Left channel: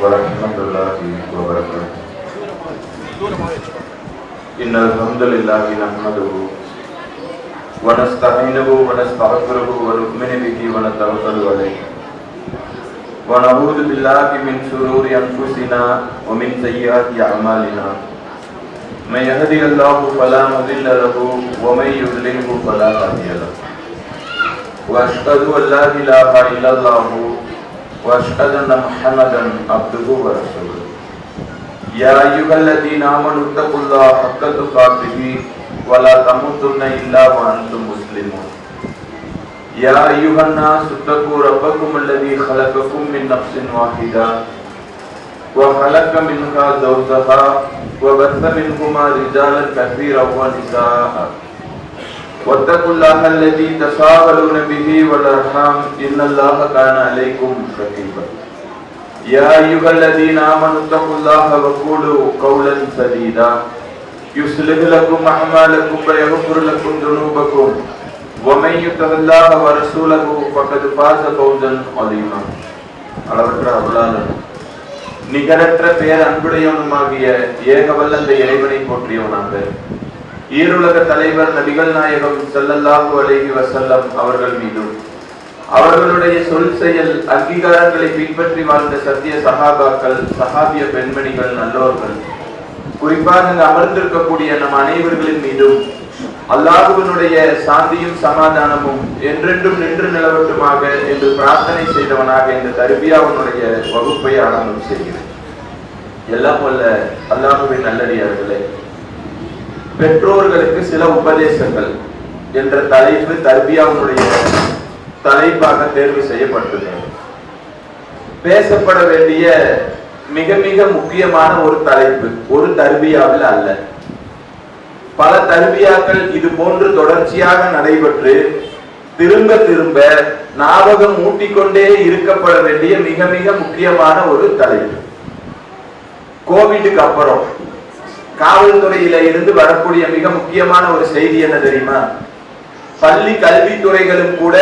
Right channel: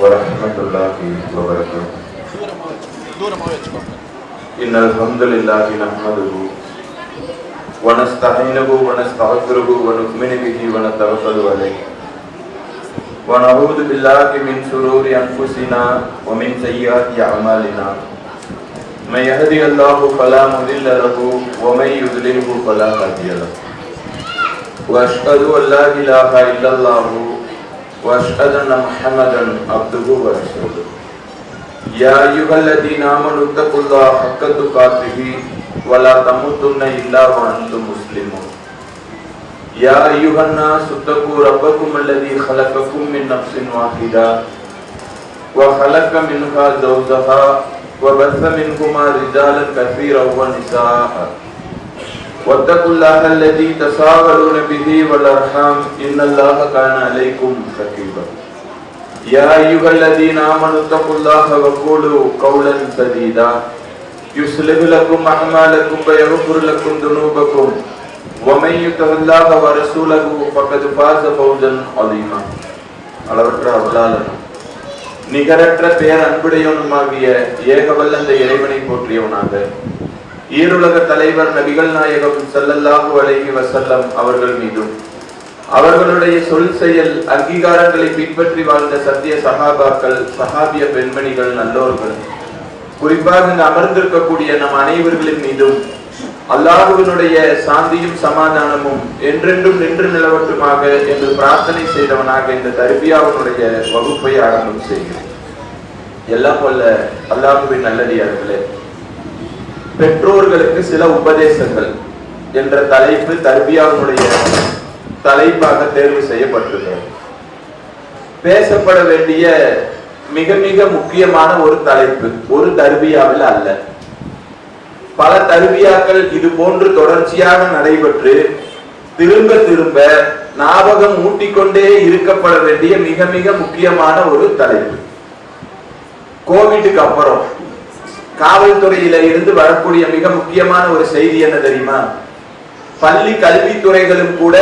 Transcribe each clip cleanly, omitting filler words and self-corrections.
ورحمة الله وبركاته. إن الحمد لله نحمده ونستعينه ونستغفره ونؤمن به ونتوكل عليه ونعوذ بالله من شرور أنفسنا ومن سيئات أعمالنا. من يهده الله فلا مضل له ومن يضلله فلا هادي له. وأشهد أن لا إله إلا الله وأشهد أن محمدا عبده ورسوله. يا أيها الذين آمنوا اتقوا الله حق تقاته ولا تموتن إلا وأنتم مسلمون. يا أيها الناس اتقوا ربكم الذي خلقكم من نفس واحدة وخلق منها زوجها وبث منهما رجالا كثيرا ونساء واتقوا الله الذي تساءلون به والأرحام إن الله كان عليكم رقيبا. يا أيها الذين آمنوا اتقوا الله وقولوا قولا سديدا يصلح لكم أعمالكم ويغفر لكم ذنوبكم ومن يطع الله ورسوله فقد فاز فوزا عظيما. அளவற்ற அருளாளன் நிகரற்ற பேர் அன்புடையவனுமாகிய ஏகவல்ல அந்த இறைவனை போற்றியவனாக ஈருலக தலைவர் நபிகள் நாயகம் ஸல்லல்லாஹு அலைஹி வஸல்லம் அவர்கள் மீதும் அவர்களுடைய சொல் செயல் அங்கீகாரங்களை பின்பற்றி வாழ்ந்த சத்திய சஹாபாக்கள் சஹாபிய பெண்மணிகள் நல்லோர்கள் குறிப்பாக அமர்ந்திருக்கக்கூடிய நம் அனைவர்களின் மீதும் அல்லாஹ்வினுடைய சாந்தியும் சமாதானமும் என்றென்றும் நின்று நிலவட்டுமாக என்று பிரார்த்தனை செய்தவனாக இந்த தர்பியாவுடைய வகுப்பை ஆரம்பம் செய்கிறேன். எல்லாம் வல்ல அல்லாஹ்வின் நல்லடியார்களே, பெற்றோர்களுக்கு சில உபதேசங்கள் என்ற தலைப்பு தர்பியாவுடைய தலைப்பாக தேர்வு செய்யப்பட்டுள்ளது. பேசப்பட வேண்டிய மிக மிக முக்கியமான ஒரு தலைப்பு, ஒரு தர்பியாவில் அல்ல, பல தர்பியாக்கள் இது போன்று தொடர்ச்சியாக நடைபெற்று திரும்ப திரும்ப ஞாபகம் ஊட்டிக்கொண்டே இருக்கப்பட வேண்டிய மிக மிக முக்கியமான ஒரு தலைப்பு. கோவிட்டுக்கு அப்புறம் காவல்துறையில இருந்து வரக்கூடிய மிக முக்கியமான ஒரு செய்தி என்ன தெரியுமா? பள்ளி கல்வித்துறைகளும் கூட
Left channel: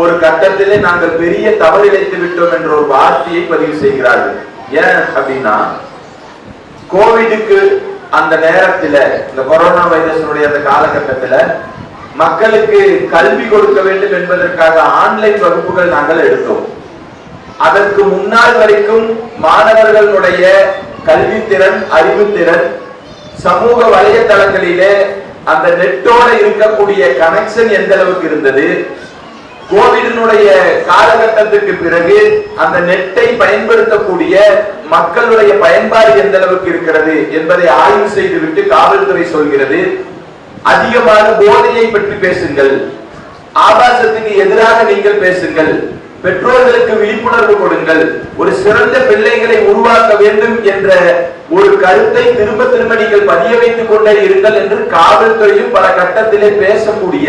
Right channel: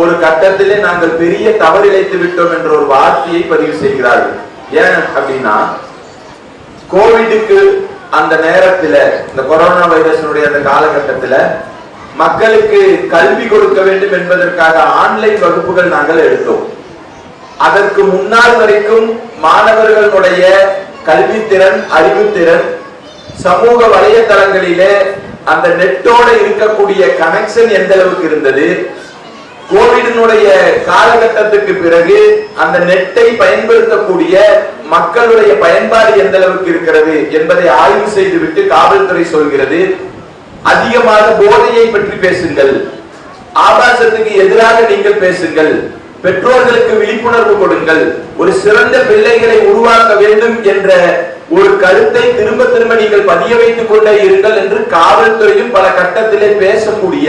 ஒரு கட்டத்திலே நாங்கள் பெரிய தவறிழைத்து விட்டோம் என்ற ஒரு வார்த்தையை பதிவு செய்கிறார்கள். ஏன் அப்படின்னா, கோவிடுக்கு அந்த நேரத்துல, இந்த கொரோனா வைரஸினுடைய அந்த காலகட்டத்துல மக்களுக்கு கல்வி கொடுக்க வேண்டும் என்பதற்காக ஆன்லைன் வகுப்புகள் நாங்கள் எடுத்தோம். அதற்கு முன்னால் வரைக்கும் மாணவர்களுடைய கல்வித்திறன், அறிவுத்திறன் சமூக வலைத்தளங்களிலே அந்த நெட்டோட இருக்கக்கூடிய கனெக்ஷன் எந்த அளவுக்கு இருந்தது, கோவிடினுடைய காலகட்டத்துக்கு பிறகு அந்த நெட்டை பயன்படுத்தக்கூடிய மக்களுடைய பயன்பாடு எந்த அளவுக்கு இருக்கிறது என்பதை ஆய்வு செய்துவிட்டு காவல்துறை சொல்கிறது, அதிகமாக போதையை பற்றி பேசுங்கள், ஆபாசத்துக்கு எதிராக நீங்கள் பேசுங்கள், பெற்றோர்களுக்கு விழிப்புணர்வு கொடுங்கள், ஒரு சிறந்த பிள்ளைகளை உருவாக்க வேண்டும் என்ற ஒரு கருத்தை திரும்ப திரும்ப நீங்கள் பதிய வைத்துக் கொண்டே இருங்கள் என்று காவல்துறையும் பல கட்டத்திலே பேசக்கூடிய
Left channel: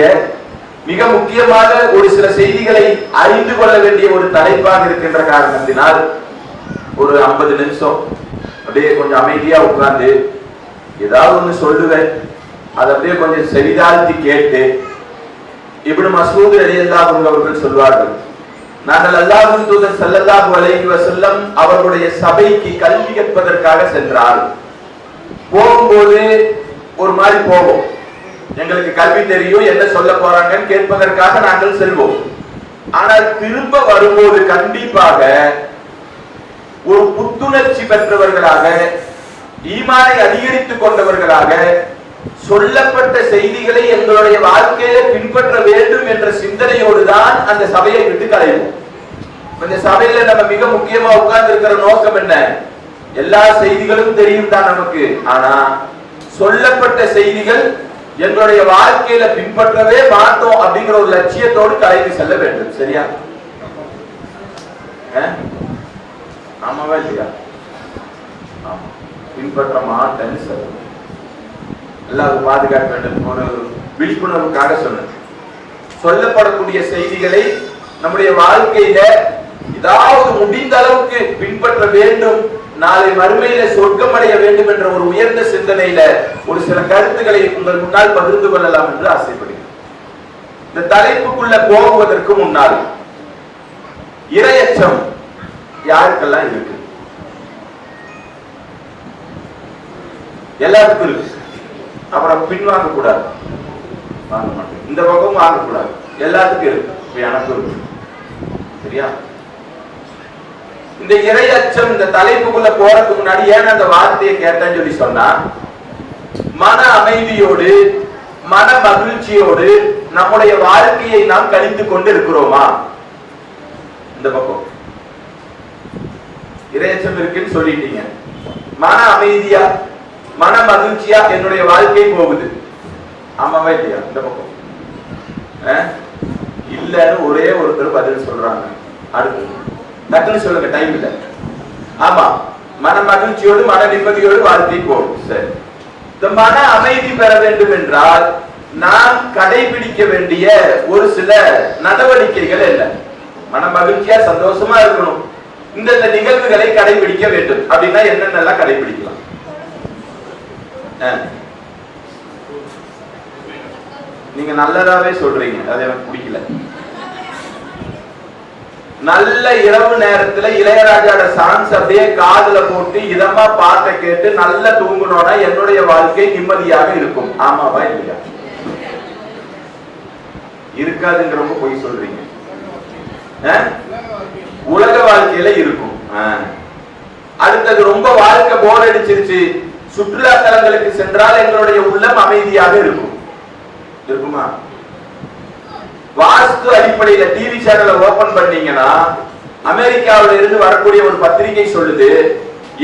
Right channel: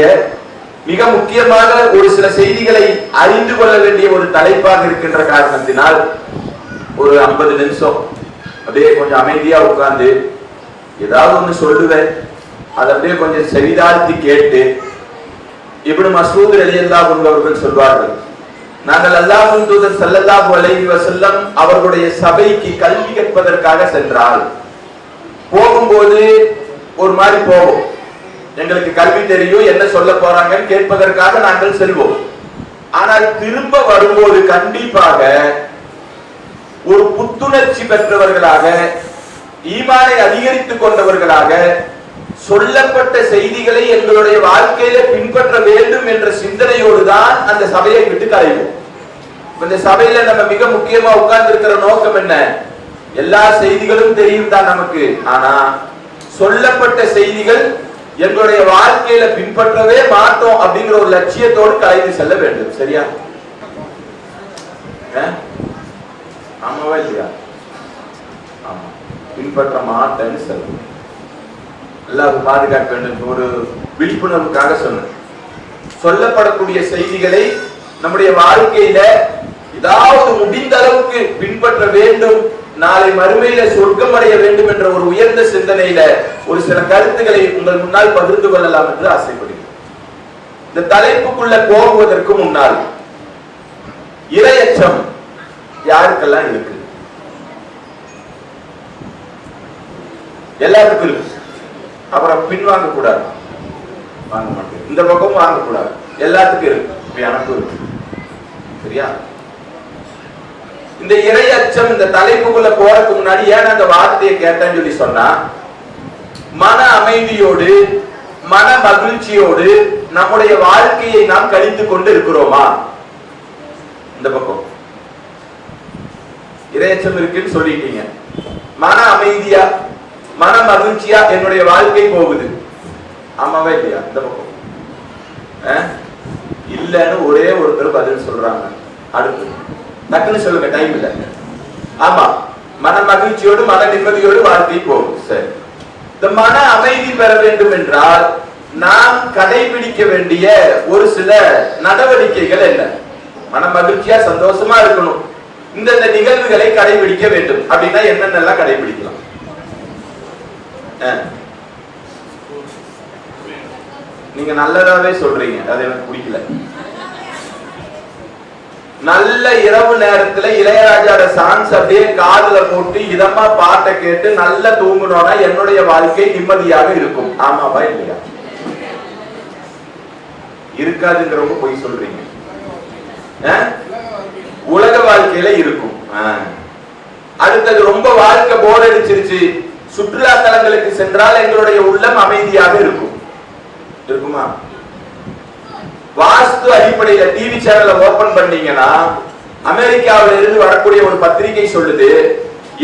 மிக முக்கியமாக ஒரு சில செய்திகளை அறிந்து கொள்ள வேண்டிய ஒரு தலைப்பாக இருக்கின்ற காரணத்தினால் ஒரு 50 நிமிஷம் அப்படியே கொஞ்சம் அமைதியா உட்கார்ந்து ஏதாவது ஒண்ணு சொல்லுவேன், அதை அப்படியே கொஞ்சம் செவிதாழ்த்தி கேட்டு, இப்னு மஸ்ஊத் ரலியல்லாஹு அன்ஹு அவர்கள் சொல்வார்கள், நாங்கள் அல்லாஹ்வின் தூதர் ஸல்லல்லாஹு அலைஹி வஸல்லம் அவர்களுடைய சபைக்கு கல்வி கற்பதற்காக சென்றால் போகும்போது ஒரு மாதிரி போவோம், எங்களுக்கு கல்வி தெரியும், என்ன சொல்ல போறாங்கன்னு கேட்பதற்காக நாங்கள் செல்வோம். ஆனால் திரும்ப வரும்போது கண்டிப்பாக ஒரு புத்துணர்ச்சி பெற்றவர்களாக, ஈமானை அதிகரித்துக் கொண்டவர்களாக, சொல்லப்பட்ட செய்திகளை எங்களுடைய வாழ்க்கையில பின்பற்ற வேண்டும் என்ற சிந்தனையோடு தான் அந்த சபையை விட்டு கலைவோம். இந்த சபையில நம்ம மிக முக்கியமா உட்கார்ந்து இருக்கிற நோக்கம் என்ன? எல்லா செய்திகளும் தெரியும் தான் நமக்கு, ஆனா சொல்லப்பட்ட செய்திகள் எங்களுடைய வாழ்க்கையில பின்பற்றவே மாட்டோம் அப்படிங்கிற ஒரு லட்சியத்தோடு கலைந்து செல்ல வேண்டும். சரியா? ஆமாவா இல்லையா? ஆமா, பின்பற்ற மாட்டேன்னு சொல்லுங்க. எல்லாரும் பாதுகாக்க வேண்டும் ஒரு விழிப்புணர்வுக்காக சொன்னது. சொல்லப்படக்கூடிய செய்திகளை நம்முடைய வாழ்க்கையில ஏதாவது முடிந்த அளவுக்கு பின்பற்ற வேண்டும், நாளை மறுமையில சொர்க்கம் அடைய வேண்டும் என்ற ஒரு உயர்ந்த சிந்தனையில ஒரு சில கருத்துக்களை உங்கள் முன்னால் பகிர்ந்து கொள்ளலாம் என்று ஆசைப்படுகிறேன். இந்த தலைப்புக்குள்ள போகுவதற்கு முன்னால் இறையச்சம் யாருக்கெல்லாம் இருக்கு? எல்லாத்துக்கும் இருக்கு. அப்புறம் பின் வாங்க கூடாது, வாங்க மாட்டேன். இந்த பக்கமும் வாங்கக்கூடாது, எல்லாத்துக்கும் இருக்கு, எனக்கும் இருக்கு. சரியா? இந்த இறை அச்சம் இந்த தலைப்புக்குள்ள போறதுக்கு முன்னாடி ஏன் அந்த வார்த்தையை கேட்டேன்னு சொல்லி சொன்னா, மன அமைதியோடு மன மகிழ்ச்சியோடு நம்முடைய வாழ்க்கையை நாம் கழித்துக் கொண்டு இருக்கிறோமா? இந்த பக்கம் இறையச்சம் இருக்குன்னு சொல்லிட்டீங்க, மன அமைதியா மன மகிழ்ச்சியா என்னுடைய வாழ்க்கை போகுது, ஆமாவா இல்லையா? இந்த பக்கம் இல்லன்னு ஒரே ஒருத்தர் பதில் சொல்றாங்க. அடுத்து டக்குன்னு சொல்லுங்க, டைம் இல்ல. ஆமா, மன மகிழ்ச்சியோடு மன நிம்மதியோடு வாழ்க்கை போகும். சரி, இந்த மன அமைதி பெற வேண்டும் என்றால் நாம் கடைபிடிக்க வேண்டிய ஒரு சில நடவடிக்கைகள் என்ன? மன மகிழ்ச்சியா சந்தோஷமா இருக்கணும், இந்த நிகழ்வுகளை கடைபிடிக்க வேண்டும் அப்படின்னா என்னென்னலாம் கடைபிடிக்கலாம்? நீங்க நல்லதாவே சொல்றீங்க, அது எனக்கு பிடிக்கல. நல்ல இரவு நேரத்துல இளையராஜாவோட சாங்ஸ் அப்படியே காதுல போட்டு இதமா பாட்டை கேட்டு நல்லா தூங்கணும்னா என்னுடைய வாழ்க்கை நிம்மதியாக இருக்கும், ஆமாவா இல்லையா? இருக்காதுங்கிறவங்க போய் சொல்றீங்க. உலக வாழ்க்கையில இருக்கும். அடுத்தது ரொம்ப வாழ்க்கை போர் அடிச்சிருச்சு, சுற்றுலா தலங்களுக்கு சென்றால் எங்களுடைய உள்ளம் அமைதியாக இருக்கும், இருக்குமா? வாஸ்து அடிப்படையில டிவி சேனலை ஓபன் பண்ணீங்கன்னா அமெரிக்காவில இருந்து வரக்கூடிய ஒரு பத்திரிகை சொல்லுது,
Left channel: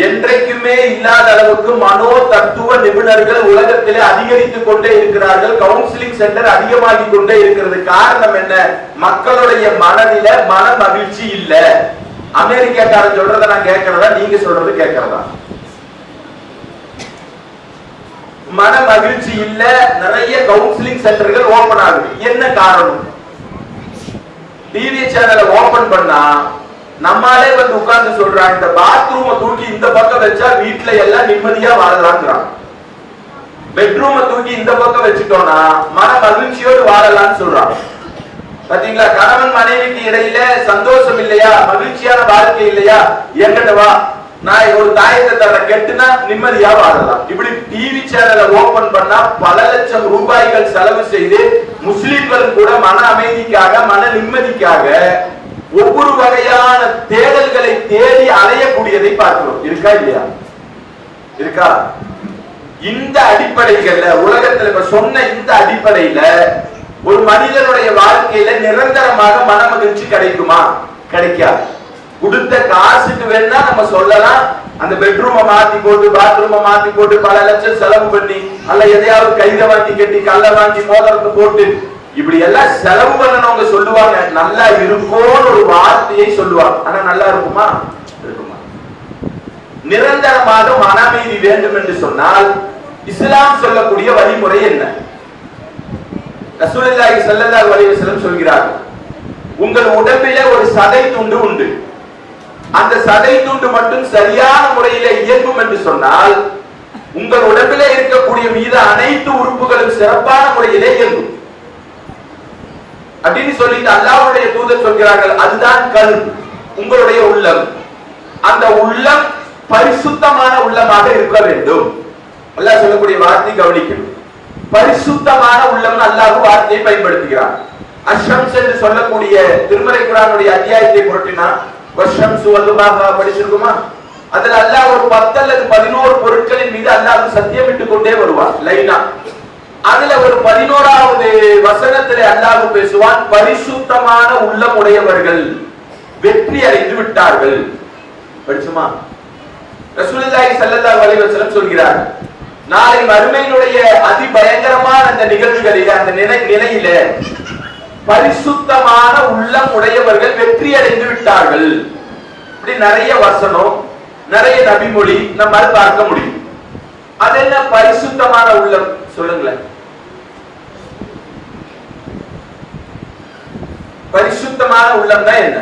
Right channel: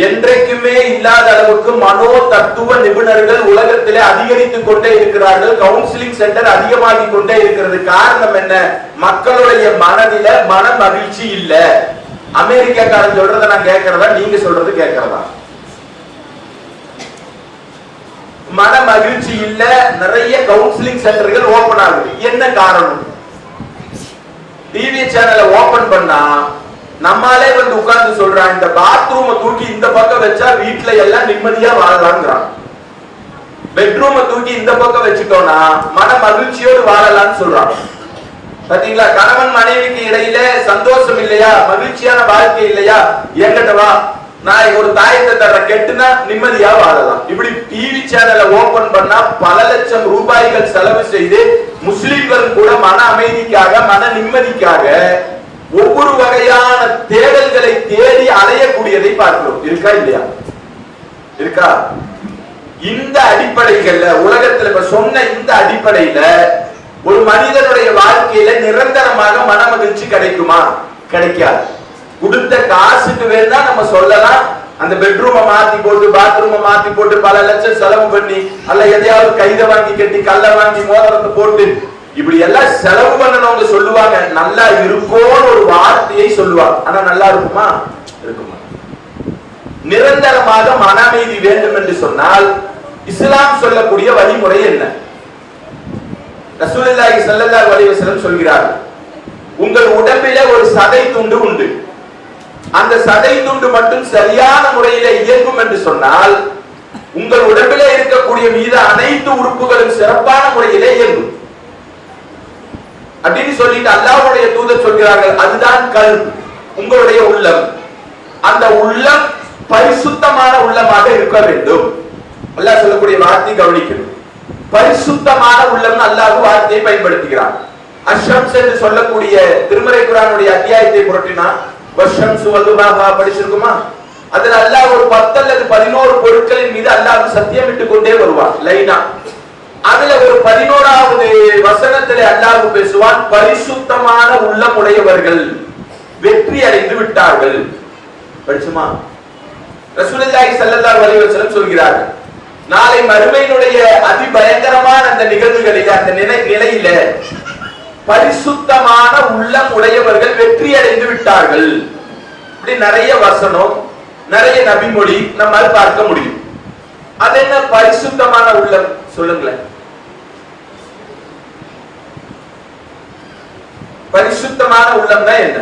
என்றைக்குமே இல்லாத அளவுக்கு மனோ தத்துவ நிபுணர்கள் உலகத்திலே அதிகரித்துக் கொண்டே இருக்கிறார்கள், கவுன்சிலிங் சென்டர் அதிகமாகி கொண்டே இருக்கிறது. காரணம் என்ன? மக்களுடைய மனதில மன மகிழ்ச்சி இல்ல. அமெரிக்காக்காரன் சொல்றத நான் கேட்கறதா, நீங்க சொல்றது கேட்கறதா? மன மகிழ்ச்சி இல்ல, நிறைய கவுன்சிலிங் சென்டர்கள் ஓபன் ஆகுது. என்ன காரணம்? டிவி சேனலை ஓபன் பண்ணா நம்மாலே வந்து உட்கார்ந்து சொல்றான், இந்த பாத்ரூமை தூக்கி இந்த பக்கம் வச்சா வீட்டுல எல்லாம் நிம்மதியா வாழலாம்ங்கிறான், பெட்ரூமை தூக்கி இந்த பக்கம் வச்சுட்டோம்னா மன மகிழ்ச்சியோடு வாழலாம்னு சொல்றான். பாத்தீங்களா? கணவன் மனைவிக்கு இடையில சந்தோஷம் இல்லையா, மகிழ்ச்சியான வாழ்க்கை இல்லையா, என்கிட்ட வா, நான் ஒரு தாயத்தை தர, கெட்டுனா நிம்மதியா வாழலாம். இப்படி டிவி சேனலை ஓபன் பண்ணா பல லட்சம் ரூபாய்கள் செலவு செய்து முஸ்லிம்களும் கூட மன அமைதிக்காக மன நிம்மதிக்காக ஒவ்வொரு வகையான தேடல்களை தேடி அலையக்கூடியதை பார்க்கிறோம். இருக்கா இல்லையா? இருக்கா? இந்த அடிப்படைகள்ல உலகத்துல இப்ப சொன்ன இந்த அடிப்படையில ஒரு மனிதனுடைய வாழ்க்கையில நிரந்தரமாக மன மகிழ்ச்சி கிடைக்குமா? கிடைக்காது. கொடுத்த காசுக்கு வேணா நம்ம சொல்லலாம், அந்த பெட்ரூமை மாத்தி போட்டு பாத்ரூமை மாத்தி போட்டு பல லட்சம் செலவு பண்ணி அல்ல எதையாவது கைதை வாங்கி கட்டி கல்ல வாங்கி மோதிரத்தை போட்டு இப்படி எல்லாம் செலவு பண்ணவங்க சொல்லுவாங்க, நல்லா இருக்கும்னு ஒரு வார்த்தையை சொல்லுவாங்க. ஆனா நல்லா இருக்குமா? இருக்குமா? நிரந்தரமாக மன அமைதி வேண்டும் என்று சொன்னால் இஸ்லாம் சொல்லக்கூடிய வழிமுறை என்ன? ரசூலுல்லாஹி ஸல்லல்லாஹு அலைஹி வஸல்லம் சொல்கிறார்கள், உங்கள் உடம்பிலே ஒரு சதை துண்டு உண்டு, அந்த சதை துண்டு மட்டும் சரியான முறையில இயங்கும் என்று சொன்னால் உங்கள் உடம்பிலே இருக்கக்கூடிய மீது அனைத்து உறுப்புகளும் சிறப்பான முறையிலே இயங்கும் அப்படின்னு சொல்லிட்டு அல்லாஹ்வுடைய தூதர் சொல்கிறார்கள், அதுதான் கல்ப், உங்களுடைய உள்ளம். அந்த உள்ளம் பரிசுத்தமான உள்ளமாக இருக்க வேண்டும். அல்லாஹ் சொல்லக்கூடிய வார்த்தை கவனிக்கணும், பரிசுத்தமான உள்ளம். அல்லாஹ் வார்த்தையை பயன்படுத்துகிறார். அஷம்ஸ் என்று சொல்லக்கூடிய திருமறை குர்ஆனுடைய அத்தியாயத்தை புரட்டினா வஷம்ஸ் வல்துஹா படிச்சிருக்குமா? அதுல அல்லாஹ் ஒரு 10 அல்லது 11 பொருட்களின் மீது அல்லாஹ் சத்தியமிட்டு கொண்டே வருவான் லைனா. அதுல ஒரு 11வது வசனத்திலே அல்லாஹ் பேசுவான், பரிசுத்தமான உள்ளம் உடையவர்கள் வெற்றி அடைந்து விட்டார்கள். படிச்சுமா? ரசூலுல்லாஹி ஸல்லல்லாஹு அலைஹி வஸல்லம் சொல்கிறார்கள், நாளை மறுமையினுடைய அதிபயங்கரமான அந்த நிகழ்வுகளில் அந்த நிலையில பரிசுத்தமான உள்ளம் உடையவர்கள் வெற்றி அடைந்து விட்டார்கள். இப்படி நிறைய வசனம், நிறைய நபிமொழி நம்மால் பார்க்க முடியும். அது என்ன பரிசுத்தமான உள்ளம்? சொல்லுங்களேன். பரிசுத்தமான உள்ளம் தான் என்ன?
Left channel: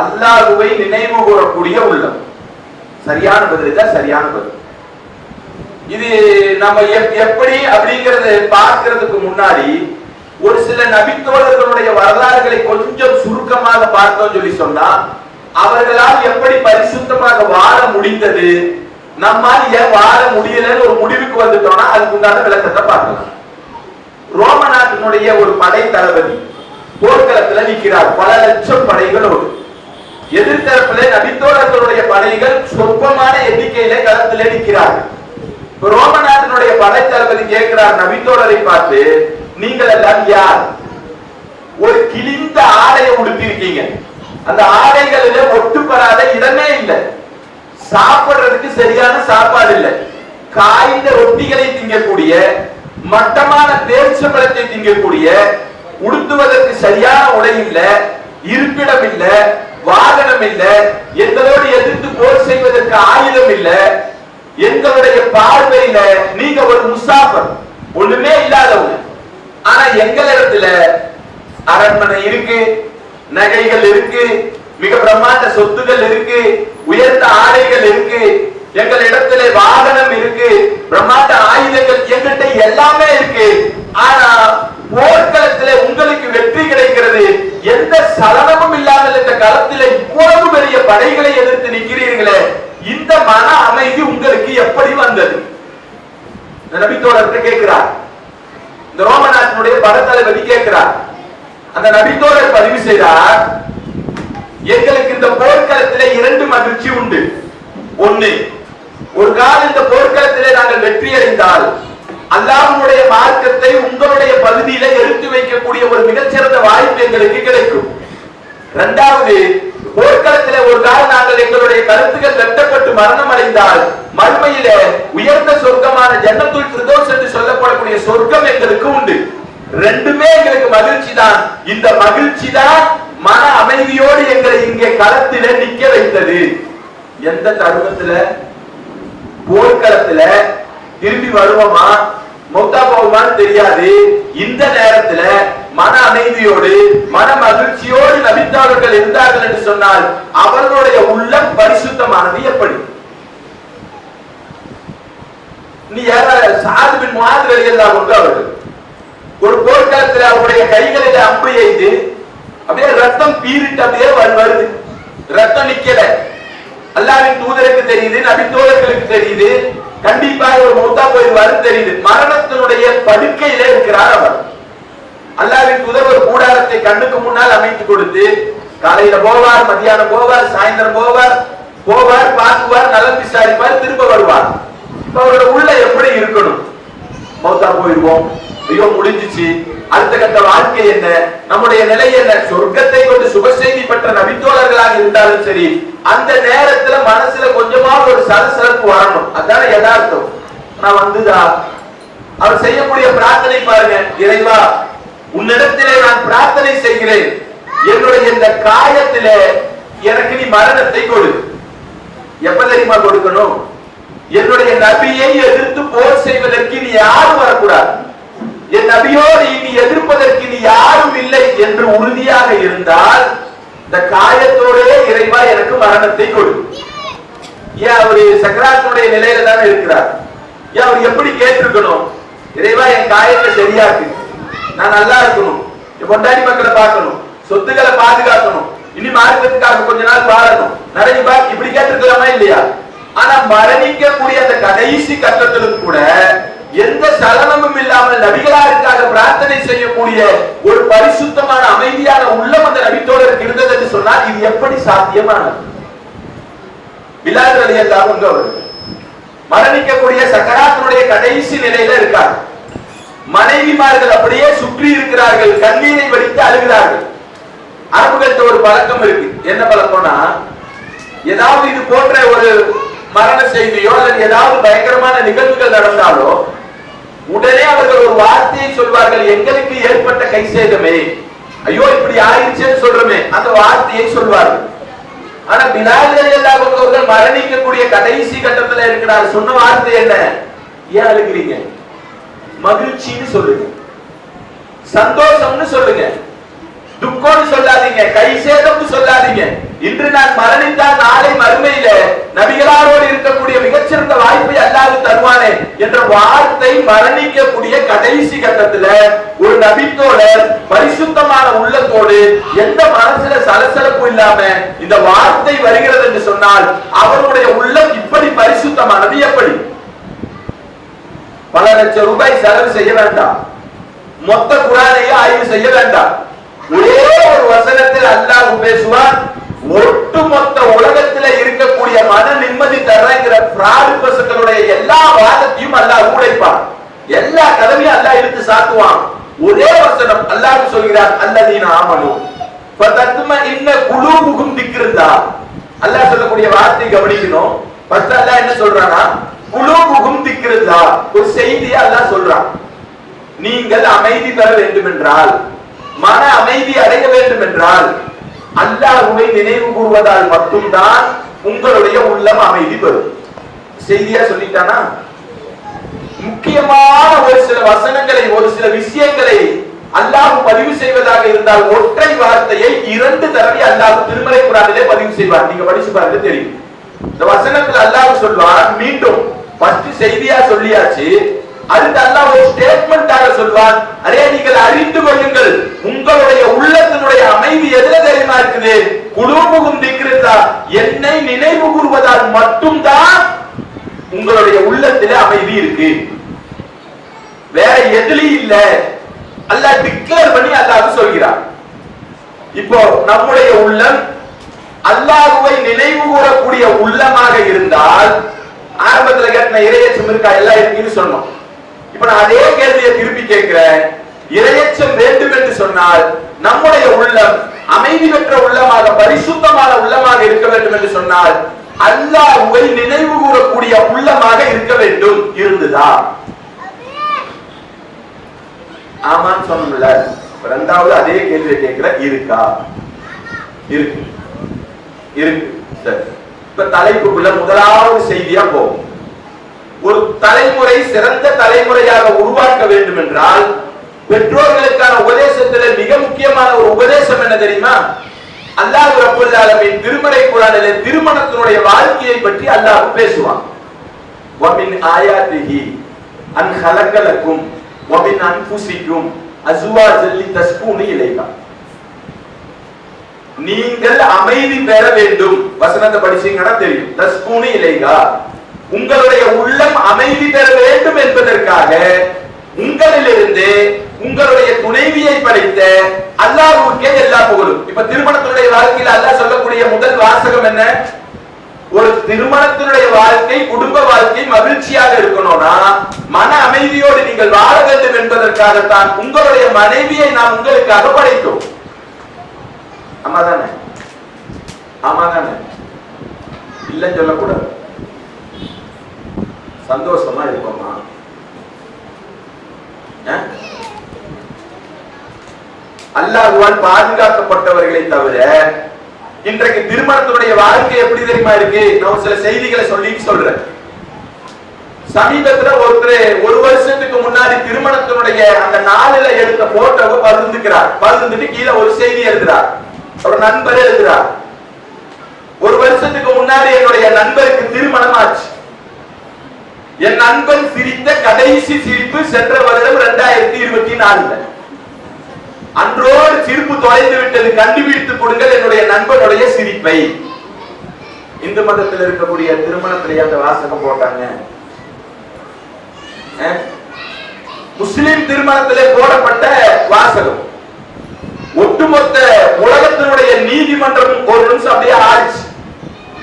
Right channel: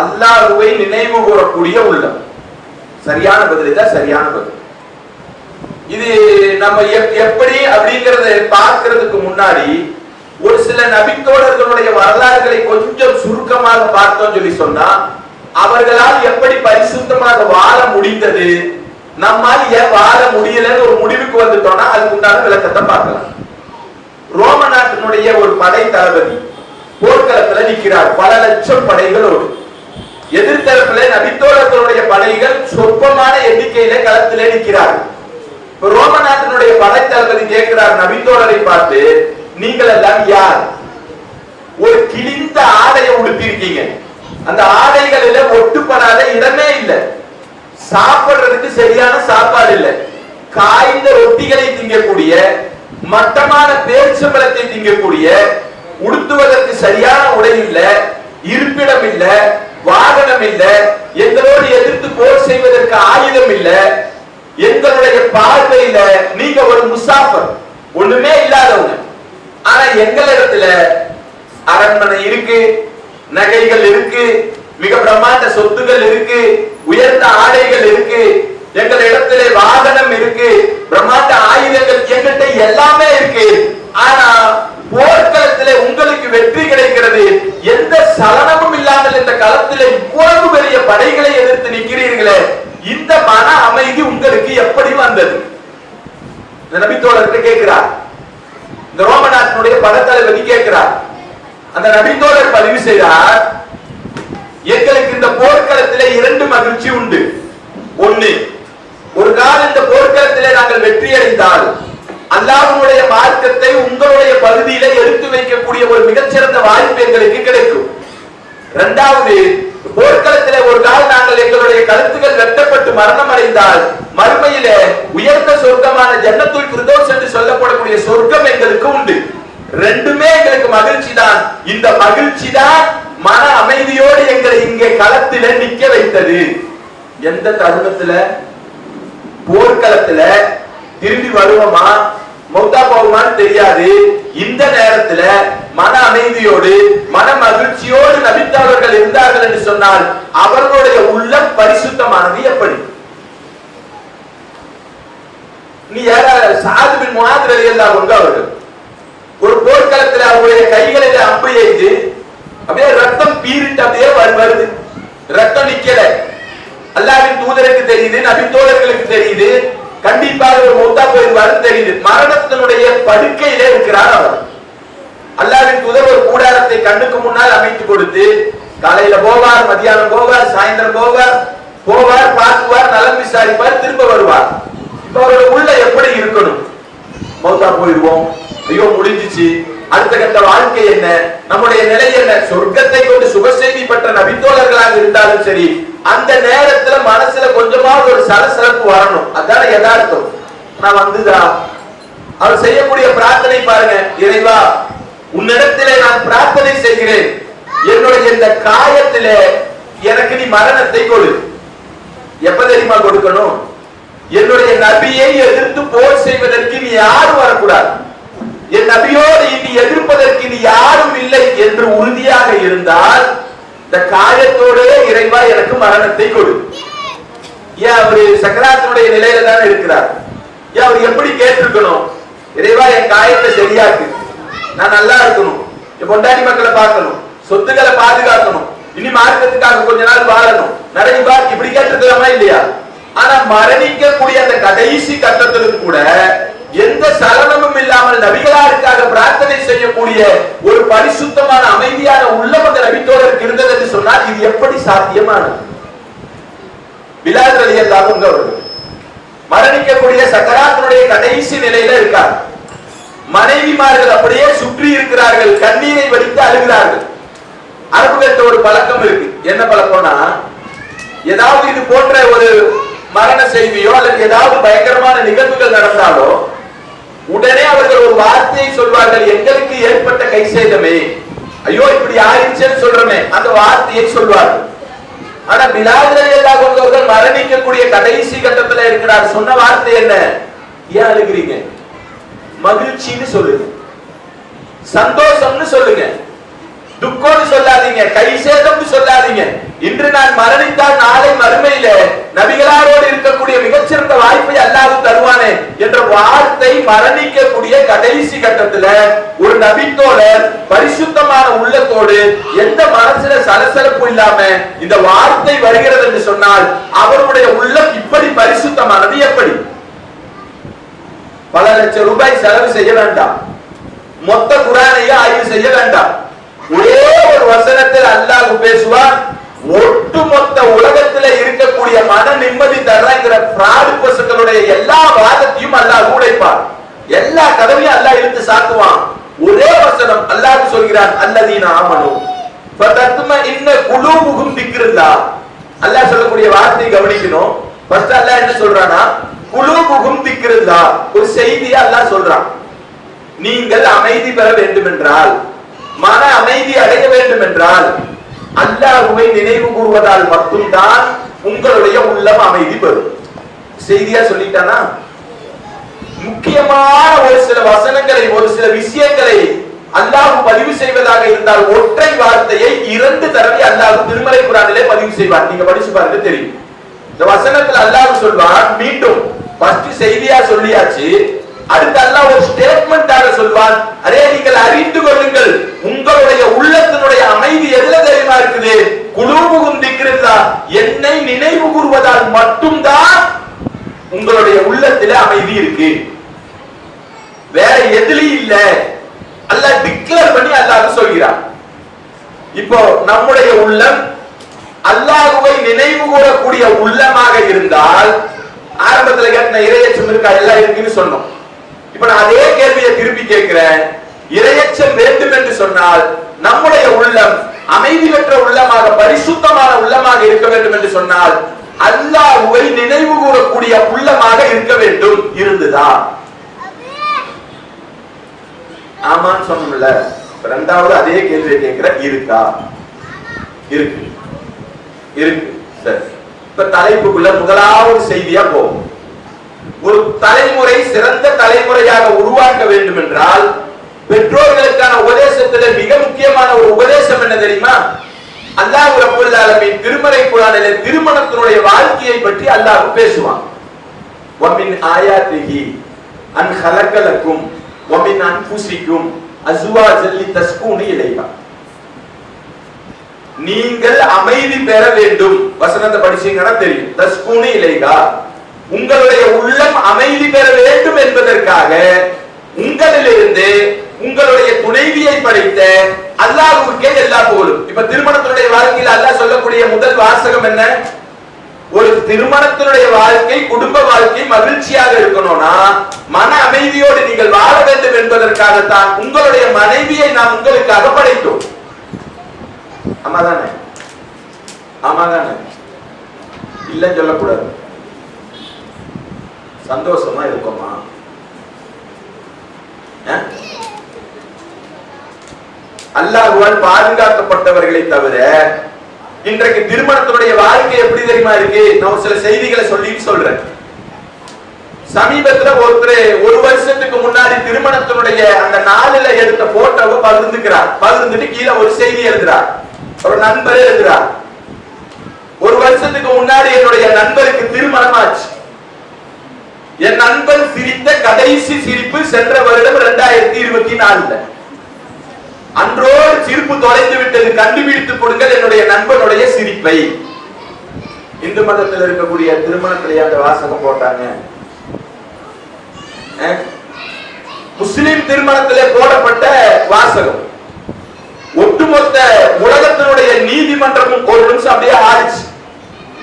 அல்லாஹ்வை நினைவு கூறக்கூடிய உள்ளம். சரியான பதில் தான், சரியான பதில். இது நம்ம எப்படி அப்படிங்கறத பார்க்கிறதுக்கு முன்னாடி ஒரு சில நபித்தோழர்களுடைய வரலாறுகளை கொஞ்சம் சுருக்கமாக பார்த்தோம் சொல்லி சொன்னா, அவர்களால் எப்படி பரிசுத்தமாக வாழ முடிந்தது, நம்மால் ஏன் வாழ முடியலன்னு ஒரு முடிவுக்கு வந்துட்டோம்னா அதுக்கு உண்டான விளக்கத்தை பார்க்கலாம். ரோம நாட்டினுடைய ஒரு படை தளபதி போர்க்களத்துல நிற்கிறார், பல லட்சம் படைகளோடு. எதிர்த்தரப்பிலே நபித்தோழர்களுடைய படைகள் சொற்பமான எண்ணிக்கையிலே களத்திலே நிற்கிறார். ரோம நாட்டினுடைய படை தளபதி கேட்கிறார் நபித்தோழரை பார்த்து, நீங்கள் எல்லாம் யார்? ஒரு கிழிந்த ஆடையை உடுத்திருக்கீங்க, அந்த ஆடைகளில ஒட்டுப்படாத இடமே இல்லை, சாப்பிடுறதுக்கு சரியான சாப்பாடு இல்லை, காய்ந்த ரொட்டிகளை திங்கக்கூடிய, மட்டமான பேரிச்சம்பழத்தை திங்கக்கூடிய, உடுத்துவதற்கு சரியான உடை இல்லை, இருப்பிடம் இல்லை, வாகனம் இல்லை, எங்களோடு எதிர்த்து போர் செய்வதற்கு ஆயுதம் இல்லை, எங்களுடைய பார்வையில நீங்க ஒரு முசாஃபர், ஒண்ணுமே இல்லாதவங்க. ஆனா எங்களிடத்துல அரண்மனை இருக்கு, நகைகள் இருக்கு, மிக பிரம்மாண்ட சொத்துகள் இருக்கு, உயர்ந்த ஆடைகள் இருக்கு, எங்கள் இடத்திலே வாகனம் இருக்கு, பிரம்மாண்ட ஆயுதங்கள் எங்கிட்ட எல்லாமே இருக்கு. ஆனா போர்க்களத்திலே உங்களுக்கு வெற்றி கிடைக்கிறது, எந்த சலனமும் இல்லாமல் இந்த களத்திலே இவ்வளவு பெரிய படைகளை எதிர்த்து நிற்கிறீர்களே, இந்த மன அமைதி உங்களுக்கு எப்படி வந்தது? நபித்தோழர் கேட்கிறார். இந்த ரோம நாட்டினுடைய படைத்தளபதி கேட்கிறார். அந்த நபித்தோழர் பதிவு செய்தார், எங்களுக்கு இந்த போர்க்களத்திலே இரண்டு மகிழ்ச்சி உண்டு. ஒன்னு, ஒரு காலம் இந்த போர்க்களத்திலே நாங்கள் வெற்றி அடைந்தால் அல்லாஹ்வுடைய மார்க்கத்தை உங்களுடைய பகுதியில எடுத்து வைக்கக்கூடிய ஒரு மிகச்சிறந்த வாய்ப்பு எங்களுக்கு கிடைக்கும். இரண்டாவது, போர்க்களத்திலே ஒரு காலம் நாங்கள் எங்களுடைய கருத்துக்கள் வெட்டப்பட்டு மரணம் அடைந்தால் மறுமையில உயர்ந்த சொர்க்கமான ஜன்னத்துல் ஃபிர்தௌஸ் என்று சொல்லப்படக்கூடிய சொர்க்கம் எங்களுக்கு உண்டு. ரெண்டுமே எங்களுக்கு மகிழ்ச்சி தான். இந்த மகிழ்ச்சி தான் மன அமைதியோடு எங்களை இங்கே களத்தில நிக்க வைத்தது. எந்த தருணத்துல? போர்க்களத்துல திரும்பி வருவோமா மௌத்தா போகுமான்னு தெரியாது. இந்த நேரத்துல மன அமைதியோடு மன மகிழ்ச்சியோடு நபித்தோழர்கள் இருந்தார்கள் என்று சொன்னால் அவர்களுடைய உள்ளம் பரிசுத்தமானது எப்படி? நீ சாது பின் முஆத் ரலியல்லாஹு அன்ஹு அவர்கள் ஒரு போர்க்களத்தில் அவருடைய கைகளில் அம்பு எய்து அப்படியே ரத்தம் பீரிட்டு அப்படியே வருது, ரத்தம் நிக்கல. அல்லாஹ்வின் தூதருக்கு தெரியுது, நபித்தோழர்களுக்கு தெரியுது, கண்டிப்பாக ஒரு மௌத்தா போயிருவாரு தெரியுது. மரணத்தினுடைய படுக்கையிலே இருக்கிறார் அவர். அல்லாஹ்வின் தூதர் ஒரு கூடாரத்தை கண்ணுக்கு முன்னால் அமைத்து கொடுத்து, காலையில போவார், மதியானம் போவார், சாயந்தரம் போவார், பார்க்குவார், நலம் விசாரிப்பார், திரும்ப வருவார். அவரோட உள்ள எப்படி இருக்கணும்? மௌத்தா போயிருவோம், ஐயோ முடிஞ்சிச்சு, அடுத்த கட்ட வாழ்க்கை என்ன, நம்முடைய நிலை என்ன? சொர்க்கத்தை கொண்டு சுபசெய்தி பெற்ற நபித்தோழர்களாக இருந்தாலும் சரி, அந்த நேரத்துல மனசுல கொஞ்சமாக ஒரு சலசலப்பு வரணும். அதான யதார்த்தம். நான் வந்துதா அவர் செய்யக்கூடிய பிரார்த்தனை பாருங்க, இறைவா உன்னிடத்திலே நான் பிரார்த்தனை செய்கிறேன், என்னுடைய இந்த காயத்திலே எனக்கு நீ மரணத்தை கொடு. எப்ப தெரியுமா கொடுக்கணும்? என்னுடைய நபியை எதிர்த்து போர் செய்வதற்கு நீ யாரும் வரக்கூடாது, என் நபியோடு இனி எதிர்ப்பதற்கு நீ யாரும் இல்லை என்று உறுதியாக இருந்தால் இந்த காயத்தோடே இறைவா எனக்கு மரணத்தை கொடு. ஏன் அவரு சக்கராத்துடைய நிலையில தானே இருக்கிறார். ஏன் அவர் எப்படி கேட்டிருக்கணும்? இறைவா என் காயத்தை சரியாக்கு, நான் நல்லா இருக்கணும், என் பொண்டாட்டி மக்களை பார்க்கணும், சொத்துக்களை பாதுகாக்கணும், இனி மார்க்கத்துக்காக கொஞ்ச நாள் வாழணும், நிறைய இப்படி கேட்டிருக்கலாமா இல்லையா? ஆனா மரணிக்கக்கூடிய அந்த கடைசி கட்டத்திலும் கூட எந்த சலனமும் இல்லாமல் நபிகளாருக்காக பிரார்த்தனை செய்யக்கூடிய ஒரு பரிசுத்தமான அமைதியான உள்ளம் அந்த நபித்தோழருக்கு இருந்தது என்று சொன்னால் இது எப்படி சாத்தியமானது? பிலால் ரலியல்லாஹு அன்ஹு அவர்கள் மரணிக்கக்கூடிய சக்கராத்தினுடைய கடைசி நிலையில இருக்கார். மனைவிமார்கள் அப்படியே சுற்றி இருக்கிறார்கள், கண்ணீரை வடித்து அழுகிறார்கள். அரபுகள்கிட்ட ஒரு பழக்கம் இருக்கு. என்ன பழக்கம்னா, ஏதாவது இது போன்ற ஒரு மரண செய்தியோ அல்லது ஏதாவது பயங்கரமான நிகழ்வுகள் நடந்தாலோ உடனே அவர்கள் ஒரு வார்த்தையை சொல்வார்கள், எங்களுக்கு ஏற்பட்ட கை சேதமே, ஐயோ இப்படி ஆயிடுச்சுன்னு சொல்றமே, அந்த வார்த்தையை சொல்வார்கள். ஆனா பிலால் ரலியல்லாஹு அன்ஹு அவர்கள் மரணிக்கக்கூடிய கடைசி கட்டத்துல இருக்கிறார். சொன்ன வார்த்தை என்ன? ஏன் அழுகிறீங்க? மகிழ்ச்சின்னு சொல்லுங்க, சந்தோஷம்னு சொல்லுங்க, துக்கம்னு சொல்லாதீங்க, கை சேதம்னு சொல்லாதீங்க. இன்று நான் மரணித்தால் நாளை மறுமையில நபிகளாரோடு இருக்கக்கூடிய மிகச்சிறந்த வாய்ப்பை அல்லாஹ் தருவானே என்ற வார்த்தை மரணிக்கக்கூடிய கடைசி கட்டத்துல ஒரு நபித்தோழர் பரிசுத்தமான உள்ளத்தோடு எந்த மனசுல சலசலப்பு இல்லாம இந்த வார்த்தை வருகிறது என்று சொன்னால் அவருடைய உள்ளம் இப்படி பரிசுத்தமானது. எப்படி? பல லட்சம் ரூபாய் செலவு செய்ய வேண்டாம், மொத்த குர்ஆனையே ஆய்வு செய்ய வேண்டாம். ஒரே ஒரு வசனத்தில் அல்லாஹ் பேசுவான், ஒட்டுமொத்த உலகத்துல இருக்கக்கூடிய மன நிம்மதி தரங்கிற பிராடு பசங்களுடைய எல்லா வாதத்தையும் அல்லாஹ் உடைப்பான், எல்லா கதவையும் அல்லாஹ் இழுத்து சாத்துவான். ஒரே வசனம் அல்லாஹ் சொல்கிறான், அல்லதீன ஆமனு ஃபதத்மஇன்ன குலூபுஹும் திக்ருல்லாஹ். அல்லாஹ் சொல்லக்கூடிய வார்த்தை கவனிக்கணும். ஃபர்ஸ்ட் அல்லாஹ் என்ன சொல்றானா, குலூபுஹும் திக்ருல்லாஹ். ஒரு செய்தியை அல்லாஹ் சொல்றான், நீங்கள் அமைதி பெற வேண்டும் என்றால், மன அமைதி அடைய வேண்டும் என்றால் அல்லாஹ்வை நினைவு கூறுவதால் மட்டும்தான் உங்களுடைய உள்ளம் அமைதி பெறும். செய்தியா சொல்லிட்டானா? முக்கியமான ஒரு சில வசனங்களை, ஒரு சில விஷயங்களை அல்லாஹ் பதிவு செய்வதாக இருந்தால் ஒற்றை வார்த்தையை 2 தடவை அல்லாஹ் திருமறை குர்ஆனிலே பதிவு செய்வார். நீங்க படிச்சு பாருங்க தெரியும். இந்த வசனத்துல அல்லாஹ் சொல்வார், மீண்டும் ஃபர்ஸ்ட் செய்தியா சொல்லியாச்சு, அடுத்து அல்லாஹ் ஒரு ஸ்டேட்மென்ட்டாக சொல்வான், அரே நீங்கள் அறிந்து கொள்ளுங்கள், உங்களுடைய உள்ளத்தினுடைய அமைதி எதுல தெரியுமா இருக்குது? குலூபுஹும் திக்ருல்லாஹ், என்னை நினைவு கூறுவதால் மட்டும்தான் உங்களுடைய உள்ளத்திலே அமைதி இருக்கு, வேற எதுலயும் இல்ல. அல்லாஹ் டிக்ளேர் பண்ணி அல்லாஹ் சொல்கிறார். இப்போ நம்முடைய உள்ளம் அல்லாஹ்வை நினைவு கூறக்கூடிய உள்ளமாக இருந்தால், ஆரம்பத்தில் கேட்ட இறையச்சம் இருக்கா, எல்லாம் இருக்குன்னு சொன்னோம். இப்ப நான் அதே கேள்வியை திருப்பி கேட்கிறேன், இறையச்சம் வேண்டும் என்று சொன்னால் நம்முடைய உள்ளம் அமைதி பெற்ற உள்ளமாக, பரிசுத்தமான உள்ளமாக இருக்க வேண்டும் என்று சொன்னால் அல்லாஹ்வை நினைவு கூறக்கூடிய உள்ளமாக இருக்க வேண்டும். இருந்ததா? ஆமான்னு சொன்னல. இரண்டாவது அதே கேள்வியை கேட்கிற, இருக்கா? இருக்கு, இருக்கு. சரி, இப்ப தலைப்புக்குள்ள முதலாவது செய்தியா போகும். ஒரு தலைமுறை சிறந்த தலைமுறையாக உருவாக்க வேண்டும் என்றால் பெற்றோர்களுக்கான உபதேசத்தில் மிக முக்கியமான ஒரு உபதேசம் என்ன தெரியுமா? அல்லாஹ் ரப்பல் ஆலமீன் திருமறை குர்ஆனிலே திருமணத்தினுடைய வாழ்க்கையை பற்றி அல்லாஹ் பேசுவான். வமின் ஆயாத்திஹி அன் ஹலகலக்கும் வமின் அன்ஃபுசிக்கும் அஸ்வாஜன் லிதஸ்கூனு இலைஹா. நீங்கள் அமைதி பெற வேண்டும், வசனத்தை படிச்சீங்கன்னா தெரியும். தஸ்கூனு இலைஹா, உங்களுடைய உள்ளம் அமைதி பெற வேண்டும் என்பதற்காக உங்களிலிருந்து உங்களுடைய துணைவியை படைத்த அல்லாஹ்வுக்கே எல்லா புகழும். இப்ப திருமணத்தினுடைய வாழ்க்கையில் அல்லாஹ் சொல்லக்கூடிய முதல் வாசகம் என்ன? ஒரு திருமணத்தினுடைய வாழ்க்கை, குடும்ப வாழ்க்கை மகிழ்ச்சியாக இருக்கணும்னா மன அமைதியோடு நீங்கள் வாழ வேண்டும் என்பதற்காகத்தான் உங்களுடைய மனைவியை நாம் உங்களுக்காக படைத்தோம். ஆமாதானே? ஆமாதானே? இல்லன்னு சொல்லக்கூடாது. சந்தோஷமா இருப்போமா? அல்லாஹ்வால் பாதுகாக்கப்பட்டவர்களை தவிர இன்றைக்கு திருமணத்தினுடைய வாழ்க்கை எப்படி தெரியுமா இருக்கு? நான் சில செய்திகளை சொல்றேன். சமீபத்துல ஒருத்தர் 1 வருஷத்துக்கு முன்னாடி திருமணத்தினுடைய அந்த நாளில எடுத்த போட்டோவை பகிர்ந்துக்கிறார். பகிர்ந்துட்டு கீழே ஒரு செய்தி எழுதுறார். ஒரு நண்பரே எழுதுறார், 1 வருஷத்துக்கு முன்னாடி என்னுடைய நண்பருக்கு திருமணம் ஆச்சு. என் நண்பன் சிரித்த கடைசி சிரிப்பு சென்ற வருடம் 2024. அன்றோடு சிரிப்பு தொலைந்து விட்டது, கண்டுபிடித்துக் கொடுங்கள் என்னுடைய நண்பனுடைய சிரிப்பை. இந்து மதத்தில் இருக்கக்கூடிய திருமணத்திலேயே அந்த வாசகம் போட்டாங்க. முஸ்லிம் திருமணத்திலே போடப்பட்ட வாசகம் ஒட்டுமொத்த உலகத்தினுடைய நீதிமன்றமும் ஒரு நிமிஷம் அப்படியே ஆடிச்சு.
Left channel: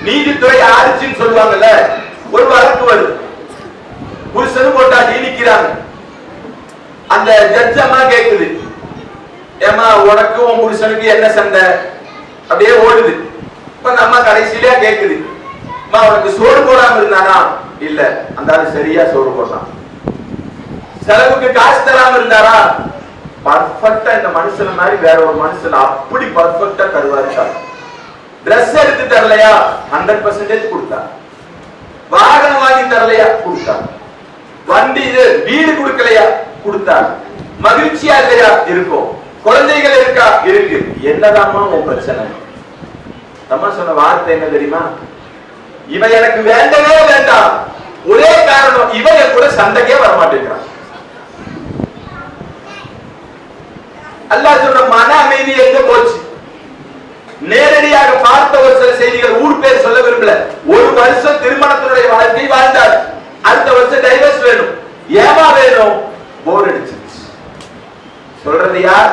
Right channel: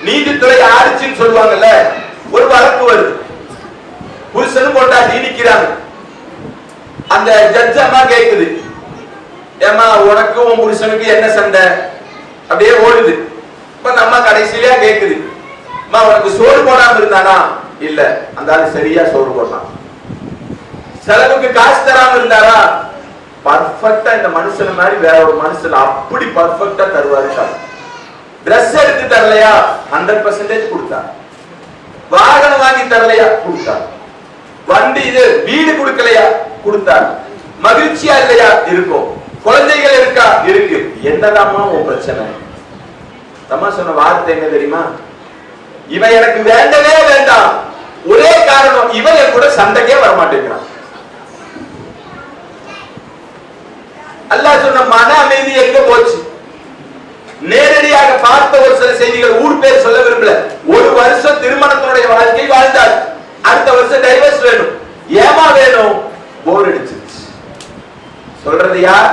நீதித்துறை ஆடிச்சுன்னு சொல்லுவாங்கல்ல, ஒரு வழக்கு வருது, புருஷனும் கொண்டாடி நிக்கிறாங்க. அந்த ஜட்ஜ் அம்மா கேக்குது, ஏமா உனக்கு உன் புருஷனுக்கு என்ன சண்டை? அப்படியே ஓடுது. இப்ப அந்த அம்மா கடைசியிலே கேக்குது, அம்மா உனக்கு சோறு போடாம இருந்தானா? இல்ல, அந்த ஆளு சரியா சோறு போடலாம். செலவுக்கு காசு தராம இருந்தாரா? பர்ஃபெக்டா இந்த மனுஷன் மாதிரி வேற ஒரு மனுஷன் அப்படி பர்ஃபெக்டா தருவாரு. டிரெஸ் எடுத்து தரலையா? 100% கொடுத்தா. வாகனம் வாங்கி தரலையா? கொடுத்தா. வண்டி இது வீடு கொடுக்கலையா? கொடுத்தா. மகிழ்ச்சியா இல்லையா? இருக்கும். குழந்தைகள் இருக்கா? இருக்கு. என்னதாம்மா உன் பிரச்சனை? அம்மா சொன்ன வார்த்தை என்ன தெரியுமா? இவ எனக்கு வேண்டவே வேண்டாம், ஒரே காரணம் இவ என் கூட சண்டைக்கே வர மாட்டேங்கிறான். அல்லாஹ் சொன்ன மன அமைதி எங்க போச்சு? நேரடியாக பார்த்த ஒரு சில செய்திகள், ஊர் பேர் சொல்ல விரும்பல. ஒரு வருஷம் திருமணத்தினுடைய வாழ்க்கை வாழ்ந்தார், அடுத்த வருஷம் டைவர்ஸ் வேணும். ஏமா வேணும்? போர் அடிச்சிருச்சு. சொல்றது யார்?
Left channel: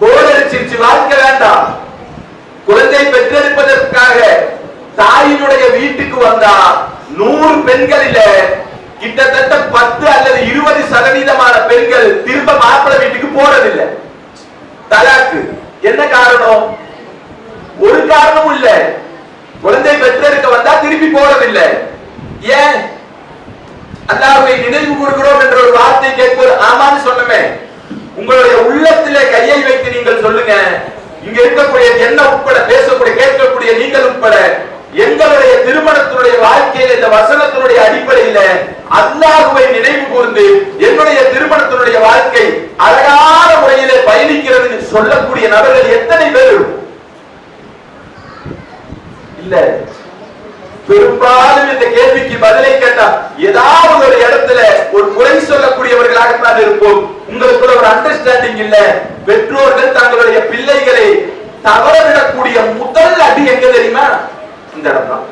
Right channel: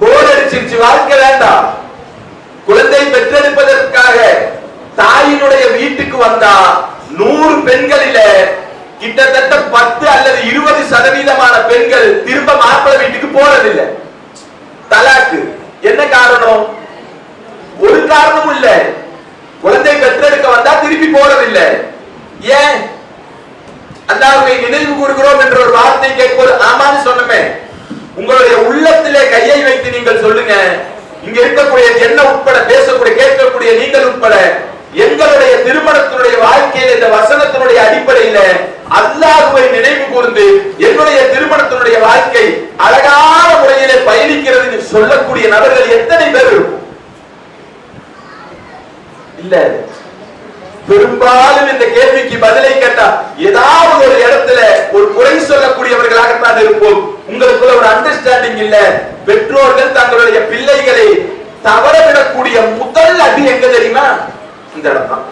போர் அடிச்சிருச்சு, வாழ்க்கை வேண்டாம். குழந்தை பெற்றெடுப்பதற்காக தாயினுடைய வீட்டுக்கு வந்தா 100 பெண்களில கிட்டத்தட்ட 10 அல்லது 20% பெண்கள் திரும்ப மாப்பிள்ளை வீட்டுக்கு போறதில்லை. தலாக்கு. என்ன காரணம்? ஒரு காரணமும் இல்ல. குழந்தை பெற்றெடுக்க வந்தா திருப்பி போறதில்லை. ஏன்? அல்லாஹ்வை நினைவு கூறுகிறோம் என்ற ஒரு வார்த்தை கேட்பது ஆமான்னு சொன்னமே. உங்களுடைய உள்ளத்திலே கையை வைத்து நீங்கள் சொல்லுங்க, இங்க இருக்கக்கூடிய என்ன உட்பட பேசக்கூடிய கேட்கக்கூடிய நீங்கள் உட்பட எங்களுடைய திருமணத்தினுடைய வாழ்க்கையில் இந்த வசனத்தினுடைய அடிப்படையில அல்லாஹ்வை நினைவு கூர்ந்து என்னுடைய திருமணத்தினுடைய வாழ்க்கை அழகான முறையிலே பயணிக்கிறது சொல்லக்கூடிய நபர்கள் எத்தனை பேர்? இல்ல. பெரும்பாலும் இந்த கேள்விக்கு பதிலை கேட்டா ஏதாவது ஒரு இடத்துல ஒரு குறை சொல்லக்கூடியவர்களாகத்தான் இருப்போம். உங்களுக்குள்ள ஒரு அண்டர்ஸ்டாண்டிங் இல்ல. பெற்றோர்கள் தங்களுடைய பிள்ளைகளை தவறவிடக்கூடிய முதல் அடி எங்க தெரியுமா? இந்த இடம் தான்.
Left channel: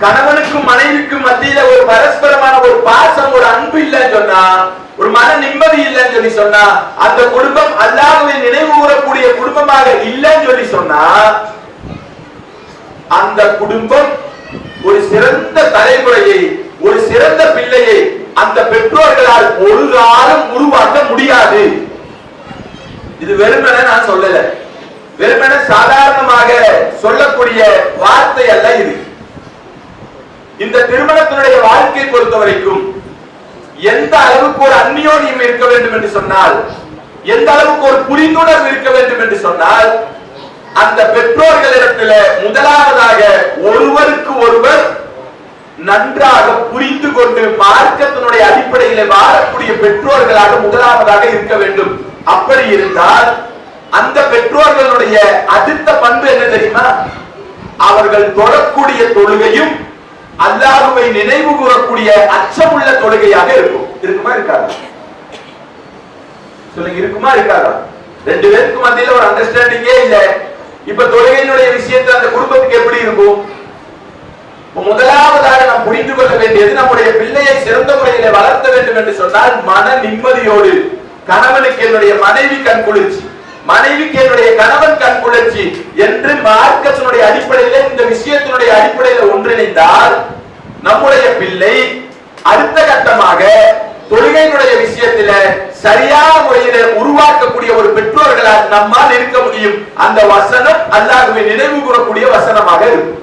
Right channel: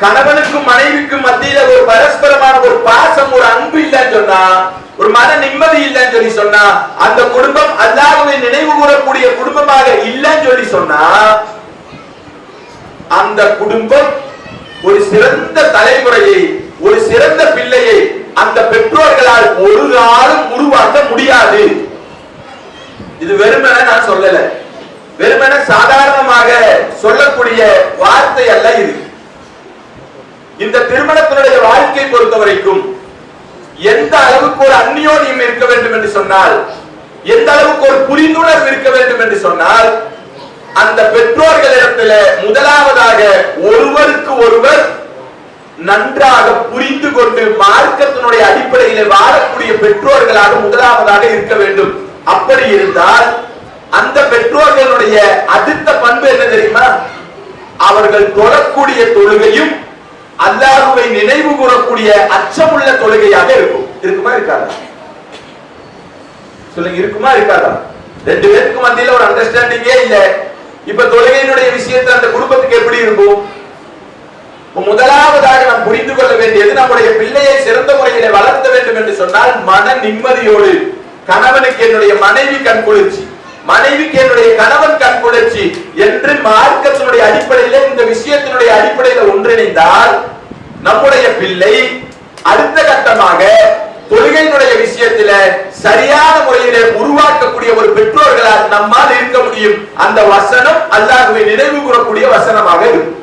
கணவனுக்கும் மனைவிக்கும் மத்தியில ஒரு பரஸ்பரமான ஒரு பாசம், ஒரு அன்பு இல்லைன்னு சொன்னா, ஒரு மன நிம்மதி இல்லைன்னு சொல்லி சொன்னா, அந்த குடும்பம் அல்லாஹ்வை நினைவு கூறக்கூடிய குடும்பமாக இல்லைன்னு சொல்லி சொன்னா, அந்த குடும்பம் ஒரு சிறந்த தலைமுறையை, ஒரு சிறந்த பிள்ளையை அந்த பெற்றோர்களால் ஒரு காலம் உருவாக்க முடியாது. இது வெறுமனே நான் சொல்லல, வெறுமனே சாதாரணமாக சொல்லக்கூடிய வார்த்தை அல்ல இது. இந்த திருமணத்தினுடைய வாழ்க்கை பொறுத்த வரைக்கும் எந்த அளவுக்கு ஒரு அந்நியோன்யம் இருக்க வேண்டும் என்று சொன்னால், எந்த அளவுக்கு ஒரு புரிந்துணர்வு இருக்க வேண்டும் என்று சொன்னால், அந்த பெற்றோர்களிடத்துல முதலாவதாக ஒருவருக்கு ஒருவர் நன்றாக புரிந்து கொண்டு மார்க்கத்தினுடைய அடிப்படையில் வாழக்கூடிய பெற்றோர்களாக முதலாவதாக இருக்க வேண்டும். அப்படி இருந்தால் அந்த பெற்றோர்களுடைய அடுத்த பண்பு என்ன தெரியுமா? அவர்கள் தொழக்கூடிய தொழுகையும் அல்லாஹ்வை நினைவு கூறக்கூடிய அச்சமுள்ள தொழுகையாக இருக்கும். இருக்குமா இருக்காதா? சொல்லுங்க, இருக்குமா இருக்காதா? ரெண்டு பேருக்கு மத்தியில ஒரு அண்டர்ஸ்டாண்டிங்கே இல்ல. இப்ப தொழுகையினுடைய விஷயத்தை அந்த குடும்பத்துக்கு எப்படி இருக்கும்? முதலாவதாக நாம் புரிந்து கொள்ள வேண்டியது, நம்முடைய பிள்ளையை சிறந்த முறையில வளர்த்த வேண்டும் என்று சொன்னால் மன நிம்மதியோடு, கணவனுக்கு என்னுடைய மனைவி கண் குளிர்ச்சி, மனைவிக்கு என்னுடைய கணவன் கண் குளிர்ச்சி என்று மார்க்கத்தினுடைய அடிப்படையில் இந்த விஷயத்தினுடைய அடிப்படையில் ஒன்றிணைந்தால் நம்முடைய பிள்ளை அடுத்த கட்டமாக தொழுகையினுடைய விஷயத்தில சரியான முறையிலே உருவாக்கக்கூடிய ஒரு பெற்றோர்களால் நம்மால் இருக்க முடியும். அந்த வசனம் அல்லாஹ்வை நினைவு கூறக்கூடிய வசனமாக இருக்கும்.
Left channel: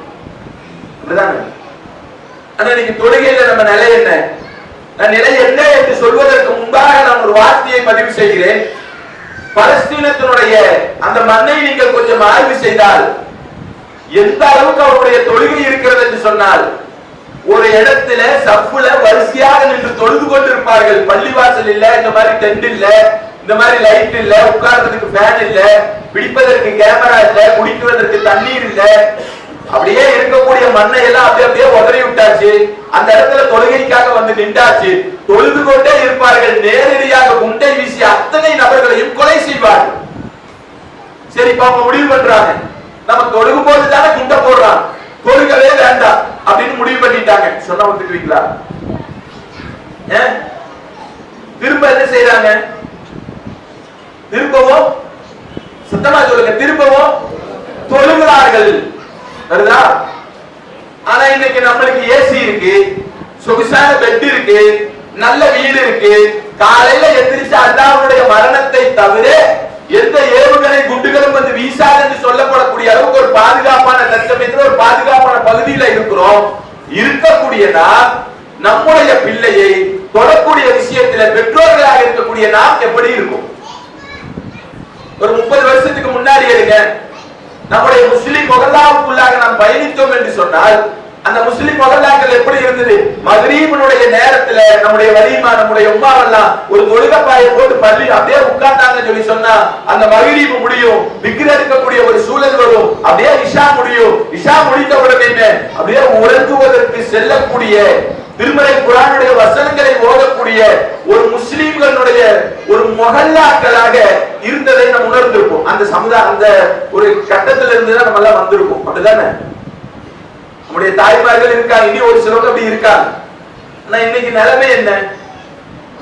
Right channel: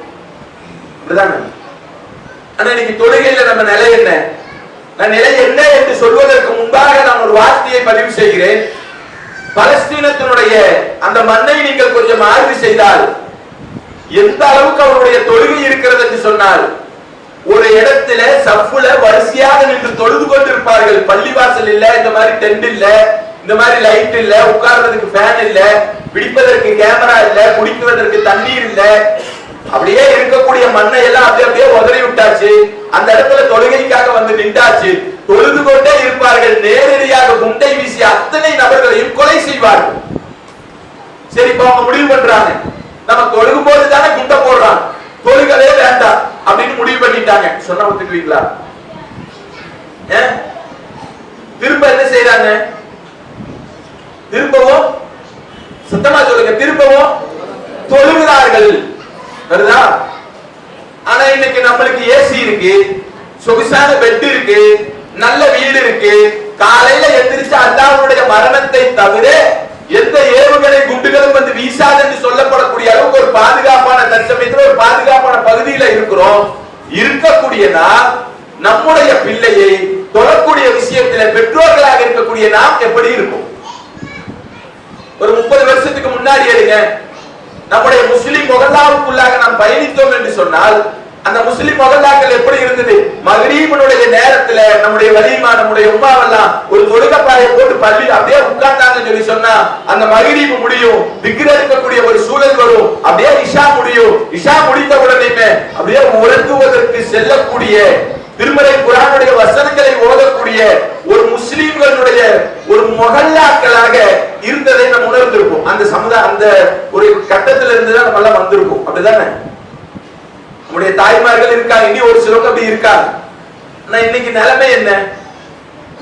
ஆனா இன்னைக்கு தொழுகையில நம்ம நிலை என்ன? நான் நிலை என்ன என்று சொல்வதற்கு முன்பாக நான் ஒரு வார்த்தையை பதிவு செய்கிறேன். பலஸ்தீனத்தினுடைய அந்த மண்ணை நீங்கள் கொஞ்சம் ஆய்வு செய்தால் எந்த அளவுக்கு அவருடைய தொழுகை இருக்கிறது என்று சொன்னால், ஒரு இடத்துல சஃப்ல வரிசையாக நின்று தொழுது கொண்டிருப்பார்கள். பள்ளிவாசல் இல்ல, இந்த மாதிரி டென்ட் இல்ல, இந்த மாதிரி லைட் இல்ல, உட்கார்றதுக்கு ஃபேன் இல்ல, பிடிப்பதற்கு கேமரா இல்ல, குடிக்குவதற்கு தண்ணீர் இல்ல. அப்படியே இருக்கக்கூடிய மண்ணை எல்லாம் அப்படியே உதறி விட்டாச்சு. அந்த இடத்துல தொழுகைக்காக வந்து நின்றாச்சு. தொழுது கொண்டே இருப்பார்கள். நேரடியாக குண்டை வீசி அத்தனை நபர்களையும் கொலை செய்வார்கள். சரி, இப்ப அவங்க முடிவு பண்றாங்க, நம்ம தொழுகும் போது தானே குண்டை போடுறான், தொழுகவே வேண்டாம் அப்படின்னு முடிவு பண்ணிட்டாங்க. சொன்ன ஒத்துக்குவீங்களா? திரும்ப என்ன செய்யறாங்க? திரும்பவும் சுத்தமா சொல்லுங்க, திரும்பவும் தொழுகிறார்கள். வருதா? ஆனா இன்னைக்கு நம்மளுக்கு ஏசி இருக்கு, சொகுசான பெட் இருக்கு, நல்ல வீடு இருக்கு. காலையில எந்திரிச்சு அல்லாஹ்வுடைய மரணத்தை தவிர எந்த ஏவுகணை குண்டுகளும் வந்து வீசாது என்று சொல்லப்படக்கூடிய அளவுக்கு ஒரு பாதுகாப்பான தற்சமயத்தில் ஒரு பாதுகாப்பான பகுதியில இருக்கிறோம். இருக்கக்கூடிய நாம் நம்முடைய பிள்ளையை தொழக்கூடிய விஷயத்தில் பெற்றோர்களாக இருக்கக்கூடிய நாம் எப்படி இருக்கும்? ஒரு 30 வருஷத்துக்கு முன்னாடி எடுங்க, நம்முடைய முஸ்லிம் மொஹல்லாவுக்குள்ளாக நாம் பயணித்தோம் என்று சொன்னால் அந்த முஸ்லிம் மொஹல்லாக்கள் எப்படி இருந்தது? மக்ரீபினுடைய நேரத்துல நம்முடைய வலிமா, நம்முடைய உம்மாவெல்லாம் ஒரு தொழுகைப்பாயை போட்டு பள்ளி அப்படியே உட்கார்ந்தாங்கன்னு சொல்லி சொன்னா அந்த மக்ரீப் முடியும், விக்ர் எடுக்கக்கூடிய ஒரு சூழல் வரும். அப்படியே இஷா முடியும். இஷா முடித்த உடனே அப்படியே உறங்குவதற்கு செல்லக்கூடிய திருமறை குர்ஆனுடைய வசனங்களை ஓதக்கூடிய ஒரு முஸ்லிம்களுடைய ஒரு மொஹல்லாக்களாக இருந்ததை நம்ம உணர்ந்திருப்போம். அந்த சமுதாய அந்த ஒரு கட்டத்துல இருந்து தான் நம்ம எல்லாம் வந்திருப்போம். அப்படிதானே? நம்முடைய தாய்மார்கள் இருக்காங்க, இனி ஒரு சிலர் அப்படி இருக்காங்க. ஆனா இன்னைக்கு நிலைமை என்ன?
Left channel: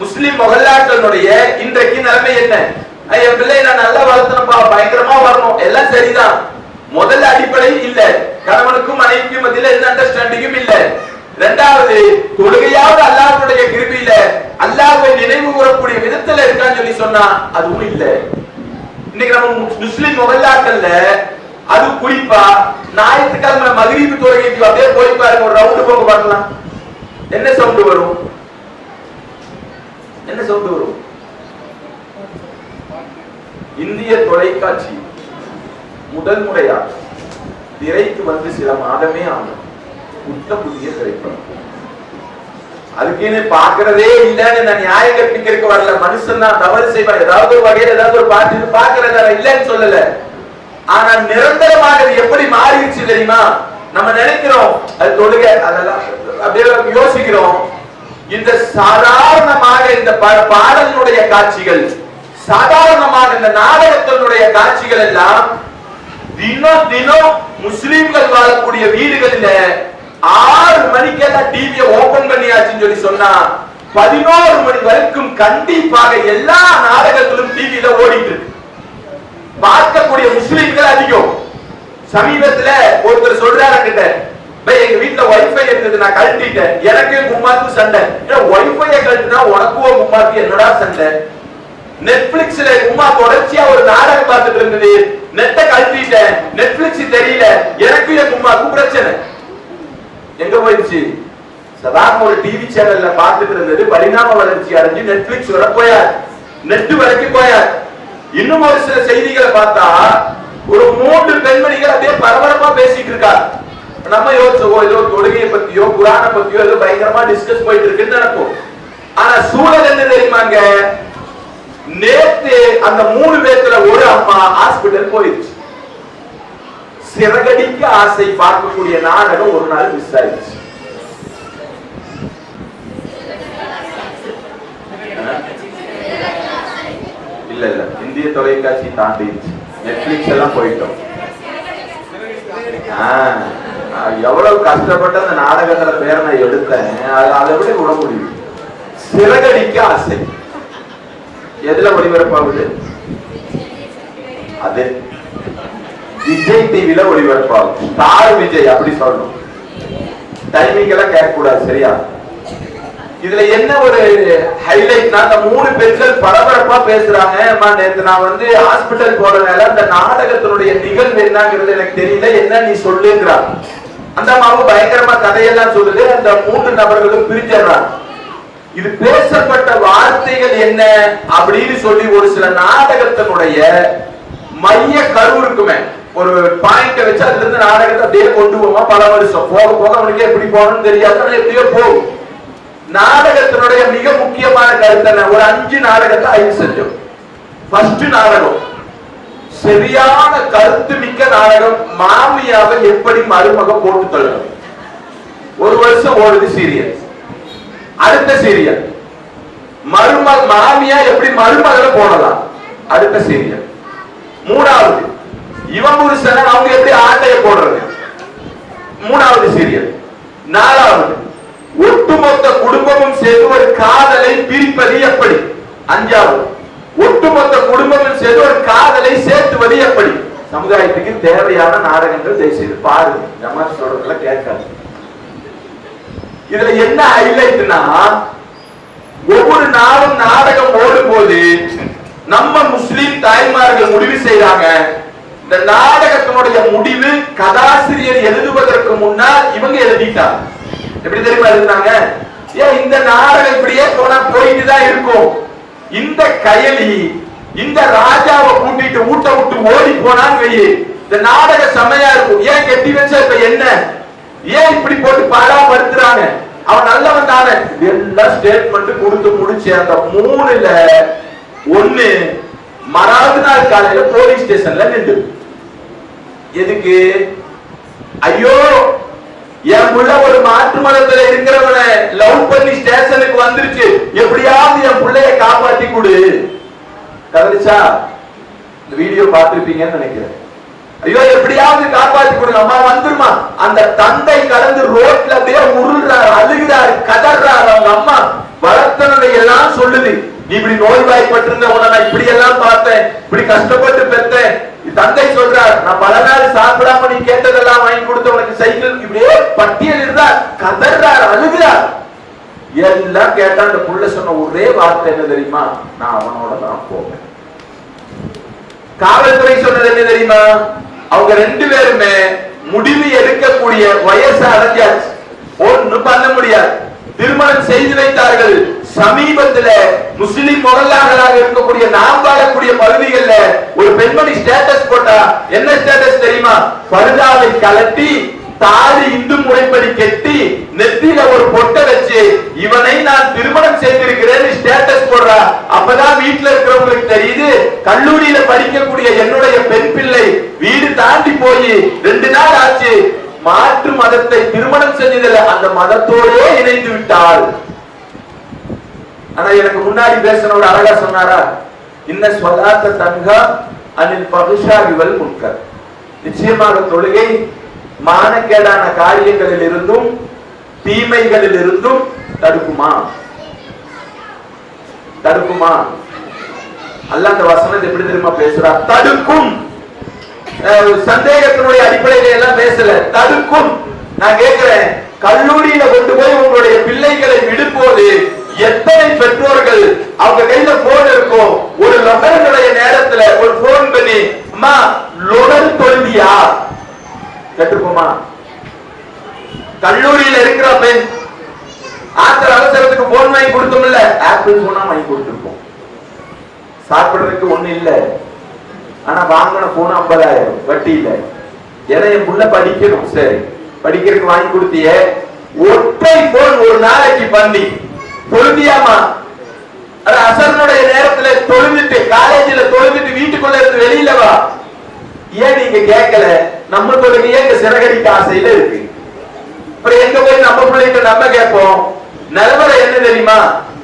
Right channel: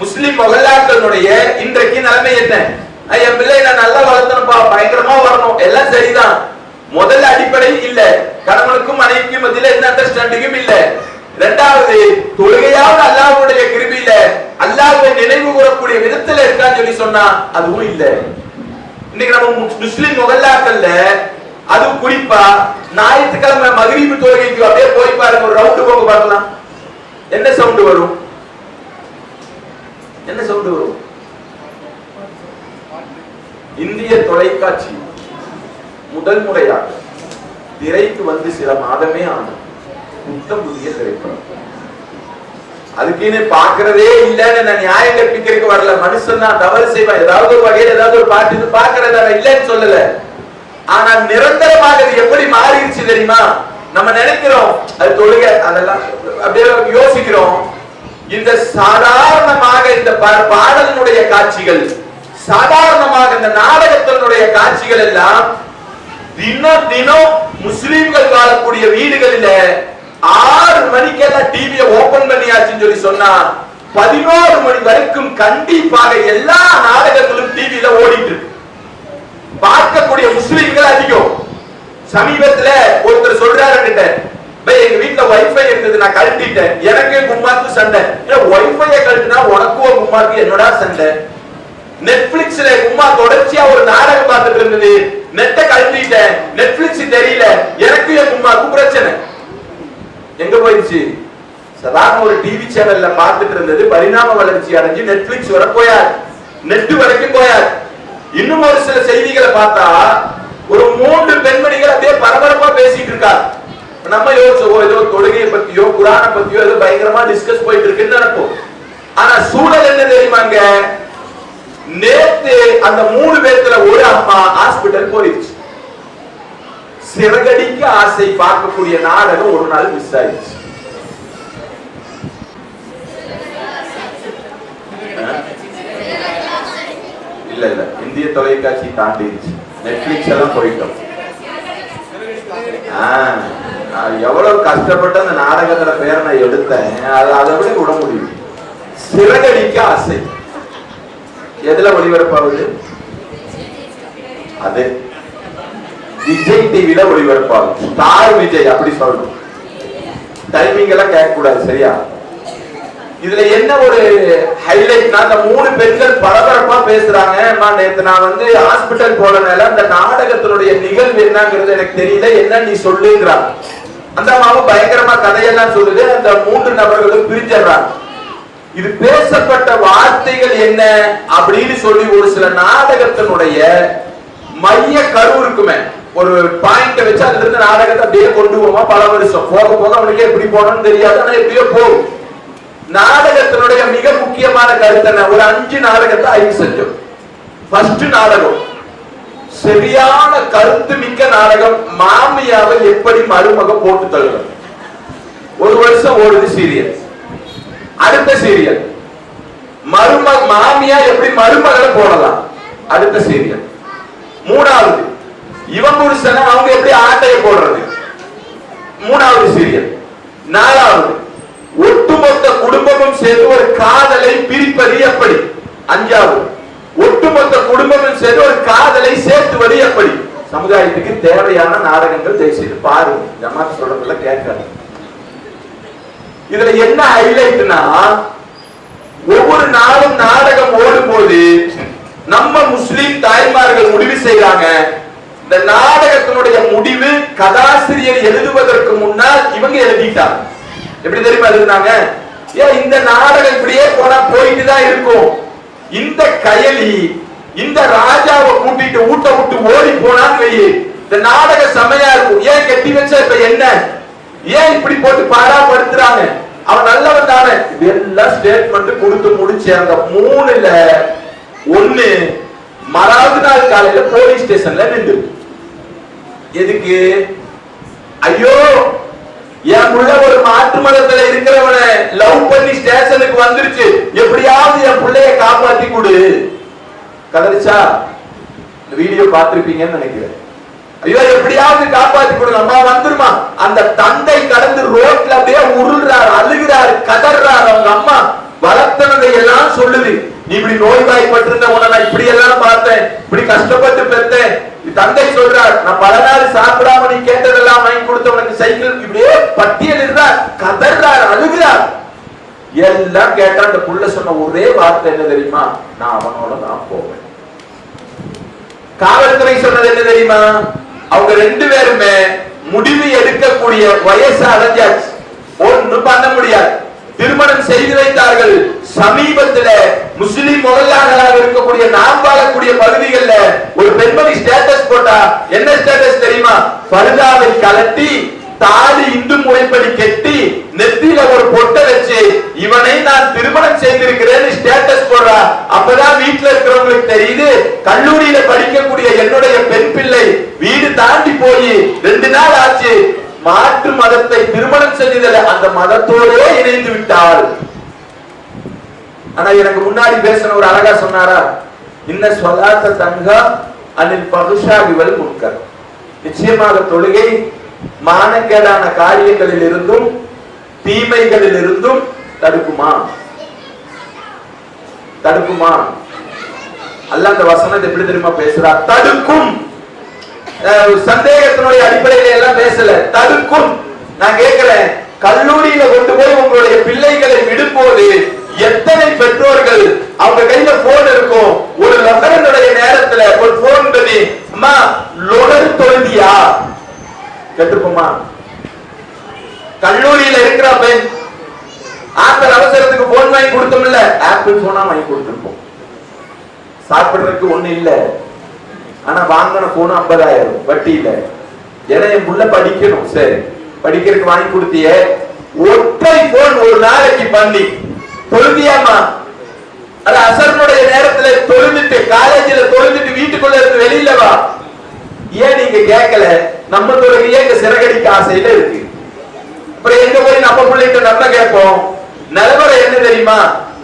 முஸ்லிம் மொஹல்லாக்களுடைய இன்றைக்கு நிலைமை என்ன? என் பிள்ளை நான் நல்லா வளர்த்தனப்பா, பயங்கரமா வரணும், எல்லாம் சரிதான். முதல்ல அடிப்படை இல்ல, கணவனுக்கும் மனைவிக்கும் மத்தியில எந்த அண்டர்ஸ்டாண்டிங்கும் இல்ல. இரண்டாவது, தொழுகையாவது அல்லாஹ்வுடைய கிருபையில அல்லாஹ்வை நினைவு கூறக்கூடிய விதத்துல இருக்கான்னு சொல்லி சொன்னா அதுவும் இல்ல. இன்னைக்கு நம்ம முஸ்லிம் மொஹல்லாக்கள்ல அது குறிப்பா ஞாயிற்றுக்கிழமை மக்ரிப் தொழுகைக்கு அப்படியே போய் பாருங்க, ஒரு ரவுண்டு போங்க பார்க்கலாம். என்ன சவுண்ட் வரும்? என்ன சவுண்ட் வரும்? இந்திய தொலைக்காட்சி முதல் முறையாக திரைக்கு வந்து சில மாதமே ஆனது. புதிய திரைப்படம். அதுக்குன்னு பாக்குறதே இல்லன்னு நான் நியாயம் கற்பிக்கிறதுக்கு வரல. மனுஷன் தான் தவறு செய்வான், ஏதாவது ஒரு வகையில் ஏதாவது ஒரு பாட்டு பாக்குறதா இல்லன்னு சொல்லல. ஆனா நிரந்தரமாக இது எப்படி மாறிடுச்சு தெரியுமா? நம்ம நினைக்கிறோம் அது தொழுகை, அதெல்லாம் அப்படியே யோசிக்கிறோம். இந்த சாதாரணமாக இந்த பாடலினுடைய காட்சிகள், சாதாரணமாக இந்த நாடகத்தினுடைய காட்சிகள் எல்லாம் தினம் தினம் முஸ்லிம்கள் வாழக்கூடிய வீடுகளில 6 மணிக்கெல்லாம் டிவியை ஓபன் பண்ணியாச்சுன்னு சொல்லி சொன்னா 11 மணி வரைக்கும் கண்டிப்பாக எல்லா நாடகங்களும் டிவியில ஓடிட்டு இருக்கு. பார்க்கக்கூடிய முஸ்லிம்கள் அதிகம். சமீபத்துல ஒருத்தர் சொல்றாரு கிட்ட, எங்க வீட்டுல வைஃபை இருந்தது, நான் கழட்டிட்டேன், எனக்கு கும்மாக்கு சண்டை. வைஃபைய கழட்டினா உனக்கும் கும்மாக்கு என்னடா சண்டை? நெட்ஃபிளிக்ஸ்ல உம்மா தொடர்ச்சியா ஒரு நாடகம் பார்த்துட்டு இருந்தது, நெட்டை கழட்டிட்டேன், நெட்ஃபிளிக்ஸ் தெரியல, எனக்கு என் உம்மாக்கு பிரச்சனை. எங்க போயிடுச்சு? சாதாரண ஒரு டிவி சேனல்ல பார்த்துட்டு இருந்தது பரிணாம வளர்ச்சி அடைஞ்சு நெட்ஃபிளிக்ஸ் வர போயார், நெட் வரைக்கும் போயார். இன்னும் ஒரு சில செய்திகளை பார்த்தா ஒரு 3 பெண்மணிகள் அப்படியே பரபரப்பா பேசிட்டு இருக்கா. நம்ம யோசிச்சோம் ஏதோ தொழுகையை பத்தியோ குர்ஆனை பத்தியோ ஏதோ பயங்கரமா டிஸ்கஸ் போயிட்டு இருக்குன்னு நினைப்போம். ஆனா சூழல் என்ன தெரியுமாங்க? நேத்து அந்த 3 பேர்ல ஒரு அம்மா ஹாஸ்பிடல் போயிடுச்சு. சிறகடிக்க ஆசை பார்க்கக்கூடிய நாடகம் ஒரு நாள் மிஸ் ஆயிடுச்சு. இல்ல இல்ல, இந்திய தொலைக்காட்சி தாண்டிடுச்சு, நெட்ஃபிளிக்ஸ் எல்லாம் போயிட்டோம். எவ்வளவு கஷ்டப்பட்டு அந்த நாடகத்துல பேரை நான் எடுத்தேன், அதை விட விட முடியும். சிறகடிக்க ஆசை எதுல ஒளிபரப்பாகுது? அது விஜய் டிவில ஒளிபரப்பாகும். ஸ்டார் விஜய் அப்படி சொல்லணும். டைமிங் எல்லாம் கேட்க கூடாது, சரியா? இதுல என்ன ஒரு ஹைலைட்னா, அந்த 3 பெண்கள் பரபரப்பா பேசுறாங்க. நேத்து நான் வந்து ஹாஸ்பிட்டல் போனதுனால அந்த நாடகத்தினுடைய நிகழ்வு என்னங்கிறது எனக்கு தெரியல, என்ன நீ சொல்லுங்கிறாங்க. அந்த அம்மாவும் பயங்கரமா கதையெல்லாம் சொல்லுது. அந்த 3 நபர்களும் பிரிஞ்சிடறாங்க. இது பேசப்பட்ட வார்த்தைகள் என்ன அப்படின்னு சொல்லி ஒரு சில நாடகத்தினுடைய மைய கரு இருக்குமே, ஒரு பாயிண்ட் வச்சு அதுல இருந்து நாடகத்தை அப்படியே கொண்டு போவோமா, பல வருஷம் போக போக அவனுக்கு எப்படி போகணும்னு தெரியாது, ஆனா எப்படியோ போகும். நாடகத்தினுடைய மிக முக்கியமான கருத்து ஒரு 5 நாடகத்தை ஆய்வு செஞ்சோம். ஃபர்ஸ்ட் நாடகம் சரியான கருத்து மிக்க நாடகம், மாமியாவை எப்படி மருமக போட்டு தள்ளும். 1 வருஷம் ஓடுது சீரியல். அடுத்த சீரியல் மாமியா எப்படி மருமகளை போடலாம், அடுத்த சீரியல். 3வது இவன் புருஷன் அவங்க எப்படி ஆட்டைய போடுறது, 3வது சீரியல். 4வது ஒட்டுமொத்த குடும்பமும் சேர்ந்து ஒரு காதலை பிரிப்பது எப்படி, 5வது ஒட்டுமொத்த குடும்பமும் சேர்ந்து ஒரு காதலை சேர்த்துவது எப்படி. சமுதாயத்துக்கு தேவையான நாடகங்கள் தேசிய பாருங்க, ஜமாத் சொல்றதுல கேட்காது. இதுல என்ன ஹைலைட்னா, ஒவ்வொரு நாளும் நாடகம் ஓடும் போது நம்ம முஸ்லிம் தாய்மார்கள் முடிவு செய்யறாங்க, இந்த நாடகத்தினுடைய முடிவு கதாசிரியர் எழுதுவதற்கு முன்னால் இவங்க எழுதிட்டாங்க. எப்படி தெரியுமா எழுதுனாங்க? ஏன் இந்த நாடகம் இப்படியே போனா போயிட்டு தான் இருக்கும், இந்த கயலி இந்த ராஜாவை கூட்டிட்டு ஊட்ட விட்டு ஓடி போனான்னு வையே, இந்த நாடக செமையா இருக்கும். ஏன் கெட்டி வச்ச இப்ப என்ன, ஏன் இப்படி போட்டு பாராப்படுத்துறாங்க, அவன் நல்லவன் தானே, எல்லாம் ஸ்டேட்மெண்ட் கொடுத்து முடிச்சு அந்த 3ல 1 மறாவது நாள் காலையில போலீஸ் ஸ்டேஷன்ல நின்று. எதுக்கு? ஐயோ என் புள்ள ஒரு மாற்று மதத்துல இருக்கிறவனை லவ் பண்ணி ஸ்டேஷனுக்கு வந்துருச்சு, எப்படியாவது என் பிள்ளைய காப்பாத்தி கொடு. கதறிச்சா? இந்த வீடியோ பார்த்திருப்பீங்கன்னு நினைக்கிறேன். ஐயோ எப்படியாவது காப்பாத்தி கொடுங்க, அம்மா வந்துருமா. அந்த தந்தை கடந்து ரோட்ல அப்படியே உருள்றாரு, அழுகிறாரு, கதறாரு. அவங்க அம்மா வளர்த்தனதை எல்லாம் சொல்லுது, நீ இப்படி நோய்வாய்ப்பட்டிருந்த உன நான் இப்படி எல்லாம் பார்த்தேன், இப்படி கஷ்டப்பட்டு பெற்றேன். தந்தை சொல்றார், நான் பல நாள் சாப்பிடாம நீ கேட்டதெல்லாம் வாங்கி கொடுத்த உனக்கு சைக்கிள், இப்படியே பட்டியல் இருந்தார், கதறார், அழுகிறார். எல்லாம் கேட்டா அந்த புள்ள சொன்ன ஒரே வார்த்தை என்ன தெரியுமா? நான் அவனோட தான் போவேன். காவல்துறை சொன்னது என்ன தெரியுமா? அவங்க ரெண்டு பேருமே முடிவு எடுக்கக்கூடிய வயசு அடைஞ்சாச்சு, ஒன்னும் பண்ண முடியாது. திருமணம் செய்து வைத்தார்கள். சமீபத்தில் முஸ்லிம் முகல்லாகளாக இருக்கக்கூடிய நாம் வாழக்கூடிய பகுதிகளில் ஒரு பெண்மணி ஸ்டேட்டஸ் போட்டா, என்ன ஸ்டேட்டஸ் தெரியுமா? பருதாவை கலட்டி தாலி இந்து முறைப்படி கெட்டி நெத்தியில ஒரு பொட்டை வச்சு இவனை நான் திருமணம் செய்திருக்கிறேன் ஸ்டேட்டஸ் போடுறா. அப்பதான் வீட்டுல இருக்கிறவங்களுக்கு தெரியுது, கல்லூரியில படிக்கக்கூடிய என்னுடைய பெண் பிள்ளை வீடு தாண்டி போய் 2 நாள் ஆச்சு, மாற்று மதத்தை திருமணம் செஞ்சதில்லை, அந்த மதத்தோடே இணைந்து விட்டாள். ஆனா எனக்கு முன்னாடி பேசினவர் அழகா சொன்னாரா, இன்ன சொல்லாத்த தங்கா அனில் பகுஷாகிவல் முன்கர். நிச்சயமாக தொழுகை மானக்கேடான காரியங்களில் இருந்தும் தீமைகளில் இருந்தும் தடுக்குமா? தடுக்குமா? அல்லாஹ் அந்த வசனத்தை எப்படி தெரியுமா பேசுறார்? தடுக்கும். சந்தேகத்தினுடைய அடிப்படையில எல்லாம் பேசல, தடுக்கும். நான் கேட்கிறேன், கல்லூரியில கொண்டு போய் உங்களுடைய பிள்ளைகளை விடும்போது எத்தனை பெற்றோர்கள் அவங்க கையில போன் இருக்கும், ஒரு லொகரனுடைய நேரத்துல ஒரு போன் பண்ணி, அம்மா லொகர் தொழுதியா கேட்டுப்போமா? கல்லூரியில இருக்கிற பெண் ஆத்தர் அவசரத்துக்கு போன் வாங்கி கொடுத்தோம்ல, ஆப்பிள் போனா வாங்கி கொடுத்துருப்போம். சாப்பிடுறதுக்கு ஒண்ணு இல்ல, ஆனா வாங்கின போன 50,000 வட்டி இல்ல. ஏன்னா என் புள்ள படிக்கணும், சரி படிக்கிறதுக்கு வாங்கி கொடுத்திய. ஒற்றை போன் ஒரு நாளைக்கு பண்ணி தொழுதியாமா? அது அசரனுடைய நேரத்துல தொழுதுட்டு காலேஜில் தொழுதுட்டு வீட்டுக்குள்ள இருந்து வெளியில வா. ஏன் நீங்க கேட்கல? நம்ம தொழுகையே எங்க சிறகடிக்க ஆசையில இருக்கு. அப்புறம் எங்க போய் நம்ம பிள்ளைகிட்ட நம்ம கேட்போம்? நிலவரை என்ன தெரியுமா?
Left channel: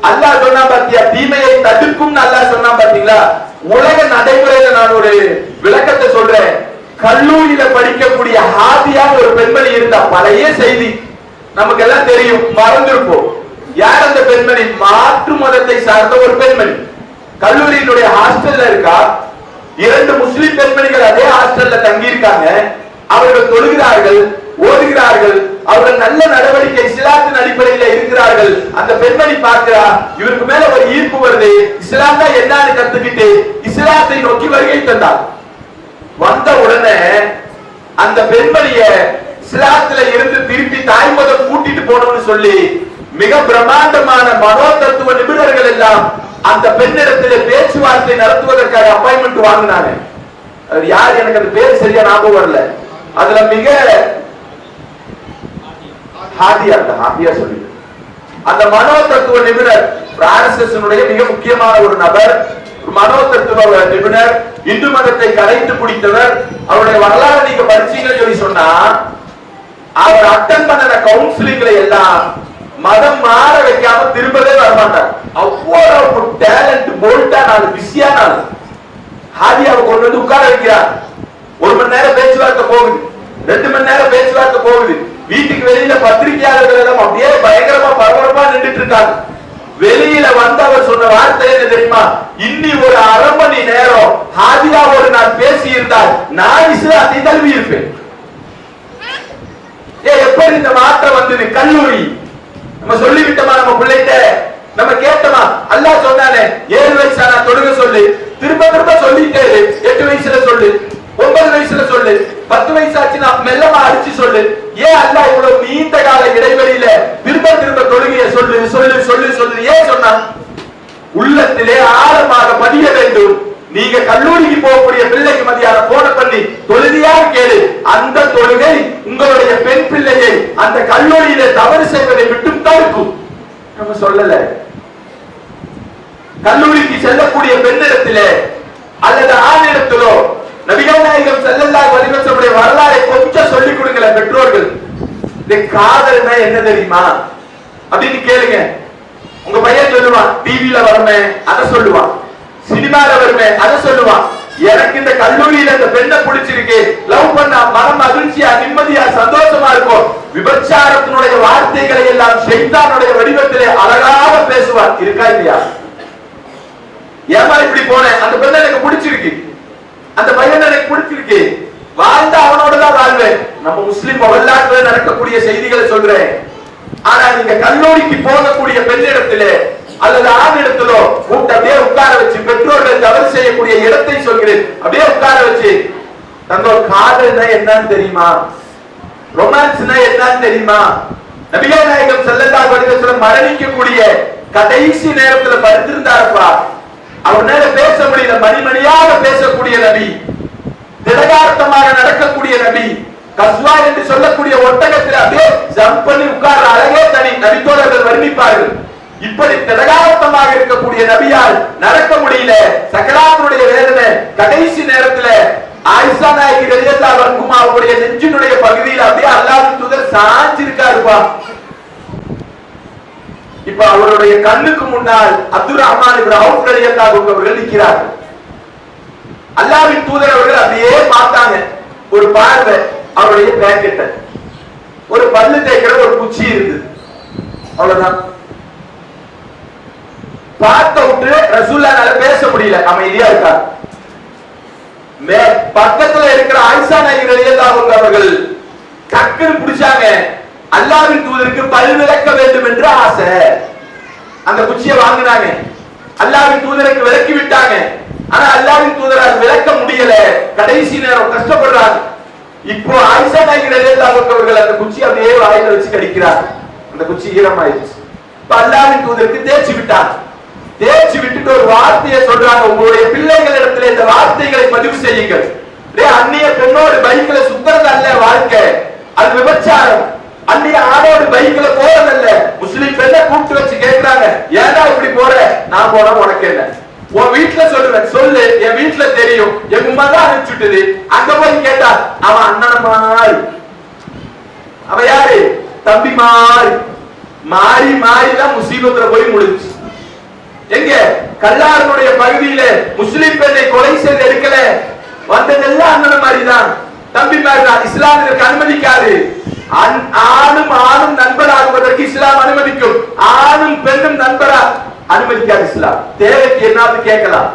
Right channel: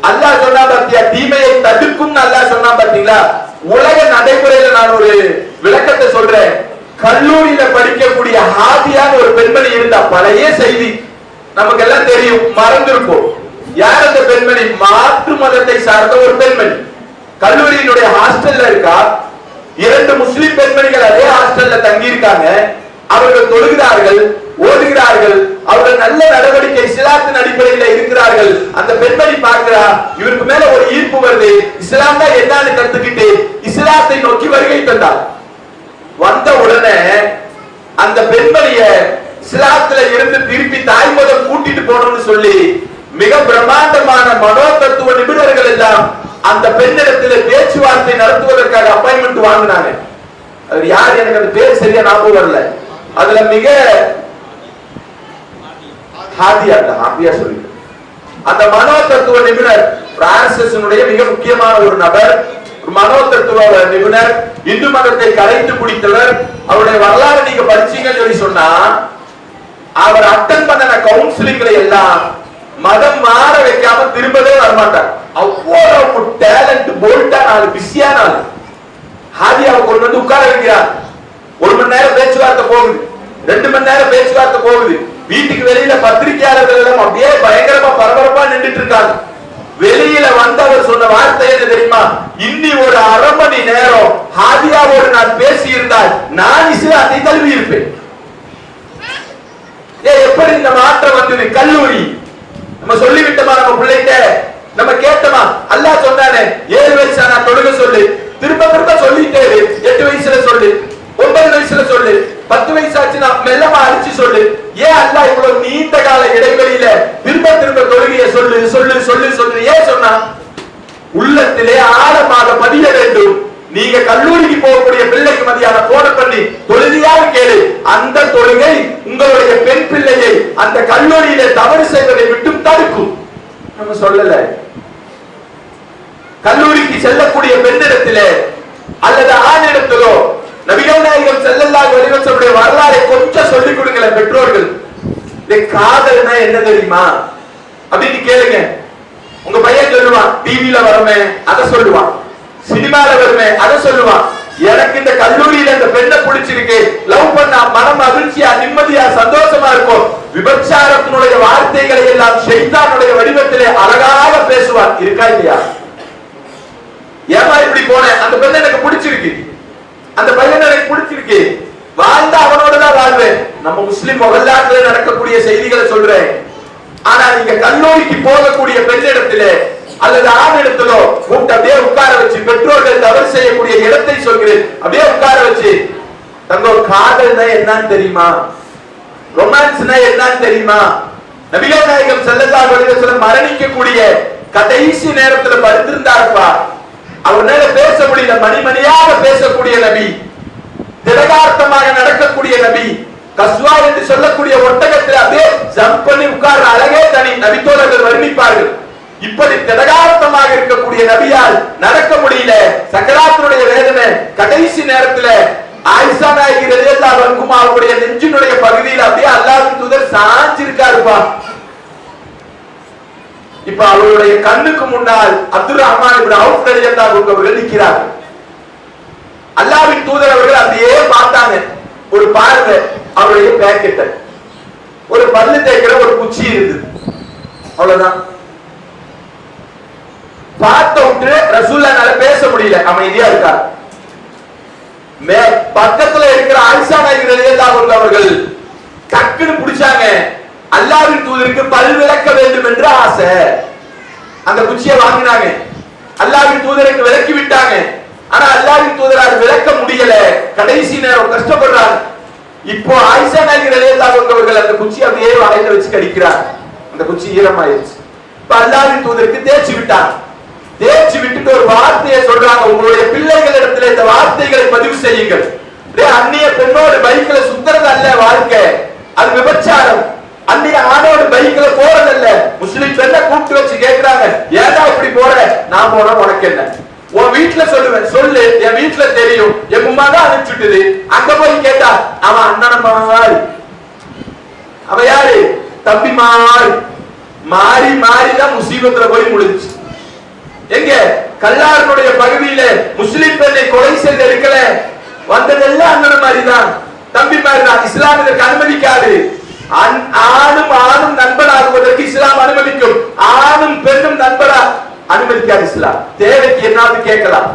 அல்லாஹ் சொன்னா பாத்தியா, தீமையை தடுக்கும் அல்லாஹ் சொன்னா பாத்தீங்களா? உலக நடைமுறையில நான் ஒரு விளக்கத்தை சொல்றேன். கல்லூரியில படிக்கக்கூடிய ஹாதியான ஒரு பெண்மணி இருந்தா, பழைய செய்தி நமக்கு எல்லாம் தெரியும், மறந்திருப்போம். யார் அந்த பெண்மணி? மாற்று மதத்தை சார்ந்த ஒரு பெண்மணி. கல்லூரியினுடைய ஹாஸ்டல்ல இருக்கா. 2 முஸ்லிம் பெண்மணிகள் அதே ஹாஸ்டல்ல தங்கி இருக்காங்க. அவர்கள் தொழுகிறார்கள், ஓதுகிறார்கள், அவர்கள் நல்ல நடவடிக்கை இஸ்லாத்தின் அடிப்படையில் இருக்கிறார்கள். அந்த பெண்மணி பார்க்கிறார், இவருக்கு மேல ஒரு ஈர்ப்பு வருது, இஸ்லாம் தான் என்னன்னு கத்துக்கிட்டு இஸ்லாத்தை நோக்கி வருகை தந்தார். வந்த உடனே அந்த பெண்மணிய இஸ்லாத்துல இருந்து திருப்பி தாய் மதம் கூட்டிட்டு போனோம்னு சொல்லி மிக பிரம்மாண்டமான மனோ தத்துவ நிபுணர்கள் எல்லாம் அந்த பெண்ணிடத்தில் பேச்சுவார்த்தை நடத்துவதற்காக அப்பாயின்மெண்ட் வாங்கினாங்க. அவர் யார் எனக்கு அந்த பேர் சரியா ஞாபகம் வரல. அதுல மிக ஹாதியா சொல்லி அந்த மனோ தத்துவ நிபுணர் ஆர்எஸ்எஸ் மிக முக்கியமான ஒரு நபர், மனோ தத்துவ நிபுணர், இந்து மதத்தை கரைத்து குடித்தவர். அவருடைய வரலாறு நீங்க படிச்சீங்கன்னு சொல்லி சொன்னா, அவர் அட்டன் பண்ண கவுன்சிலிங்களை எல்லாம் மதம் மாற வைக்காம திரும்பவே வரமாட்டார். அவ்வளவு டேலண்ட், போல்டா, பிஸியான ஹாதியாவை கொண்டு வந்து உட்கார வைக்கிறார். 1 மணி நேரம் பேச்சுவார்த்தை போகுது, 2 மணி நேரம் பேச்சுவார்த்தை போகுது. வீட்டுக்கு வெளியில பத்திரிகையாளர்கள் எல்லாம் அப்படியே பயங்கரமா பரபரப்பா நின்றுட்டு இருக்காங்க. வெளியில வந்தவர் சொன்ன வார்த்தை என்ன தெரியுமா? இன்னி ஒரு 1/2 மணி நேரம் ஹாதியாவோடு நான் பேசி இருந்தால் நான் இஸ்லாத்தை தழுவி இருப்பேன். எப்படி இந்த மாற்றம் வந்தது? கல்லூரி நம்ம சொல்லிவிட்டோமா? நம்ம பிள்ளைகிட்ட நம்ம கேட்டோமா? அல்லாஹ் சொன்னானே 7 வயசு ஆனா தொழுக சொல்லு, திரும்ப திரும்ப சொல்லிட்டே 8 வயசுல சொல்லு, 9 வயசுல சொல்லு, 10 வயசு ஆச்சுன்னா மெல்லமா அடிச்சு சொல்லு. ஏன் அல்லாஹ் இவ்வளவு நீண்ட கால இடைவெளியில திரும்ப திரும்ப தொழுகையை சொல்லு சொல்லு சொல்லு சொல்லு ஏன் சொன்னா? உள்ளத்திலே ஆழமாக பதிய வேண்டும். நீங்க கல்லூரிக்கு போகக்கூடிய பிள்ளைக்கு மதியான போன பண்ணி தொழுதியாக கேளு, அந்த தொழுகை உங்களுடைய பெண் பிள்ளையை அந்த கல்லூரியில தவறு செய்வதை விட்டு தடுக்கும். நம்ம சொல்லல. கல்லூரிக்கு செல்லக்கூடிய பெண்ணிடத்திலே அல்லது ஆணிடத்திலோ நபிகள் நாயகம் ஸல்லல்லாஹு அலைஹி வஸல்லம் வரலாறை கொஞ்சம் சொல்லிக் கொடுங்களேன் பெற்றோர்கள். இந்த காதல்னா என்ன தெரியுமா அப்படின்னு கேளுங்க. உங்க பையன் சொல்லுவான், டிவில வருமே அதை சொல்லுவான், சினிமால வருமே அதை சொல்லுவான். எனக்கு இந்த கல்லூரியில இந்த பெண்ணை பிடிச்சிருக்கு, லவ் பண்ணா மனம் மகிழ்ச்சியா நிம்மதியா சந்தோஷமா இருக்கும். விபச்சாரத்தினுடைய வார்த்தைகளை எல்லாம் ஷைத்தானுடைய வடிவத்திலே அழகாக பேசுவான். இருக்கா இல்லையா? ஏமா இப்படி போனேன், அந்த பெண்ணை எனக்கு பிடிச்சிருக்கு, அந்த பையனை எனக்கு பிடிச்சிருக்கு, வாழ்ந்த அவனோட தான் வாழ்வேன். நம்ம முஸ்லிம் வரலாற்றுல நடக்கக்கூடிய செய்திகளை சொல்றேன். ஆனா நீங்க கல்லூரிக்கு போகக்கூடிய பெண்ணிடத்திலே அல்லது ஆணிடத்திலோ கூப்பிட்டு அப்படியே உட்கார வச்சு, பெற்றோர்கள் தவறு செய்யக்கூடிய இடத்தை சொல்கிறேன், அப்படியே உட்கார வச்சு, தங்க காதல்னா என்னன்னு தெரியுமா, ரொமான்ஸ்னா என்னன்னு தெரியுமா? நபிகள் நாயகம் ஸல்லல்லாஹு அலைஹி வஸல்லம் மரணிக்கக்கூடிய கடைசி நேரத்துல படுத்திருந்தாருப்பா. அவரால பேச முடியல, மணிமணியாக பேசக்கூடிய நபி, திடகார்த்தமாக நடக்கக்கூடிய நபி, கஸ்வா என்று சொல்லக்கூடிய ஒட்டகத்தில் அப்படியே ஜம்ப் பண்ணி உட்கார்ற அழகே தனி. நபித்தோழர்கள் வர்ணிப்பார்கள். இப்படி திடகார்த்தமாக இருக்கக்கூடிய நபியால் நடக்க முடியல, சக்கராத்தினுடைய வேதனை. கடைசி நேரத்தில் ஆயிஷா நாயகி ரலியல்லாஹு அன்ஹா அவருடைய நெஞ்சினுடைய பகுதியில் அப்படியே அல்லாஹ்வின் தூதர் சாஞ்சிருக்காருப்பா. இப்ப அவருடைய கண்ணுக்கு முன்னால் அப்துல் ரஹ்மான் இப்னு அவுஃப் ரலியல்லாஹு அன்ஹு அவர்கள் நிற்கிறார்கள். அல்லாஹ்வின் தூதர் அவர்கள் அப்படியே பார்த்தாங்க. ஒரு பார்வை அவருடைய பேக்கெட், ஒரு பல்லு தேய்க்கிற ஒரு குச்சி இருந்தது, அவ்வளவுதான். பார்த்த விட்டு ரசூலுல்லாஹ்னால பேச முடியல, அமைதியா இருக்கார். பக்கத்துல இருக்கிற ஆயிஷா நாயகி ரலியல்லாஹு அன்ஹா அவர்கள் டக்குன்னு பிடிச்சாங்க. அல்லாஹ்வின் தூதருக்கு பல் விளக்க வேண்டும் என்று ஆசை. அந்த குச்சியை வாங்கினாங்க, அல்லாஹ்வின் தூதருக்கு விளக்கி விட்டாங்க. ஆனா அல்லாஹ்வின் தூதரால் விளக்க முடியல, கடைசி நேரம் கஷ்டப்படுறாங்க. இப்போ ஆயிஷா நாயகி ரலியல்லாஹு அன்ஹா அவர்கள் அந்த குச்சி அப்படியே வாயில வச்சு கடிக்கிறார். அந்த குச்சி ஈரமாயிருச்சு. இப்ப அல்லாஹ்வின் தூதருக்கு தேய்ச்சி விட்டாங்க. தேய்ச்சி விட்டுட்டு ஒரு வார்த்தையை சொல்றாங்க, உங்களுடைய பிள்ளைகளிடத்தில் இந்த வார்த்தைகளை பதிவு செய்யுங்கள். அந்நிய பெண்ணோடு பைக்ல சுத்துறது அல்ல வாழ்க்கை, அது விபச்சாரம். அந்நிய ஆணோடு பைக்ல போறது அல்ல. முஸ்லிம் பெண்ணை கூப்பிட்டு வச்சு கேட்கிறாங்க, ஏடா இப்படி போற? நான் போனா உனக்கு என்ன? உன் வீட்டுல சொல்லுவேன், சொல்லு, என் வீட்டுல தெரியும், என் உமா தான் அனுப்பிச்சுட்டுது. அங்க போய் கேட்டா அவன் அண்ணன் மாதிரி, அவ யாரு? தம்பி மாதிரி. மாறி மாறிதான் முசீபத்துல போய் முடிச்சு. எங்க கல்லாருடைய பகுதியில முஸ்லிம் பெண்ணை கொலை செய்து எடுக்கல, வந்ததெல்லாம் அண்ணன் மாதிரிதான், தம்பி மாதிரிதான். இஸ்லாம் இதற்கு அனுமதிக்காது. ஆணும் ஆணும் நண்பனாகுவதற்கு இஸ்லாம் அனுமதிக்கும், ஆணும் பெண்ணும் நண்பரா அனுமதிக்காது இஸ்லாம். தேவைக்கு என்னாவது கேட்கலாம்.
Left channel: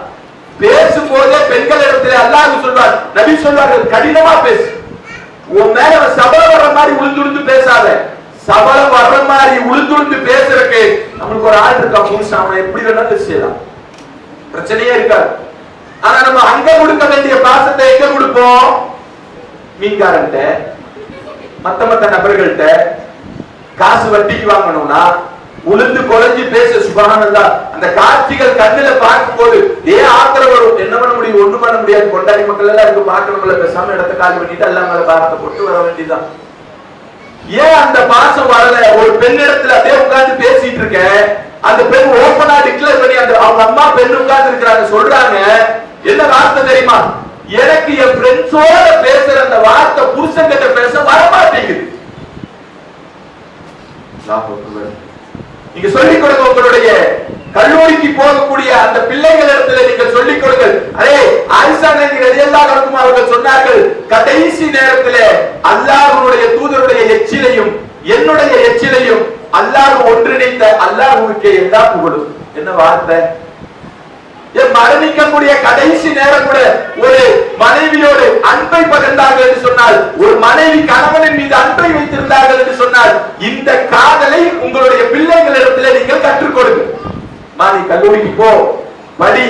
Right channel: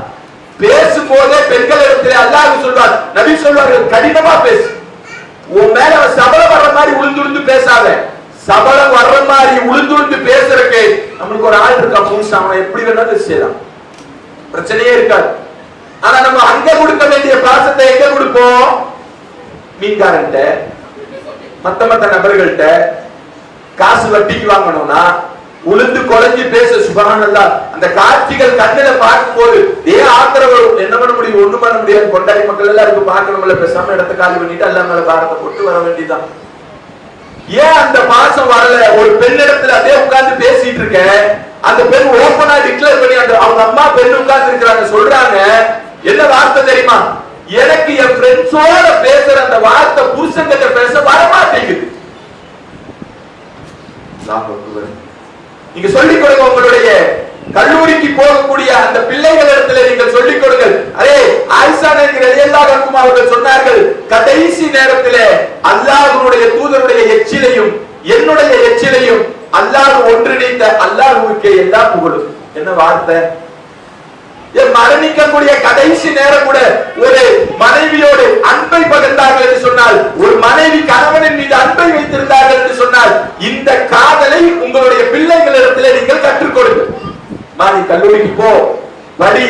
பேசும்போதே பெண்களிடத்தில் அல்லாஹ் சொல்வார், நபி சொல்வார்கள், கடினமா பேசு. உன் மேல சபலம் வர்ற மாதிரி உளுந்து பேசாத. சபலம் வர்ற மாதிரி உளுந்து பேசுறதுக்கு நம்மளுக்கு ஒரு ஆள் இருக்கா, புருஷன், அவன் எப்படி வேணாலும் செய்யலாம், பிரச்சனையே இருக்காது. ஆனா நம்ம அங்க கொடுக்க வேண்டிய பாசத்தை எங்க கொடுப்போம்? மீன்காரன்ட்ட, மத்த நபர்கள்ட்ட. காசு வட்டிக்கு வாங்கணும்னா உளுந்து குழஞ்சி பேச சுபஹானல்லாஹ். அந்த காட்சிகள் கண்ணுல பார்க்கும் போது ஆத்திரம் வரும். என்ன பண்ண முடியும்? ஒண்ணு பண்ண முடியாது. கொண்டாடி மக்கள் எல்லாம் இருக்கு, பார்க்கணும்ல, பேசாம இடத்த காலி பண்ணிட்டு எல்லாம் மேல பாரத்தை போட்டு வர வேண்டியதான். ஏன் அந்த பாசம் வரல? ஒரு பெண்ணிடத்துல அப்படியே உட்கார்ந்து பேசிட்டு இருக்க, அந்த பெண் ஓபனா டிக்ளேர் பண்ணி அந்த அவங்க அம்மா பெண் உட்கார்ந்து இருக்கிறாங்க, சொல்றாங்க, என்ன வார்த்தை தெரியுமா? எனக்கு என் ஃப்ரெண்ட்ஸோட பேசுற அந்த வார்த்தை புருஷன் கிட்ட பேச வரமாட்டேங்குது. நீங்க சொல்லிக் கொடுங்க, உங்களுடைய கல்லூரிக்கு போகக்கூடிய அந்த பிள்ளைகளிடத்துல நீங்க சொல்லிக் கொடுங்க. அரே, ஆயிஷா நாயகி ரலியல்லாஹு அன்ஹா அவர்கள் சொன்னார்கள், கடைசி நேரத்திலே அல்லாஹ்வுடைய தூதருடைய எச்சிலையும் என்னுடைய எச்சிலையும் அல்லாஹ் ஒன்றிணைத்த அல்லாஹ்வுக்கே எல்லா புகழும். என்ன வார்த்தை! மரணிக்கக்கூடிய கடைசி நேரம் கூட ஒரு மனைவியோடு அன்பை பகிர்ந்தார்கள் என்று சொன்னால், ஒரு மனைவி கணவனின் மீது அன்பை வைத்திருந்தார்கள் என்று சொன்னால், இந்த காதலை உங்களுடைய பிள்ளைகளிடத்தில் நீங்கள் கற்றுக் கொடுங்க. நீ கல்லூரிக்கு போ, படி,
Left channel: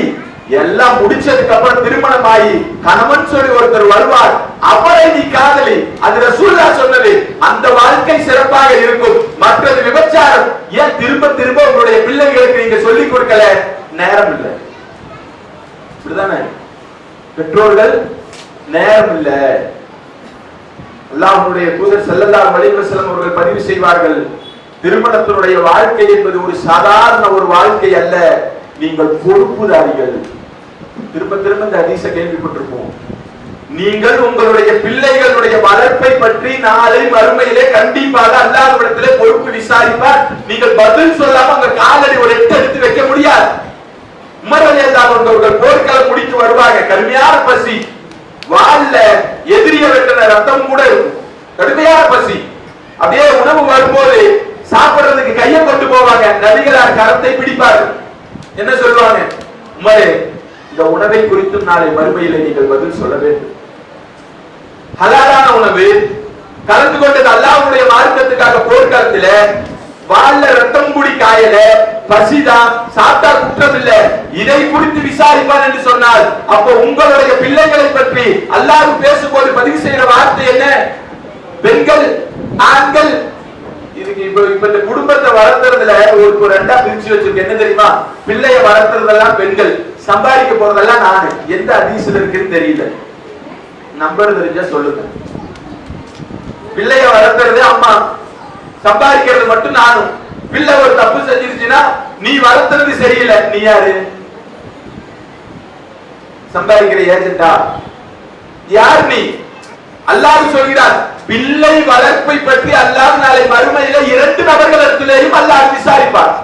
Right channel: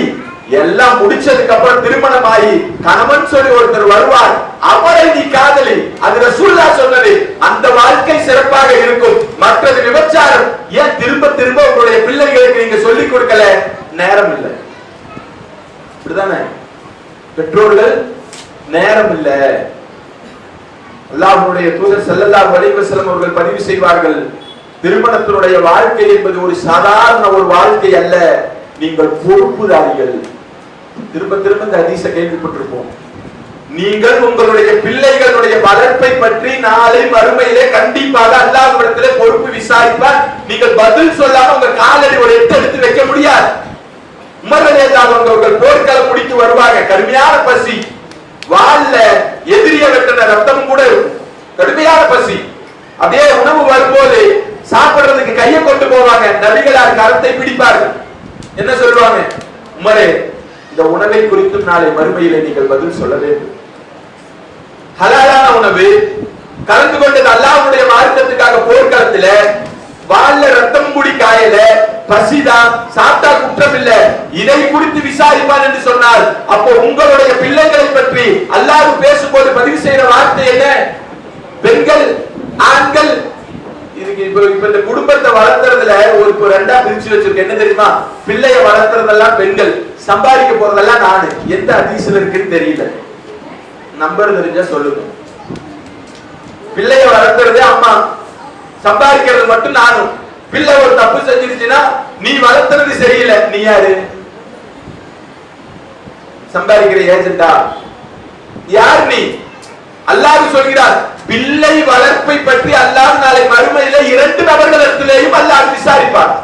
எல்லாம் முடிச்சதுக்கு அப்புறம் திருமணம் ஆகி கணவன் சொல்லி ஒருத்தர் வருவார், அவரை நீ காதலி. அது ரசூலுல்லாஹ் சொன்னது. அந்த வாழ்க்கை சிறப்பாக இருக்கும். மற்றது விபச்சாரம். ஏன் திரும்ப திரும்ப உங்களுடைய பிள்ளைகளுக்கு நீங்க சொல்லிக் கொடுக்கல? நேரம் இல்லை. இப்படிதானே பெற்றோர்கள்? நேரம் இல்ல. அல்லாஹ்வுடைய தூதர் ஸல்லல்லாஹு அலைஹி வஸல்லம் அவர்கள் பதிவு செய்வார்கள், திருமணத்தினுடைய வாழ்க்கை என்பது ஒரு சாதாரண ஒரு வாழ்க்கை அல்ல, நீங்கள் பொறுப்புதாரிகள். திரும்ப திரும்ப இந்த ஹதீஸை கேள்விப்பட்டிருப்போம். நீங்கள் உங்களுடைய பிள்ளைகளுடைய வளர்ப்பை பற்றி நாளை மறுமையிலே கண்டிப்பாக அல்லாஹ்விடத்திலே பொறுப்பு விசாரிப்பார். நீங்கள் பதில் சொல்லாம உங்க காலடி ஒரு எட்டு எடுத்து வைக்க முடியாது. உமர் ரலியல்லாஹு அன்ஹு அவர்கள் போர்க்களம் முடித்து வருவாங்க. கடுமையான பசி, வாள்ல எதிரிய வெட்டின ரத்தம் கூட இருக்கும். கடுமையான பசி. அப்படியே உணவு வரும்போது சாப்பிடுறதுக்கு கையை கொண்டு போவாங்க. நபிகளார் கரத்தை பிடிப்பார்கள். என்ன சொல்லுவாங்க? உமரே, இந்த உணவை குறித்து நாளை மறுமையிலே நீங்கள் பதில் சொல்ல வேண்டும். ஹலாலான உணவு, கலந்து கொண்டது அல்லாஹ்வுடைய மார்க்கத்துக்காக போர்க்களத்துல, வாள்ல ரத்தம் குடி காயல, பசிதான், சாப்பிட்டா குற்றம் இல்ல, இதை குறித்து விசாரிப்பான் என்று சொன்னால், அப்போ உங்களுடைய பிள்ளைகளை பற்றி அல்லாஹ் பேசும்போது பதிவு செய்யற வார்த்தை என்ன? பெண்கள், ஆண்கள். இதுக்கு இப்ப இந்த குடும்பத்தை வளர்த்துறதுல ஒரு ரெண்டா பிரிச்சு வச்சிருக்க. என்ன தெரியுமா? பிள்ளைய வளர்த்துறதெல்லாம் பெண்கள், சம்பாதிக்க போறதெல்லாம் நானு. எந்த ஹதீஸ்ல இருக்குன்னு தெரியல, நம்பர் தெரிஞ்சா சொல்லுங்க. பிள்ளைய வளர்த்துறது அம்மா, சம்பாதிக்கிறது மட்டும் நானும். பிள்ளை ஒரு தப்பு செஞ்சிருச்சுன்னா நீ வளர்த்துறது சரியில்லை, நீ யாரு? சம்பாதிக்கிற ஏஜெண்டா? யார் நீ? அல்லாஹ் சொல்கிறார், பிள்ளை வளர்ப்பை பற்றி அல்லாஹ் நாளை மறுமையில 2 நபர்களிடத்திலேயும் அல்லாஹ் விசாரிப்பார்.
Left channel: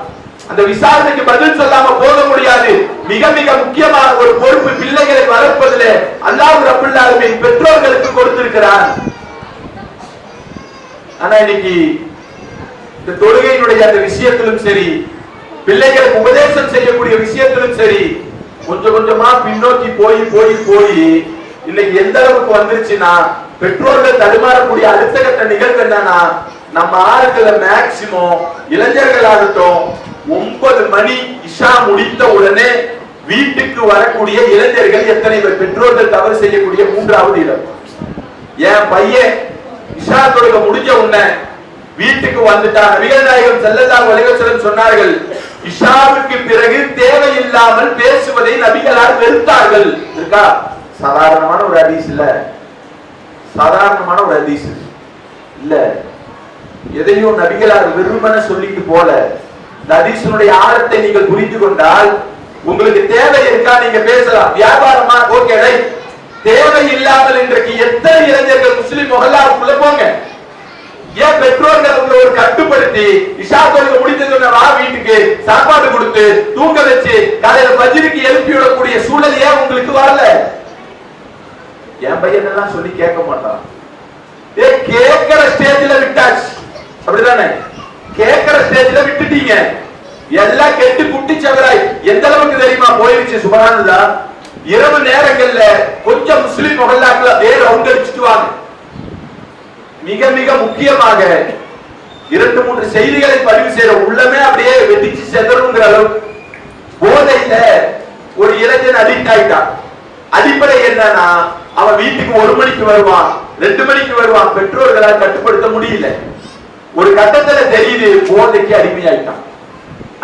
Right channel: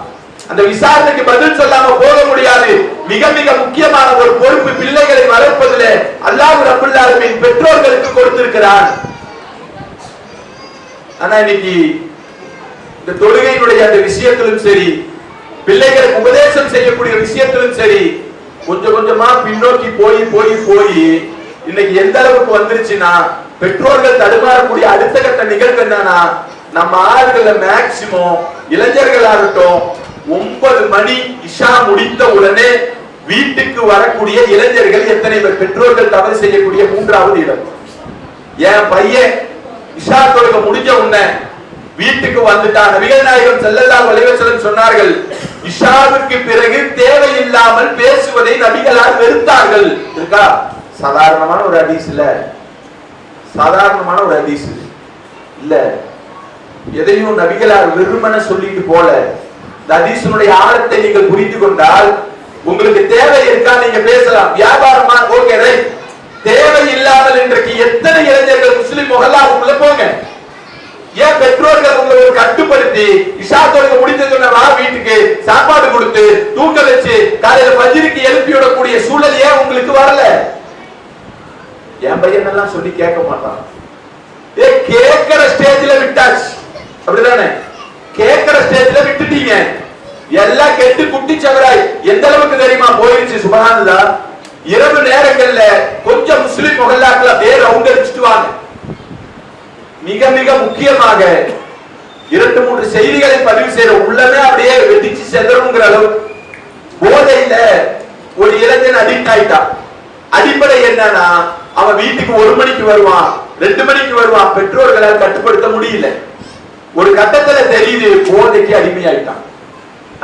அந்த விசாரணைக்கு பதில் சொல்லாம போக முடியாது. மிக மிக முக்கியமான ஒரு பொறுப்பு பிள்ளைகளை வளர்ப்பதிலே அல்லாஹ் ரப்பல் ஆலமீன் பெற்றோர்களுக்கு கொடுத்திருக்கிறார். ஆனா இன்னைக்கு இந்த தொழுகையினுடைய அந்த விஷயத்திலும் சரி, பிள்ளைகளுக்கு உபதேசம் செய்யக்கூடிய விஷயத்திலும் சரி, கொஞ்சம் கொஞ்சமா பின்னோக்கி போய் போய் போய் இன்னைக்கு எந்த அளவுக்கு வந்துருச்சுன்னா, பெற்றோர்கள் தடுமாறக்கூடிய அடுத்த கட்ட நிகழ்வு என்னன்னா, நம்ம ஆளுகளை மேக்சிமம் இளைஞர்கள் ஆகட்டும் 9 மணி இஷா முடித்த உடனே வீட்டுக்கு வரக்கூடிய இளைஞர்கள் எத்தனை பேர்? பெற்றோர்கள் தவறு செய்யக்கூடிய 3வது இடம். என் பையன் இஷா தொழுகை முடிஞ்ச உடனே வீட்டுக்கு வந்துட்டான். நபிகள் நாயகம் ஸல்லல்லாஹு அலைஹி வஸல்லம் சொன்னார்கள், இஷாவுக்கு பிறகு தேவையில்லாமல் பேசுவதை நபிகளார் வெறுத்தார்கள். இருக்கா? சாதாரணமான ஒரு ஹதீஸ் இல்ல, சாதாரணமான ஒரு ஹதீஸ் இல்ல. எதையும் நபிகளார் வெறுமன சொல்லிட்டு போல. இந்த ஹதீஸினுடைய ஆழத்தை நீங்கள் புரிந்து கொண்டால் உங்களுக்கு தேவை இருக்கா நீங்க பேசலாம். வியாபாரமா? Okay right. தேவை இல்லாமல் இன்றைக்கு எத்தனை இளைஞர்கள் முஸ்லிம் முஹல்லாவுக்குள்ள போங்க. ஏன் பெற்றோர்கள் உங்களை ஒரு கட்டுப்படுத்தி இஷா தொழுகை முடிஞ்சதுன்னா வா வீட்டுக்கு சாப்பாடு கொடுத்து தூக்க வச்சு காலையில ஃபஜ்ருக்கு எழுப்பி விடக்கூடிய சூழல் ஏன் உங்களுக்கு வரல? என் பையன் எல்லாம் சொல்லி கேட்க மாட்டான். கேட்கிற ஸ்டேஜ்ல விட்டாச்சு, அப்படிதானே? கேட்கிற ஸ்டேஜ்ல விட்டுட்டீங்க. எல்லாம் கெட்டு குட்டி சவராய் எந்த அளவுக்கு தெரியுமா போயிருச்சு? சுபஹானல்லாஹ். இரவு நேரங்கள்ல கொஞ்சம் முஸ்லிம் முஹல்லாக்கள வேற ரவுண்ட் அடிச்சிட்டு வாங்க. மிக மிக முக்கியமாக 2-3 செய்திகளை பதிவு செய்யற. உள்ளமே அப்படியே வெடிச்சு செதறுங்கிற அளவு போதையில ஒரு இளைஞன் அடிக்ட் ஆயிட்டான். அடிப்படை என்னன்னா, அவன் வீட்டுக்கு 1 மணிக்கு வருவான், 2 மணிக்கு வருவான். பெற்றோர்களால் கட்டுப்படுத்த முடியல. ஒரு கட்டத்துல தெரியுது போதைக்கு அடிமையாயிட்டான்.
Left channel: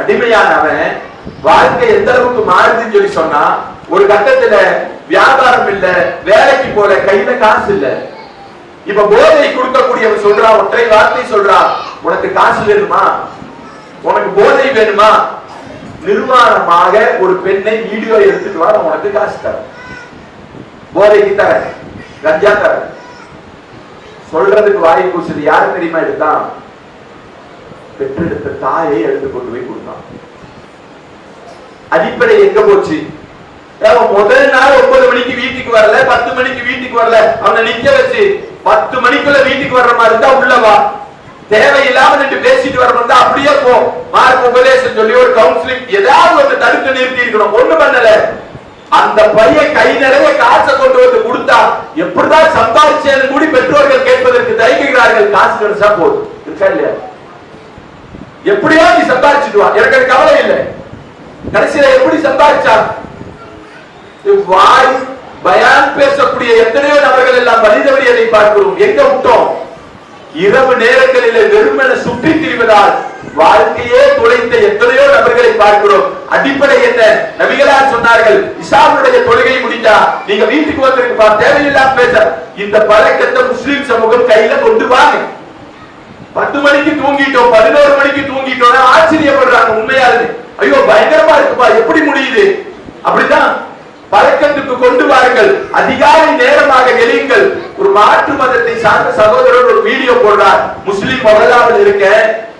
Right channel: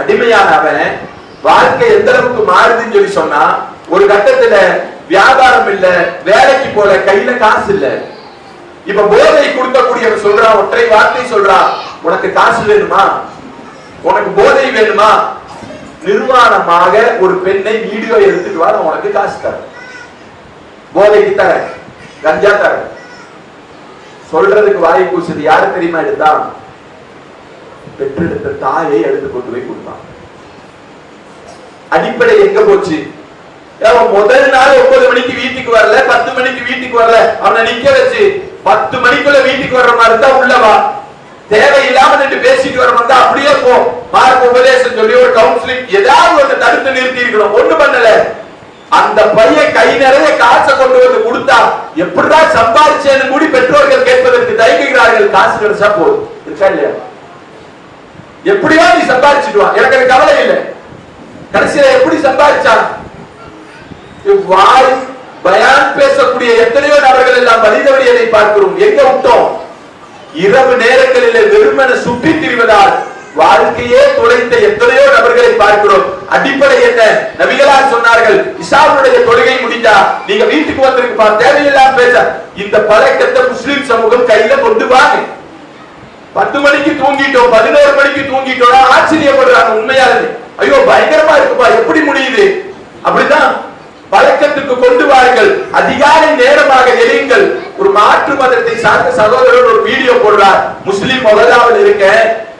அடிமையான அவன் வாழ்க்கை எந்த அளவுக்கு மாறுதுன்னு சொல்லி சொன்னா, ஒரு கட்டத்துல வியாபாரம் இல்ல, வேலைக்கு போற, கையில காசு இல்ல. இப்ப போதை கொடுக்கக்கூடியவன் சொல்றான், ஒற்றை வார்த்தை சொல்றான், உனக்கு காசு வேணுமா? உனக்கு போதை வேணுமா? நிர்வாணமாக ஒரு பெண்ணை வீடியோ எடுத்துட்டு வா, உனக்கு காசு தர, போதைக்கு தர, கஞ்சா தர. சொல்றதுக்கு வாயை பூசது யாரு தெரியுமா எடுத்தான்? பெற்றெடுத்த தாயை எடுத்து கொண்டு போய் கொடுத்தான். அடிப்படை எங்க போச்சு? முதல் நாள் 9 மணிக்கு வீட்டுக்கு வரல, 10 மணிக்கு வீட்டுக்கு வரல, அவனை நிக்க வச்சு 10 மணிக்குள்ள வீட்டுக்கு வர்ற மாதிரி இருந்தா உள்ளவா, தேவையில்லாம நின்று பேசிட்டு வர வந்தா அப்படியே போ. மார்க்க உபதேசம் சொல்லி ஒரு கவுன்சிலிங் ஏதாவது ஒன்று தடுத்து நிறுத்தி இருக்கணும். ஒண்ணு பண்ணல. அந்த பையன் கை நிறைய காசை கொண்டு வந்து கொடுத்தா எப்படிதான் சம்பாதிச்சேன்னு கூடி பெற்றோர்கள் கேட்பதற்கு தயங்குகிறார்கள். காசு கிடைச்சா போதும், இருக்கா இல்லையா? எப்படியா நீ சம்பாதிச்சுட்டு வா, எனக்கு கவலை இல்லை. கடைசியில எப்படி சம்பாதிச்சா? வாய் பயான் பேசக்கூடிய எத்தனையோ நபர்கள் எல்லாம் வழிதவறியதை பார்க்கிறோம். எங்க விட்டோம்? இரவு நேரங்களிலே வெறுமன சுற்றி திரிவதால் வாழ்க்கையே துளைத்த எத்தனையோ நபர்களை பார்க்கிறோம். அடிப்படை என்ன? நபிகளார் சொன்னார்கள், இஷாவுடைய தொழுகை முடிஞ்சா நீங்க வீட்டுக்கு வந்திருப்பா, தேவையில்லாம பேச. இந்த பழக்கத்தை முஸ்லிம் சமூகம் கையில கொண்டு வாங்க. 10 மணிக்கு தூங்கிட்டோம், 11 மணிக்கு தூங்கிட்டோம், ஆச்சரியப்படுறாங்க. உண்மையாலுமே ஐயோ பயங்கரமா இருக்குப்பா, எப்படி முடியுது? அப்படிதான் பழக்கத்துக்கு கொண்டு வாருங்கள். அதிகாலை நேரமாக எழுங்கள். ஒரு மாற்று மதத்தை சார்ந்த சகோதரர் ஒரு வீடியோ போடுறார். முஸ்லிம் முதலாவது இருக்க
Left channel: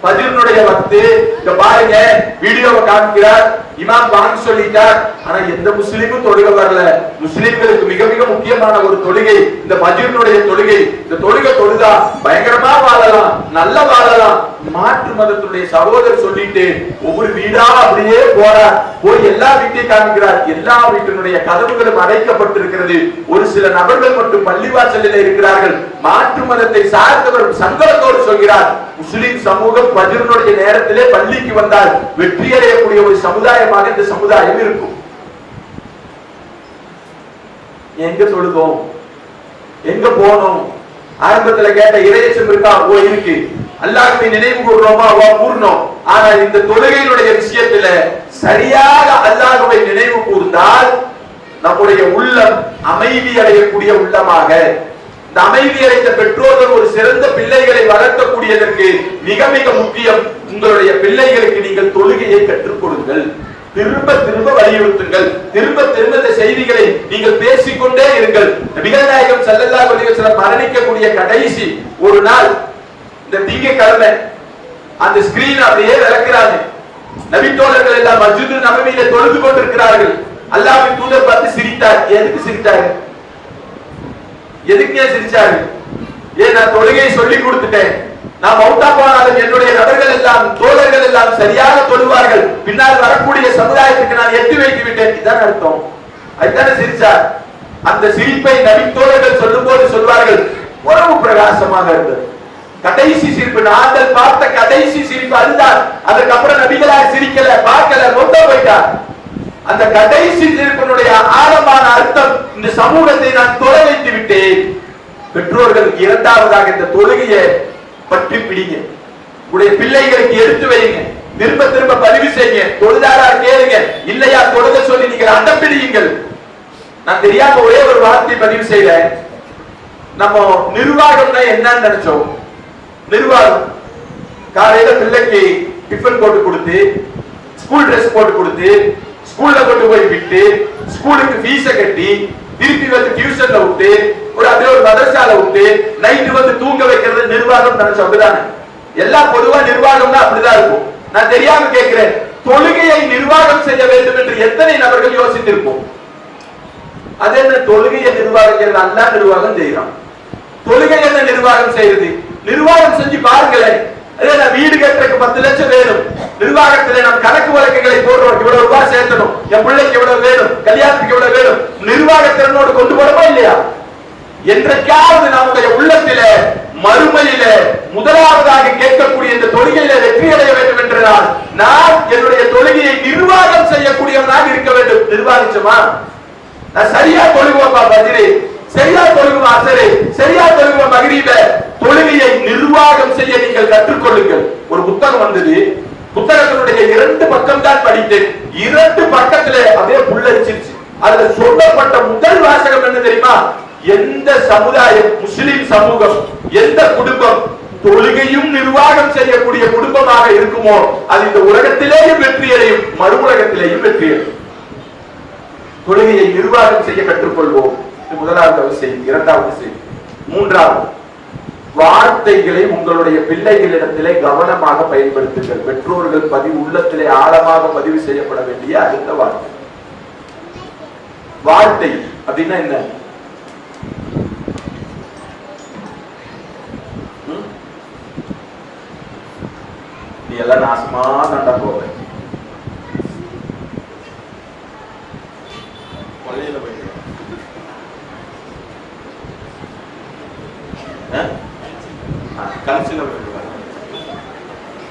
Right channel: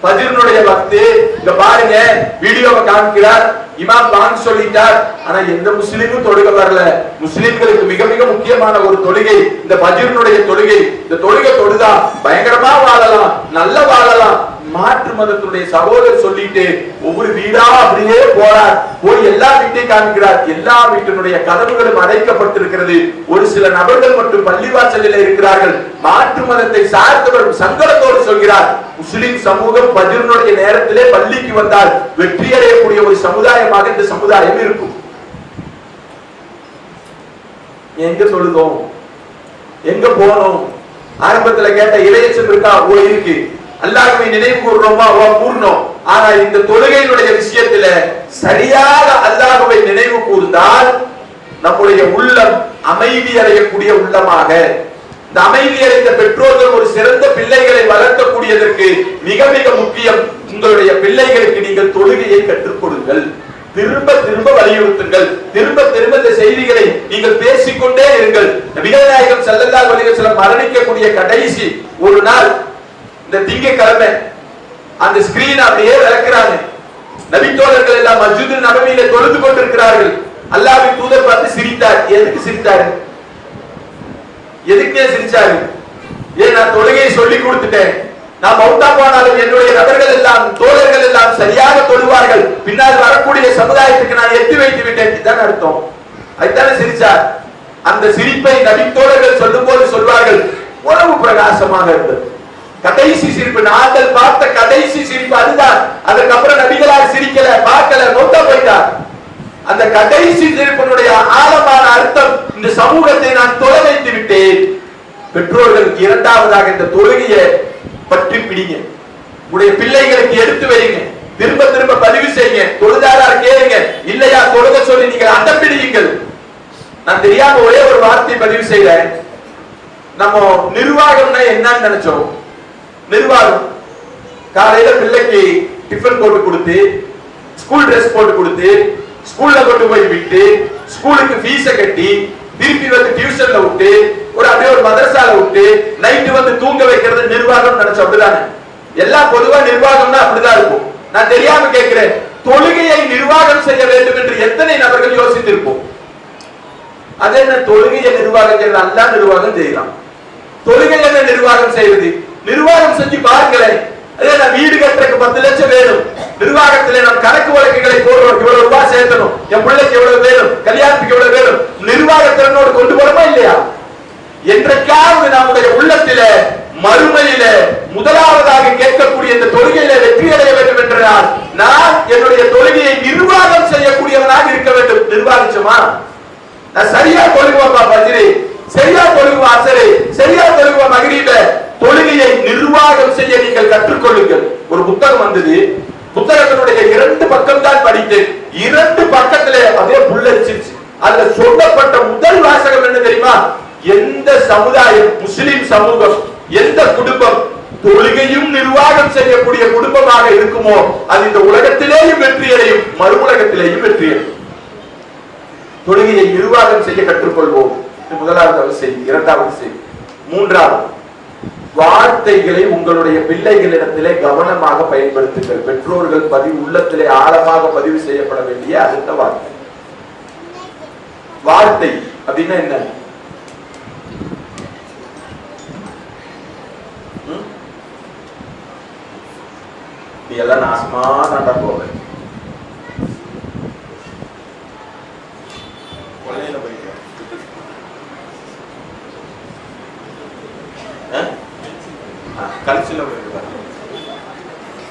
ஃபஜ்ருடைய வக்து, இங்க பாருங்க வீடியோவை காமிக்கிறார். இமாம் பாங்க் சொல்லிட்டார். ஆனா எந்த முஸ்லிமும் தொழுக வரல. முஸ்லிம்களுக்கு மிக மிக முக்கியமான ஒரு தொழுகை இந்த ஃபஜ்ருடைய தொழுகை. இந்த தொழுகை தொழுதா பயங்கரமா வாழலாம், நல்ல வாழலாம். மாற்று மதத்துடைய சகோதரர் சொல்லிட்டு ஒவ்வொரு வீடா அப்படியே போறார். போய் எல்லா வீட்டையும் காமிக்கிறார். எல்லா வீட்டினுடைய கதவுகளும் அடைக்கப்பட்டிருக்கிறது. ஒரு சில நபர்கள் மட்டும் பள்ளிவாசலில் இருக்கிறார்கள். மாற்று மதத்தை சார்ந்தவர் சங்கடத்தோடு சொல்கிறார், முஸ்லிம் சமூகம் ஃபஜ்ருடைய நேரத்திலே பள்ளிக்கு வந்தால் வெற்றி அடையக்கூடிய ஒரு சமுதாயமாக இந்த சமுதாயம் இருக்கும். எங்க தொழுதோம், எங்க போனோம்? ஆரம்பத்துல கேட்ட இறையச்சம் இருக்கா? ஓ இருக்கு. அல்லாஹ்வை நினைவு கூர்றோமா? ஓ கூர்றோம். ஆனா இந்த தொழுகையினுடைய விஷயத்துல சரியாக அல்லாஹ்வை நினைவு கூர்ந்தால் நம்முடைய உள்ளம் அமைதி அடையக்கூடிய உள்ளமாக, இந்த அமைதி அடைந்த பெற்றோர்கள் ஒரு சிறந்த பிள்ளைகளை வளர்க்கக்கூடியதற்கு மிக மிக முக்கியம். உங்களுடைய பிள்ளைகளுக்கு நீங்கள் தொழுகையை கற்றுக் கொடுங்கள். திரும்ப திரும்ப வலியுறுத்துங்கள். திரும்ப திரும்ப இந்த செய்திகளை நீங்கள் பேசிக்கொண்டே இருங்கள். நபிகள் நாயகம் ஸல்லல்லாஹு அலைஹி வஸல்லம் மரணிக்கக்கூடிய கடைசி ஒரு நாள் இந்த திங்கட்கிழமை அந்த ஸ்கிரீன் அப்படியே விளக்குறாங்க. நபி தோழர்கள் எல்லாம் மஸ்ஜிது நபவியில தொழுது கொண்டிருக்கிறார்கள். அல்லாஹ்வின் தூதர் பார்த்து சிரித்தார். எதுக்கு சிரித்தாரு? எதுக்கே சிரிச்சாரு? ஏன் நான் தொழுகையை சொல்லி கொடுத்துட்டேன். நான் மௌத்தா போனாலும் என்னுடைய நபர்கள் எல்லாம் தோழர்கள் எல்லாம் சரியாக தொழுவார்கள். பின்னால் வரக்கூடிய சமுதாயத்துக்கு நான் எட்டி வைத்து விட்டேன். இதுதான் அர்த்தம். அதுதானே சிரிச்சார். அந்த சிரிப்பை நபி தோழர்கள் சொல்லும் போது சொல்வார்கள், உறவு பிரகாசமாக இருந்தது. கடைசி சிரிப்பு, நாங்கள் பார்த்த கடைசி சிரிப்பு அதுதான். அதுக்கப்புறம் நபிகளார் சிரிக்கல, பார்க்கல, மௌத்தா போயிட்டார். அந்த கடைசி சிரிப்பினுடைய ஆழமான அர்த்தம், இந்த சமூகத்தை நான் தொலை வைத்து விட்டேன். பெற்றோர்கள் இரண்டாவதாக இந்த தொழுகையை பற்றி பிடிங்க. உங்களுடைய பிள்ளைகளுக்கு எடுத்து வைங்க. திரும்ப திரும்ப பதிவு செய்யுங்க. தொழுதாரா கேளுங்க, இல்லையா தொழுக சொல்லி நீங்கள் அடம் பிடியுங்கள். நான் தெரியாம ஒரே ஒரு வார்த்தை பதிவு செய்றேன். நம்ம நிர்வாகம்னா என்னன்னு நினைச்சோம். நிர்வாகம் காலையில பிள்ளைக்கு டிஃபன் போட்டு கொடுத்து, ஸ்கூல் டிரெஸ் போட்டு கொடுத்து, ஸ்கூல்ல கொண்டு போய் விட்டு, ஸ்கூலுக்கு ஃபீஸ கட்டி, திருப்பி வந்து டியூஷன்ல விட்டு, ஒரு அப்படியே ஒரு மதரசால விட்டு, நைட்டு வந்து தூங்க வைக்கிறது நிர்வாகம் நினைச்சோம். அப்படிதானே எல்லாம் பொதுவா நிர்வாகம்னா அப்படிதான் இருக்கும். நான் தெரியாம கேட்கிறேன், தொழுகையை நிர்வாகம் செய்ய வேண்டும் என்று எத்தனை நபர்கள் யோசித்திருப்போம்? அது என்ன தொழுகையை நிர்வாகம் செய்யறது? அல்லாஹ் நிர்வாகம் செய்யறான். தொழுகை என்ன நிர்வாகம் செய்யறது? நிர்வாகம் செஞ்சு பாருங்களேன். வீடு கட்டுறதுக்கு 10 லட்சம் வேணும். நிர்வாகத்திலே நாம் கணக்கு வழக்குகளை போடுறோம். இவ்வளவு ரூபாய் சேர்க்கணும், என் பிள்ளைக்கு எவ்வளவு வேணும், கல்யாணத்துக்கு எவ்வளவு வேணும். நிர்வாகத்திறனோடு கொண்டு போறோமா இல்லையா? என்றைக்காவது நம்முடைய உள்ளத்தில மறுமையில முதலாவதாக கேட்கக்கூடிய இந்த தொழுகையில வெற்றி அடைய வேண்டும் என்றால் நான் என்னுடைய தொழுகையை நிர்வாகம் செய்யக்கூடியவனாக இருக்க வேண்டும். நிர்வாகிச்சோமா? நான் சரியா தொழுகுவேன் பஜ்ரி, சரியா தொழுகுவேன் அசரு, சரியா தொழுகுவேன் மக்ரிப. தொழுகையை நிர்வாகம் செய்ய நீங்கள் கற்றுக்கொள்ளுங்கள். ஒரு புத்தகம் வந்தது. புத்தகத்தினுடைய 2 பக்கம் தான் படித்தேன். 2 பக்கத்திலே அதே புல்லரிச்சிருச்சு. அதுல சொல்லப்பட்ட முதல் வாசகம் என்ன தெரியுமா? எந்த சமுதாயம், முஸ்லிம் சமூகம், எந்த குடும்பம் தொழுகையும் நிர்வாகம் செய்யக்கூடிய குடும்பமாக இருக்குமோ அது இந்த உலகத்திலேயும் வெற்றி அடையும், மறு உலகத்திலேயும் வெற்றி அடையும். தொழுகையை நிர்வாகம் செய்ய கற்றுக்கொள்வோம். முதலாவது செய்தி. இரண்டாவது செய்தி. மூன்றாவது, வார்த்தைகளை உங்களுடைய பிள்ளைகளிடத்திலே கவனமாக பயன்படுத்துங்கள். பெற்றோர்கள் உள்ளத்திலே ஆழமாக பதிவு செய்யப்பட வேண்டிய அடுத்த வார்த்தை. வார்த்தை அப்படின்னா என்ன? நீ எல்லாம் நாசமா நட போக, கொள்ளையில போய் கல்ச்சில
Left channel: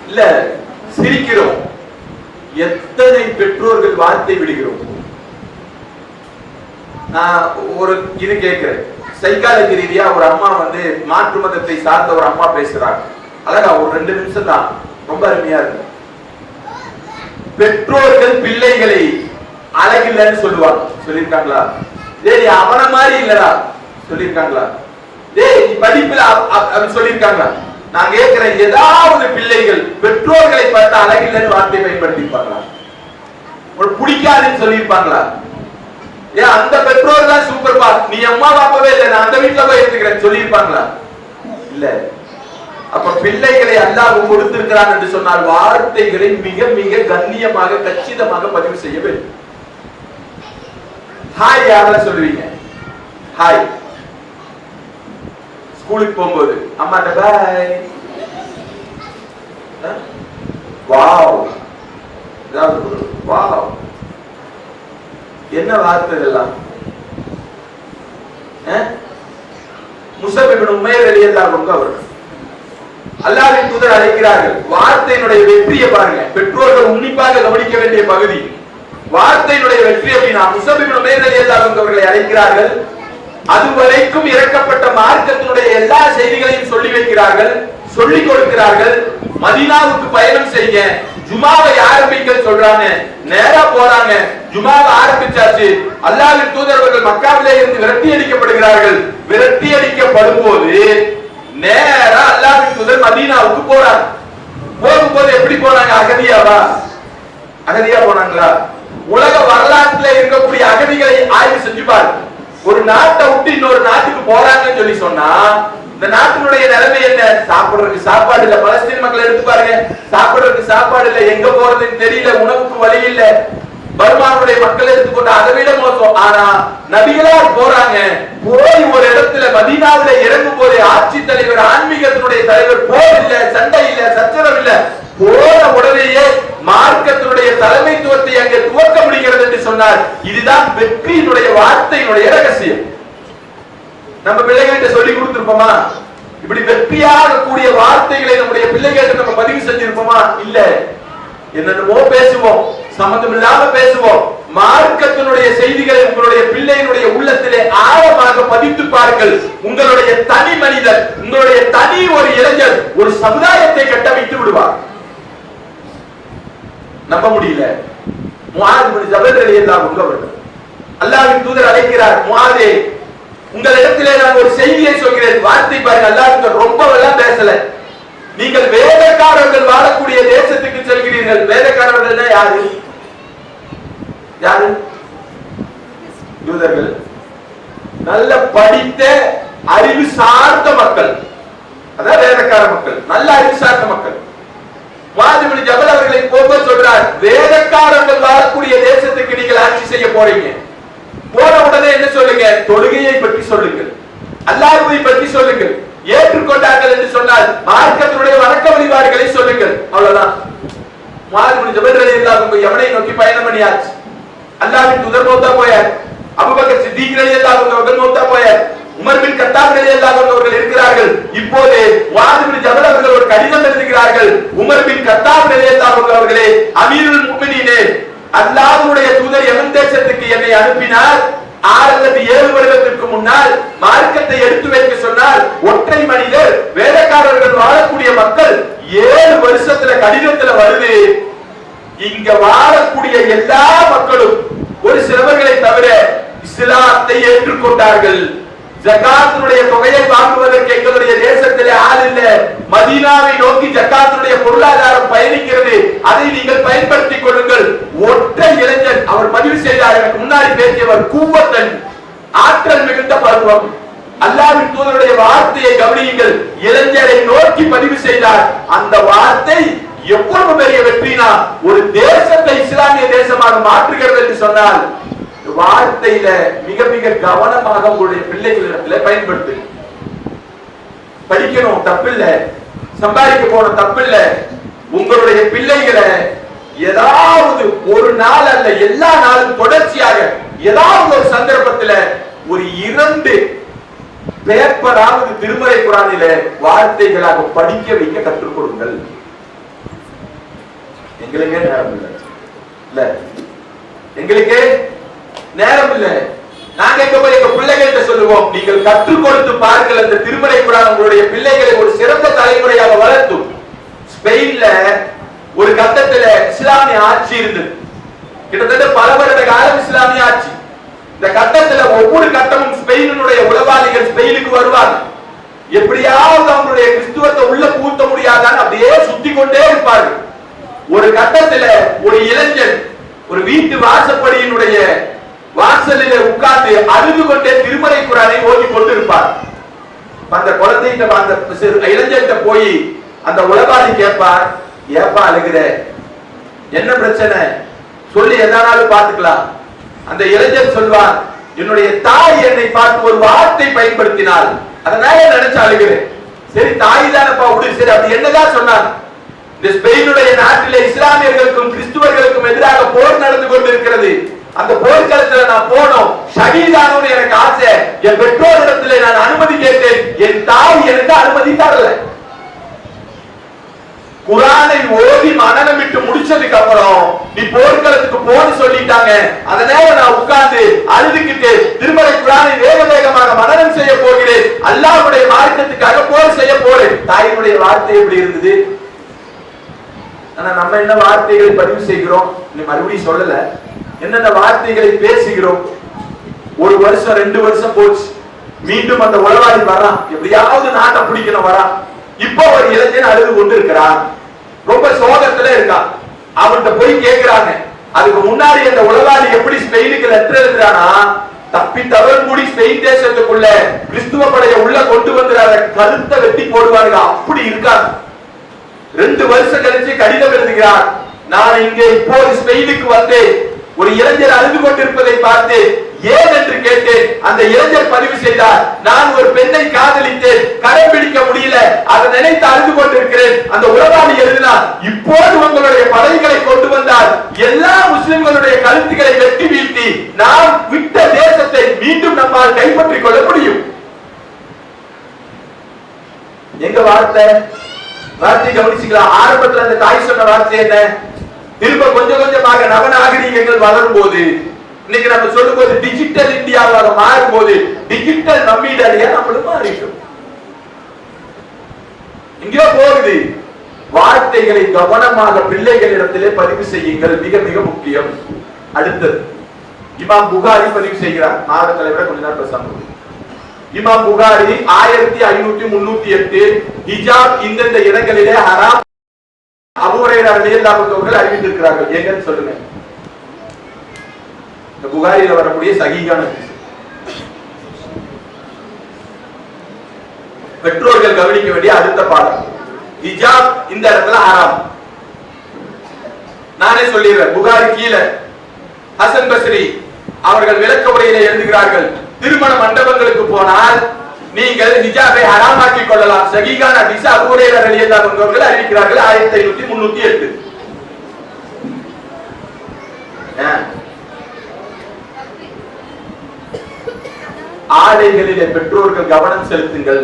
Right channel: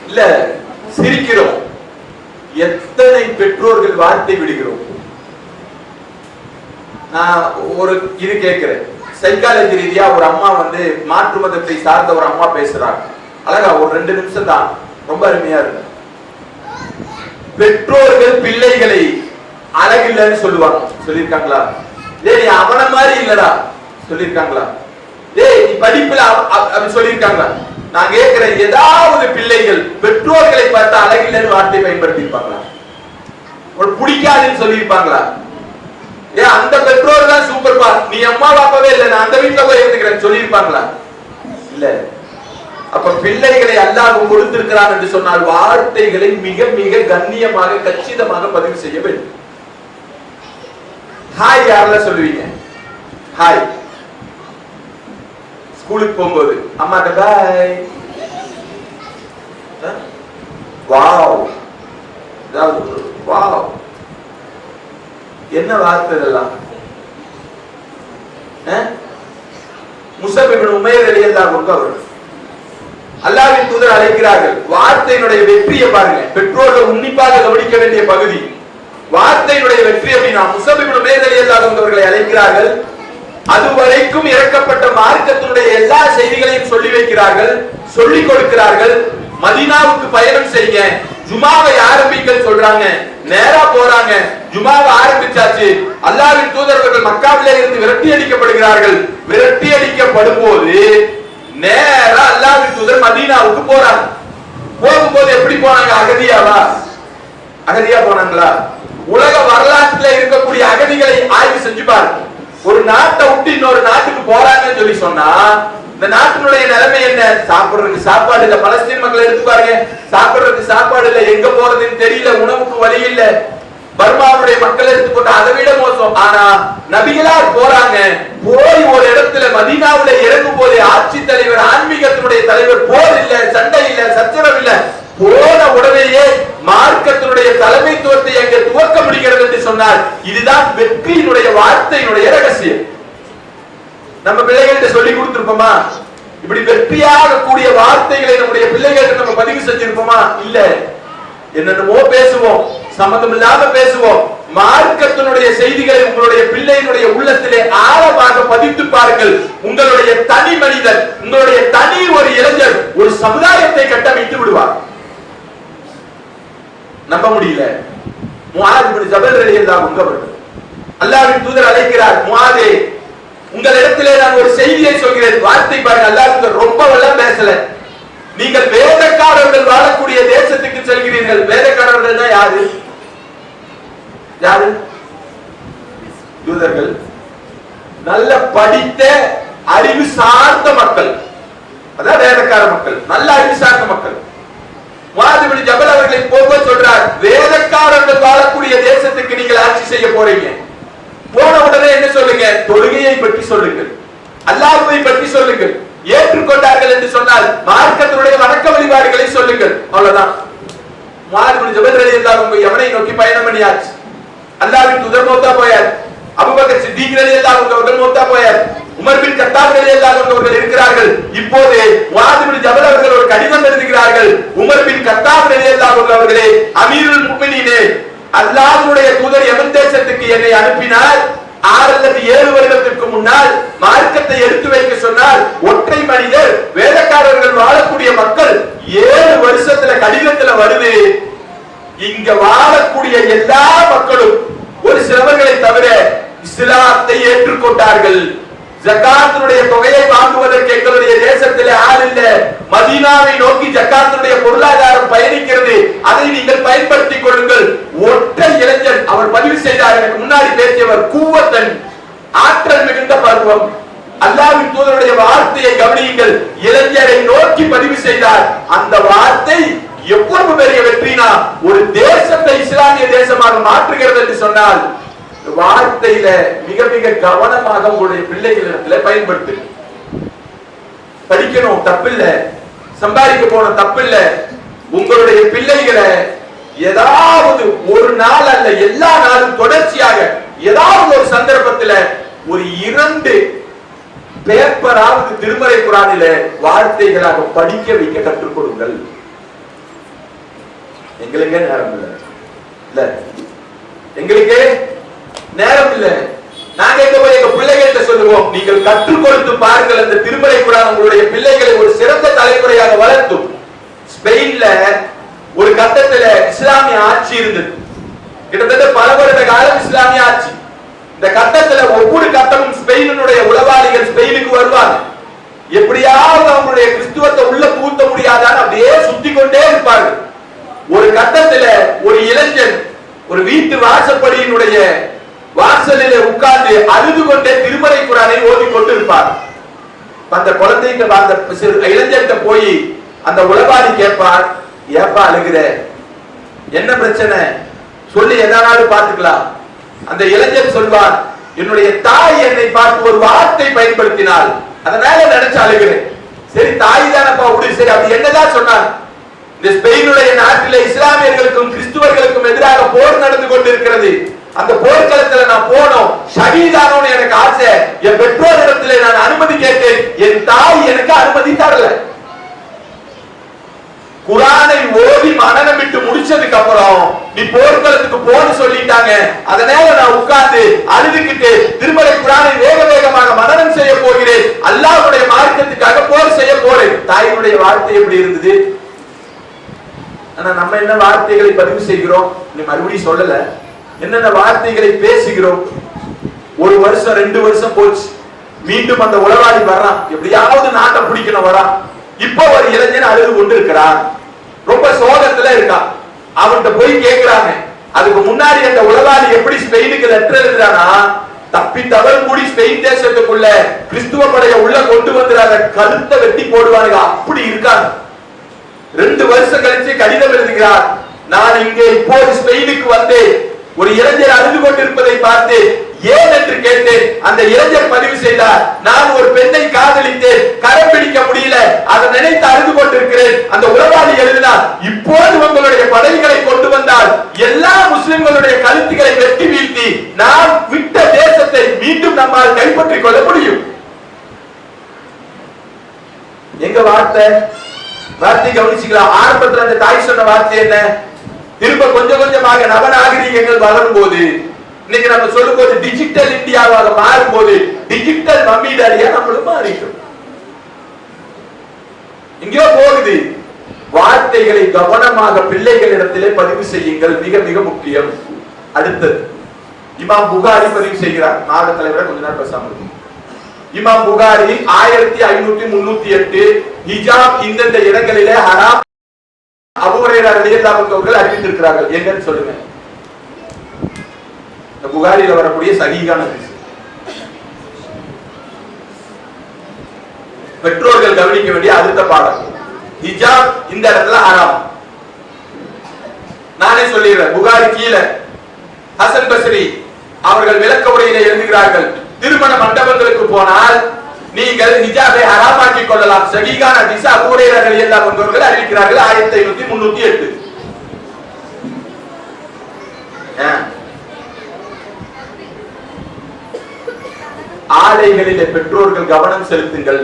இல்ல சிரிக்கிறோம். எத்தனை பெற்றோர்கள் வார்த்தை விடுகிறோம். நான் ஒரு இது கேட்கிறேன். சைக்காலஜி ரீதியா ஒரு அம்மா மாற்று மதத்தை சார்ந்த ஒரு அம்மா பேசுறாங்க. அழகா ஒரு 2 நிமிஷம் தான், ரொம்ப அருமையா இருக்கு. பெற்றோர்கள் பிள்ளைகளை அழகில்லைன்னு சொல்லுவாங்க. சொல்லியிருக்காங்களா? டேய் அவன மாதிரி இல்லடா சொல்லியிருக்காங்களா? டேய் நீ படிப்புல அப்படி சொல்லியிருக்காங்களா? நான் கேட்கிறேன், ஏதாவது பிள்ளைகள் பெற்றோர்களை பார்த்து அழகில்லைன்னு வார்த்தை பயன்படுத்தி இருப்பாங்களா? ஒரு பிடிக்காதுன்னு சொல்லியிருப்பாங்களா? ஏன் அந்த பெற்றோர் தான் சூப்பர் பா, நீ அம்மா பாப்பாவே இல்ல, நான் அந்த வீட்டுல போய் இருந்துக்கிறேன் சொல்லியிருப்பாங்களா? இல்ல. அப்ப பிள்ளைகளை அல்லாஹ் கொடுத்திருக்கிறான் என்று சொன்னால் வார்த்தைகளை மிக மிக கண்ணியமாக கச்சிதமாக பதிவு செய்ய வேண்டும். ஹாய் யாரெல்லாம் சொல்லுவீங்க? ஹாய். ஸ்கூலுக்கு போகும்போது அம்மாட்ட பாய், வாவ், வாவ், என்ன வார்த்தை இதெல்லாம்? முஸஅப் இப்னு உமைர் ரலியல்லாஹு அன்ஹு அவர் அல்லாஹ்வின் தூதர் அழைக்கிறார்கள். வார்த்தையினுடைய வெற்றியை பாருங்க, பெற்றோர்கள் உன்னிப்பாக கவனிக்க வேண்டிய பகுதி. வார்த்தையினுடைய வெற்றி அப்படின்னா முஸஅப் இப்னு உமைர் ரலியல்லாஹு அன்ஹு அவர்களை அழைக்கிறார்கள். அதுவரைக்கும் இறக்கப்பட்ட மார்க்கத்தினுடைய எல்லா செய்திகளையும் சொல்லி வைக்கிறார்கள், சொல்லிக் கொடுக்கிறார்கள். மதீனாவுக்கு பயணம் செய்ய ஜுமாவை ஆரம்பிக்க சொல்றாங்க, நேரா போறாங்க. ஜுமாவை ஆரம்பிச்சாச்சு. அல்லாஹ்வின் தூதர்கள் மக்காவிலே இருந்து விரட்டி அடிக்கப்படுகிறார்கள். விரட்டி அடிக்கப்படும் போது நேரா அல்லாஹ்வின் தூதர் மதீனாவுக்கு போறாங்க. போகும்போது எப்படி போனாங்க? அகதியாவா? அகதியா போனாங்களா? உலக வரலாற்றில் இருக்கக்கூடிய அகதிகளை ஆய்வு செஞ்சு பாருங்க. ஒரு நாட்டை விட்டு இன்னொரு நாட்டுக்கு போறாங்கன்னு சொல்லி சொன்னா இந்த நாட்டினுடைய நிலைமை என்ன? சாப்பிடுறதுக்கு சாப்பாடு இல்ல. பலஸ்தீன் மக்களை எடுத்து பாருங்க, சாப்பிடுறதுக்கு சாப்பாடு இல்ல, எங்க போறதுன்னு தெரியல, உணவுக்கு வழி இல்ல. பர்மாவுடைய மக்கள் எடுத்துக்கொண்டு அதை விட மோசம். ஆனா நபிகளார் போறாங்க. போய் ஒரு இடத்துல மதீனாவுல இறங்கும் போது ஆட்சி தலைவர், ஆன்மீகத்தினுடைய தலைவர், போர் இல்ல, சண்டை இல்ல, சச்சரவு இல்ல, போன உடனேயே மார்க்கத்தினுடைய தலைமைத்துவத்தை அங்கே துவக்க முடிகிறது என்று சொன்னார். இதுதான் வெற்றியினுடைய வார்த்தையினுடைய ரகசியம். நம்ம பிள்ளைகள்கிட்ட சொல்லி கொடுத்திருப்போமா? இப்படி வெற்றியாக கூடிய வார்த்தைகளை நம்முடைய பிள்ளைகளுக்கு நம்ம பதிவு செஞ்சிருப்போமா? இல்ல. என்னென்னமோ பேசுவோம், சம்பந்தம் இல்லாம பேசுவோம். மார்க்கத்தினுடைய செய்திகளை உங்களுடைய பிள்ளையினுடைய உள்ளத்திலே ஆழமாக பதித்து பாருங்கள். உங்களுடைய தனி மனிதர், உங்களுடைய தனி ஒரு இளைஞர் ஒரு சமுதாயத்தை கட்டமைத்து விடுவார். நம்ப முடியல. முஆத் இப்னு ஜபல் ரலியல்லாஹு அன்ஹு அவர்கள் அல்லாஹ்வின் தூதர் அழைக்கிறார், முஆதே உங்களிடத்திலே நான் ஒரு செய்தியை சொல்கிறேன். வார்த்தை பாருங்க, அல்லாஹ் ரொம்ப எல்லாம் பேசல. நீங்கள் வேதக்காரர்கள் வாழக்கூடிய தேசத்துக்கு செல்கிறீர்கள். வேதக்காரர்கள் யாரு? யாரு? யூதர்கள். நல்ல படித்த அறிவு சார்ந்த மக்கள், அதான் வேதக்கார மக்கள், நல்ல அறிவு சார்ந்த மக்கள். முஆத் இப்னு ஜபல் அவர்களை போக சொல்றார், வேதக்காரர்கள் வாழக்கூடிய தேசத்துக்கு நீங்கள் ஆட்சி செய்ய போறீங்க. போன உடனே என்ன சொல்லுங்க? தொழுகையை பற்றி சொல்லுங்கள், அல்லாஹ்வை பற்றி சொல்லுங்கள். ஏற்றுக்கொண்டார்கள் என்று சொன்னால் மார்க்கத்தினுடைய வணக்க வழிபாடுகளை சொல்லுங்கள். அவ்வளவுதான். முஆத் இப்னு ஜபல் ரலியல்லாஹு அன்ஹு யமனை நோக்கி பயணம் பண்ணியாச்சு. அல்லாஹ்வின் தூதர் மௌத்தா போயார். அபூபக்கர் சித்திக் ரலியல்லாஹு அன்ஹு அவர்கள் மௌத்தா போயார். உமர் பின் கத்தாப் ரலியல்லாஹு அன்ஹு அவர்கள் இருக்கிறார்கள். இப்போது முஆத் இப்னு ஜபல் அவர்கள் ஒரு கடிதம் எழுதுகிறார்கள். உமர் பின் கத்தாப் ரலியல்லாஹு அன்ஹு அவர்களே, அமீருல் முஃமினீனே, அல்லாஹ்வுடைய தூதர் யமன் தேசத்துக்கு என்னை அனுப்பினார். 6 அல்லது 7 வருடத்திற்கு முன்னால் மார்க்கத்தை எடுத்து வைக்க சொன்னார். ஒற்றை மனிதர், வேதக்காரர்கள் வாழக்கூடிய மக்கள் 7 வருஷத்துல கடிதத்துல வருது. இங்க வாழக்கூடிய எல்லா மக்களும் ஒரு சிலவர்களை தவிர இஸ்லாத்தை ஏற்றுக்கொண்டார்கள். ஜகாத்தினுடைய தொகையை வாங்குவதற்கு எங்களுடைய தேசத்திலே ஆள் இல்ல. மதீனாவை நோக்கி ஜகாத்தினுடைய பொருளாதாரம் பயணிக்கிறது, அதை நீங்கள் பயன்படுத்திக் கொள்ளுங்கள். ஒற்றை இளைஞர் அவர் பதிவு செய்தார். எனக்கு முன்னாடி பேசியவர் கூவத்தன், ஆற்றல் மிகுந்த பருவம். அல்லாஹ்வின் தூதருடைய வார்த்தையை கவனியுங்கள். இளைஞரை நோக்கி பதிவு செய்தார். அந்த வார்த்தை எவ்வளவு பெரிய வெற்றினா ஒரு தேசத்தை இஸ்லாமிய தேசமாக மாற்றுகிறது என்று சொன்னால் வார்த்தையில மிக மிக கவனமாக உங்களுடைய பிள்ளைகளிடத்துல பயன்படுத்து. படிக்கணும் தப்பில்ல, சம்பாதிக்க போன தப்பில்ல. உங்களுடைய பிள்ளைகளை ஏதாவது ஒரு நாள் அல்ல எல்லா நாளும் தொடர்ச்சியாக ஏதாவது ஒரு சந்தர்ப்பத்துல ஒரு 2 பேப்பராவது திருமறை குர்ஆனில வார்த்தைகளாக படிக்க வைக்க கற்றுக் கொடுங்கள். எங்களுக்கே நேரம் இல்ல, எங்களுக்கே நேரம் இல்ல. நாங்க எங்க போய் எங்க பிள்ளைகள்கிட்ட சொல்லுவோம், நீங்கள் கற்றுக் கொடுத்து பாருங்கள். அந்த திருமறை குர்ஆன் உங்களுடைய பிள்ளைகளை ஒரு சிறந்த தலைமுறையாக வளர்த்தும். ஸ்பெயின்ல ஒரு கட்டத்துல இஸ்லாமிய ஆட்சி இருந்தது. கிட்டத்தட்ட பல வருட காலம் இஸ்லாமிய ஆட்சி. இந்த கட்டத்துல ஒவ்வொரு கட்டமும் ஸ்பெயினுடைய உளவாளிகள் ஸ்பெயினுக்கு வருவாங்க. எப்படியாவது அவங்களுடைய கிறிஸ்துவத்தை உள்ள பூத்த முடியாதான்னு அப்படியே சுத்தி கொண்டே இருப்பார்கள். ஒரு கட்டத்துல ஒரு இளைஞன் ஒரு வீட்டு வாசப்படியினுடைய வாசலில் உட்கார்ந்து அழுது கொண்டே திருமறை குர்ஆனை ஓதி கொண்டு இருப்பார். அந்த குழந்தைங்க அந்த இளைஞர்கிட்ட போய் அந்த உளவாளி கேட்பார், ஏப்பா அழுகிற, என்ன பிரச்சனை சொல்லி எதானாலும் பார்த்துக்கலாம். அந்த இளைஞர் சொல்வார், என்னுடைய தாய் என்னை பார்த்து ஒரு வார்த்தை பயன்படுத்தினாள், அதனால நினைச்சு அழுகிறேன். சரி, தாய் தானப்பா, சரி, அப்படி என்னதான் சொன்னார்? இந்த ஸ்பெயினுடைய நாட்டிலே இஸ்லாமியர்களுக்கும் கிறிஸ்துவர்களுக்கும் எதிராக போர் நடந்து கொண்டிருக்கிறது. அந்த போர்க்களத்துல நான் போனோம், ஷஹீதானோன்னு எனக்கு ஆசை. என் பெற்றோர் இடத்துல நான் அனுமதி கேட்டேன், என் தாய் எனக்கு அனுமதி தரல. குர்ஆனை ஓதி மனனம் விட்டு முடிச்சதுக்கு அப்புறம் நீ போர்க்களத்துக்கு போன்னு சொல்லிட்டாங்க, அதனால நான் உட்கார்ந்து அழுதுகிட்டு திருமறை குர்ஆனை வேக வேகமாக மனனம் செய்ய போகிறேன், அல்லாஹ்வுடைய மார்க்கத்துக்காக போர் செய்ய போறேன். தாயினுடைய வார்த்தை எப்படி இருந்தது? ஆனா நம்ம என்ன வார்த்தைகளை பதிவு செய்கிறோம்? நீ மறுபடியும் சொல்லல, என்னென்ன வார்த்தைகளை பேசுகிறோம்? ஒரு வருஷம் 2 வருஷம் போச்சு, மீண்டும் அந்த உளவாளி வரான், எப்படியாவது நாட்டை பிடிக்கணும் வரான். இப்போ ஒரு இளைஞன் அழுது கொண்டு இருக்கிறான், ரொம்ப சோகத்துல இருக்கான். அவன்கிட்ட போய் கேட்கிறாங்க. அதுக்கு முன்னாடி அந்த உளவாளி எப்படி ஸ்பெயினுக்கு லெட்டர் எழுதுறானா, தப்பி தவறு கூடி ஸ்பெயின் தேசத்துக்குள்ள கிறிஸ்துவ படையை உள்ள கொண்டு வந்து அதை கழுத்தை வெட்டி போடுவானுங்க, அப்படி இருக்காங்க. 2 வருஷம் கழிச்சு கடிதம் எழுதுகிறார், நான் இங்கே இப்போது ஸ்பெயினுக்கு வந்தேன், ஒரு இளைஞர் அழுது கொண்டிருப்பதை பார்த்து ஏன் என்று கேட்டேன். அந்த இளைஞர் பதிவு செய்தார், நான் ஒரு பெண்ணை காதலித்தேன், கரம் பிடிக்க முடியல, அதை நினைத்து அழுது கொண்டிருக்கிறேன். அந்த உளவாளி எழுதினார், இப்போது உங்களுடைய படைகளை கொண்டு வந்தால் எல்லா முஸ்லிம்களுடைய கழுத்துக்களை வெட்டி வீழ்த்தி நாம் விட்ட தேசத்தை மீண்டும் நம்மால் கைப்பற்றிக் கொள்ள முடியும். எங்க வார்த்தை கவனிச்சுக்கலாம். ஆரம்பத்தில் அந்த தாய் சொன்ன வார்த்தை என்ன? திரும்ப கொஞ்சம் கொஞ்சமாக நவநாகரிகங்கள் வளரும் போது, இன்னைக்கு நம்ம சொல்லும் போது டிஜிட்டல் இந்தியாவாக மாறும் போது டிஜிட்டல் நம்மீடாரியா நம்மளும் மாறிடும். எங்கேயோ போகுது. வார்த்தைகளை கவனமாக பிள்ளைகளிடத்திலே பதிவு செய்யுங்கள், மிக மிக முக்கியம். அடுத்தது இமாம் புகாரி பதிவு செய்கிறார். நாடகங்களை விட கொஞ்ச நேரம் பேசாம இமாம் புகாரி 1538 ஹிஜாப் இந்தந்த இடங்களிலே ஹராம் அபூ ஹுரைரா ரலியல்லாஹு அன்ஹு அவர்கள் அறிவித்திருக்கிறார்கள். எங்கன்னு சொல்லுங்க. இந்த புகாரில வரக்கூடிய சஹீஹான ஹதீஸ். பெற்றோர்கள் கவனிக்க வேண்டிய அடுத்த பாடம், ஹிஜாப் இந்த இடத்துல ஹராம். நானே சொல்லிடுறேன். புகாரி கீழே ஹசன் பஸ்ரி அவர்கள் விளக்க உரையில எழுதுகிறார்கள், திருமண மண்டபங்களுக்கு போனால் நீங்கள் ஹிஜாபை ஹராமாக்கி கொள்ளலாம். சஹீஹான ஹதீஸ் அபூ ஹுரைரா ரலியல்லாஹு அன்ஹு அவர்கள் அறிவிக்கிறார்கள் 1538. ஆடைகளிலே பெற்றோர்கள் கவனம் செலுத்துங்கள்.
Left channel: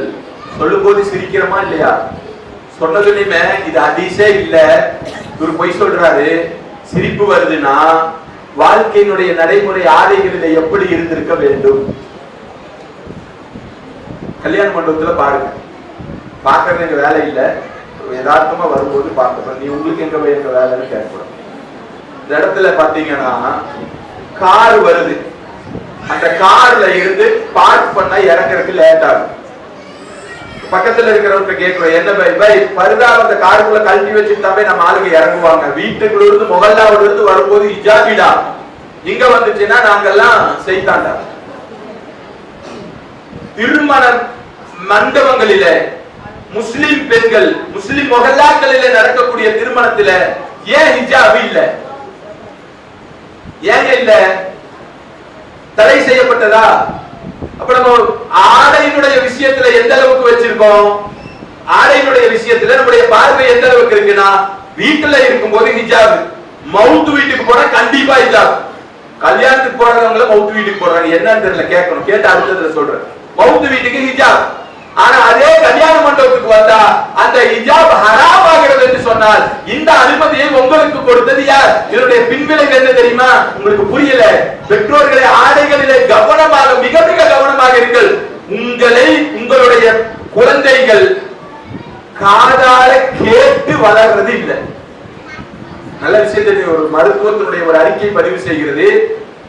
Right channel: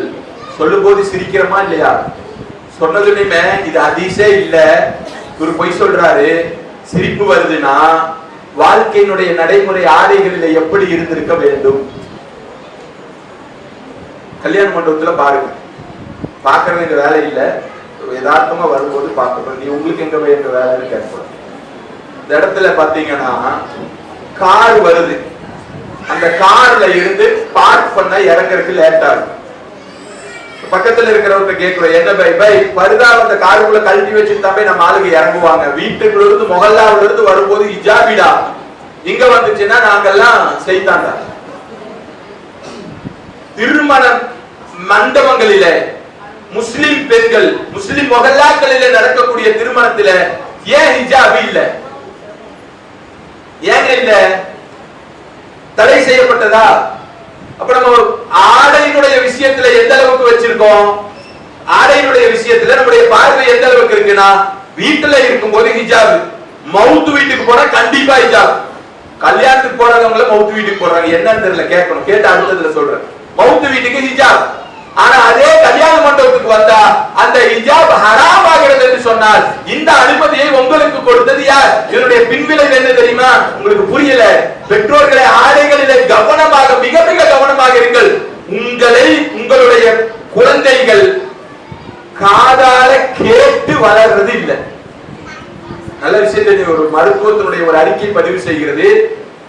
சொல்லும் போது சிரிக்கிறமா இல்லையா? சொன்னதுமே இது ஹதீஸே இல்ல, ஒரு பொய் சொல்றாரு, சிரிப்பு வருதுன்னா வாழ்க்கையினுடைய நடைமுறை ஆடைகளிலே எப்படி இருந்திருக்க வேண்டும்? கல்யாண மண்டபத்துல பாருங்க, பாக்குறது வேலை இல்ல, யதார்த்தமா வரும்போது பார்க்கணும். நீ உங்களுக்கு எங்க வேலைன்னு கேட்கணும். இந்த இடத்துல பாத்தீங்கன்னா கார் வருது, அந்த கார்ல இருந்து பார்க் பண்ண இறங்குறதுக்கு லேட் ஆகும். பக்கத்துல இருக்கிறவங்க கேட்கிறோம், என்ன பை பருதா அந்த காருக்குள்ள கழட்டி வச்சுட்டாவே நம்ம ஆளுங்க இறங்குவாங்க. வீட்டுக்குள்ள இருந்து மொஹல்லாவுல இருந்து வரும்போது ஹிஜாபிடா, இங்க வந்துச்சுன்னா நாங்கெல்லாம் செய்தாண்டா. திருமண மண்டபங்களில முஸ்லிம் பெண்கள், முஸ்லிம் மொஹல்லாக்களில நடக்கக்கூடிய திருமணத்துல ஏன் ஹிஜாப் இல்ல? ஏன் இல்ல? தடை செய்யப்பட்டதா? அப்ப நம்ம ஆடையினுடைய விஷயத்துல எந்த அளவுக்கு வச்சிருக்கோம்? ஆடையினுடைய விஷயத்துல நம்முடைய பார்வை எந்த அளவுக்கு இருக்குன்னா, வீட்டுல இருக்கும்போது ஹிஜாப், மவுத் வீட்டுக்கு போனா கண்டிப்பா ஹிஜாப். கல்யாணத்துக்கு போறவங்கள மவுத் வீட்டுக்கு போறாங்க, என்னன்னு தெரியல, கேட்கணும், கேட்டு அடுத்ததுல சொல்றேன். மவுத் வீட்டுக்கு ஹிஜாப். ஆனா அதே கல்யாண மண்டபத்துக்கு வந்தா அந்த ஹிஜாப் ஹராம் ஆகிறது என்று சொன்னால் இந்த அனுமதியை உங்களுக்கு கொடுத்தது யார்? இதனுடைய பின்விளைவு என்ன தெரியுமா? உங்களுக்கு புரியல. பெற்றோர்களை ஆடைகளிலே கவனமாக, மிக மிக கவனமாக இருங்கள். உங்களை உங்களுடைய குழந்தைகள் காதால கேட்டு வளர்றது இல்லை. நல்ல விஷயத்தை ஒரு மருத்துவத்தினுடைய ஒரு அறிக்கை பதிவு செய்கிறது.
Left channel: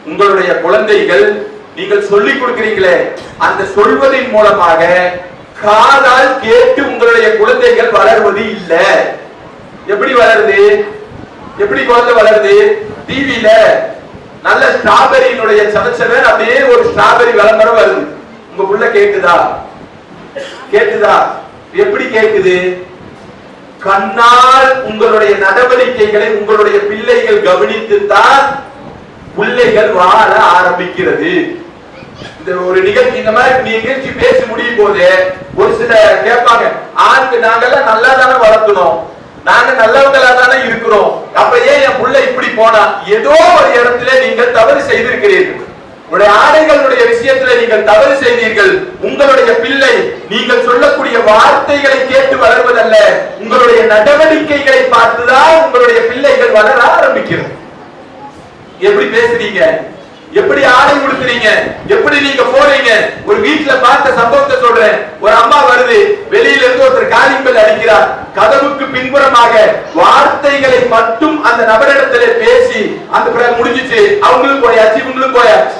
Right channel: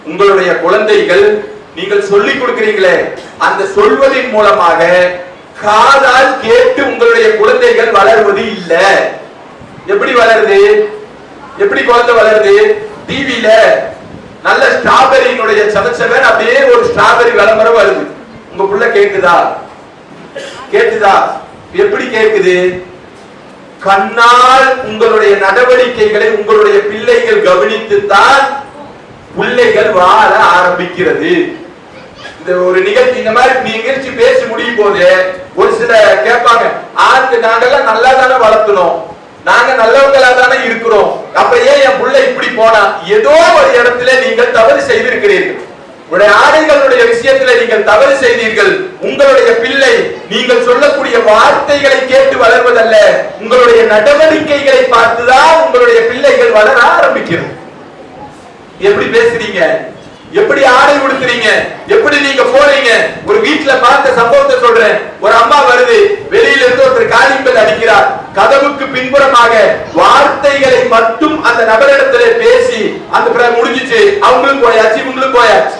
உங்களுடைய குழந்தைகள் நீங்கள் சொல்லிக் கொடுக்கிறீங்களே, அந்த சொல்வதன் மூலமாக காதால் கேட்டு உங்களுடைய குழந்தைகள் வளர்வது இல்ல. எப்படி வளருது? எப்படி குழந்தை வளருது? டிவில நல்ல ஸ்ட்ராபெரியினுடைய சதச்சவன் அப்படியே ஒரு ஸ்ட்ராபெரி விளம்பரம் வருது. உங்க புள்ள கேக்குதா? கேக்குதா? எப்படி கேக்குது? கண்ணால் உங்களுடைய நடவடிக்கைகளை உங்களுடைய பிள்ளைகள் கவனித்துத்தான் பிள்ளைகள் வாழ ஆரம்பிக்கிறது. இந்த ஒரு நிகழ்ச்சி, இந்த மாதிரி நிகழ்ச்சி பேசி முடியும் போது ஒரு சில கேட்பாங்க, ஆண்டு நாங்கெல்லாம் நல்லா தானே வளர்க்கணும், நாங்க நல்லவங்களா தானே இருக்கிறோம், அப்ப ஏன் என் புள்ள இப்படி போனா? ஏதோ ஒரு இடத்துல நீங்கள் தவறு செய்திருக்கிறீர்கள். உங்களுடைய ஆடைகளுடைய விஷயத்துல நீங்கள் தவறு செய்தீர்கள். உங்களுடைய பிள்ளை நீங்கள் சொல்லக்கூடிய வார்த்தைகளை கேட்டு வளர்வதல்ல, உங்களுடைய நடவடிக்கைகளை பார்த்துதான் உங்களுடைய பிள்ளைகள் வளர ஆரம்பிக்கிறது. எப்படி பேசுறீங்க, எப்படி ஆடை உடுத்துறீங்க, எப்படி நீங்க போறீங்க. ஒரு வீட்டுல பார்த்த சம்பவத்தை சொல்றேன். ஒரு அம்மா வருது, வெளியில இருந்து ஒருத்தர் காலிங் பெல் அடிக்கிறார். கதவுக்கு பின்புறமாக வார்த்தைகளை மட்டும் அந்த நபரிடத்திலே பேசி அந்த முடிஞ்சிச்சு. அவங்களும் போயாச்சு, இவங்களும் போயாச்சு.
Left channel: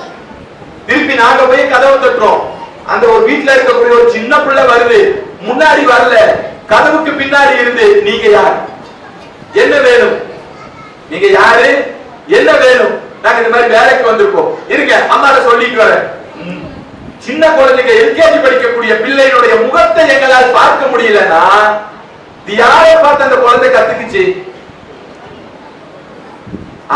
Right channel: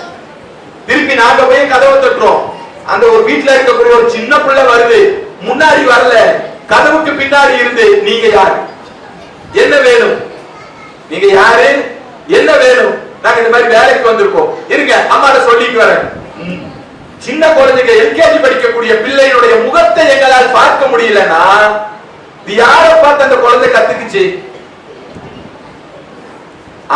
திருப்பி நாங்க போய் கதவை தட்டுறோம். அந்த ஒரு வீட்டுல இருக்கக்கூடிய ஒரு சின்ன பிள்ளை வருது, முன்னாடி வரல, கதவுக்கு பின்னாடி இருந்து, நீங்க யாரு, என்ன வேணும், நீங்க யாரு, என்ன வேணும், நாங்க இந்த மாதிரி வேலைக்கு வந்திருக்கோம், இருங்க அம்மாட சொல்லிட்டு வரேன். சின்ன குழந்தைங்க எல்கேஜி படிக்கக்கூடிய பிள்ளைகளுடைய முகத்தை எங்களால் பார்க்க முடியலன்னா யாரை பார்த்து அந்த குழந்தை கத்துக்குச்சு?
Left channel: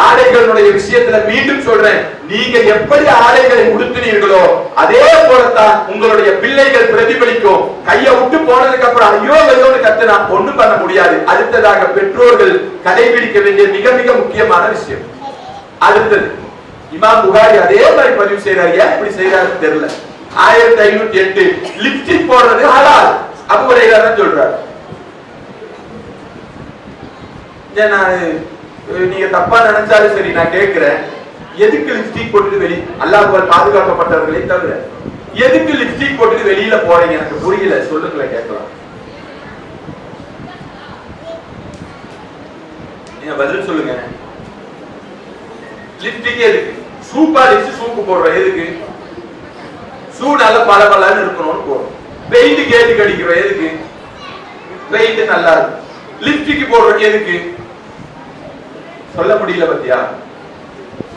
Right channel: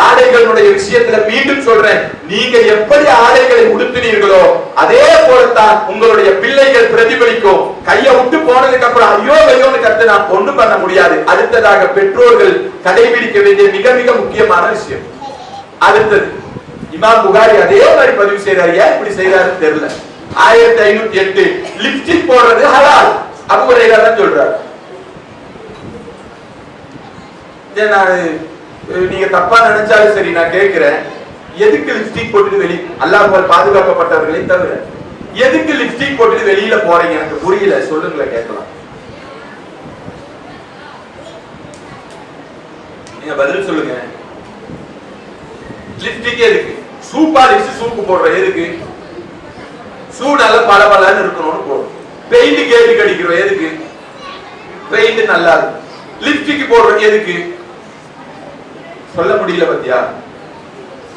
ஆடைகளுடைய விஷயத்துல மீண்டும் சொல்றேன், நீங்க எப்படி ஆடைகளை உடுத்தினீர்களோ அதே போலத்தான் உங்களுடைய பிள்ளைகள் பிரதிபலிக்கும். கையை விட்டு போனதுக்கு அப்புறம் ஐயோ ஐயோன்னு கத்துனா ஒண்ணும் பண்ண முடியாது. அடுத்ததாக பெற்றோர்கள் கடைபிடிக்க வேண்டிய மிக மிக முக்கியமான விஷயம். அடுத்தது இமாம் புகாரி அதே மாதிரி பதிவு செய்யறாரு. ஏன் இப்படி செய்யறாருன்னு தெரியல. 1508 லிப்ஸ்டிக் போடுறது ஹலால் அபூ ஹுரைரா தான் சொல்றாரு. நீங்க தப்பா நினைச்சாலும் சரி, நான் கேட்கிறேன், எதுக்கு லிப்ஸ்டிக் போட்டுட்டு வெளியே, அல்லாஹ்வால் பாதுகாக்கப்பட்டவர்களே தவிர எதுக்கு லிப்ஸ்டிக் போட்டுட்டு வெளியில போறீங்க? எனக்கு புரியல, சொல்லுங்களேன், கேட்கலாம். நீங்க பதில் சொல்லுங்க. லிப்ஸ்டிக் எதுக்கு? சூப்பா லிப்ஸ்டிக் சூப்பு போடுறோம் எதுக்கு? சூடால பளபளன்னு இருக்கணும்னு போடுறோம். பெயிண்ட் கேட்டு கடிக்கிறோம் எதுக்கு? பெயிண்ட் நல்லா இருக்கு. லிப்ஸ்டிக் போடுறோம் எதுக்கு? சொல்ல முடியல பத்தியா?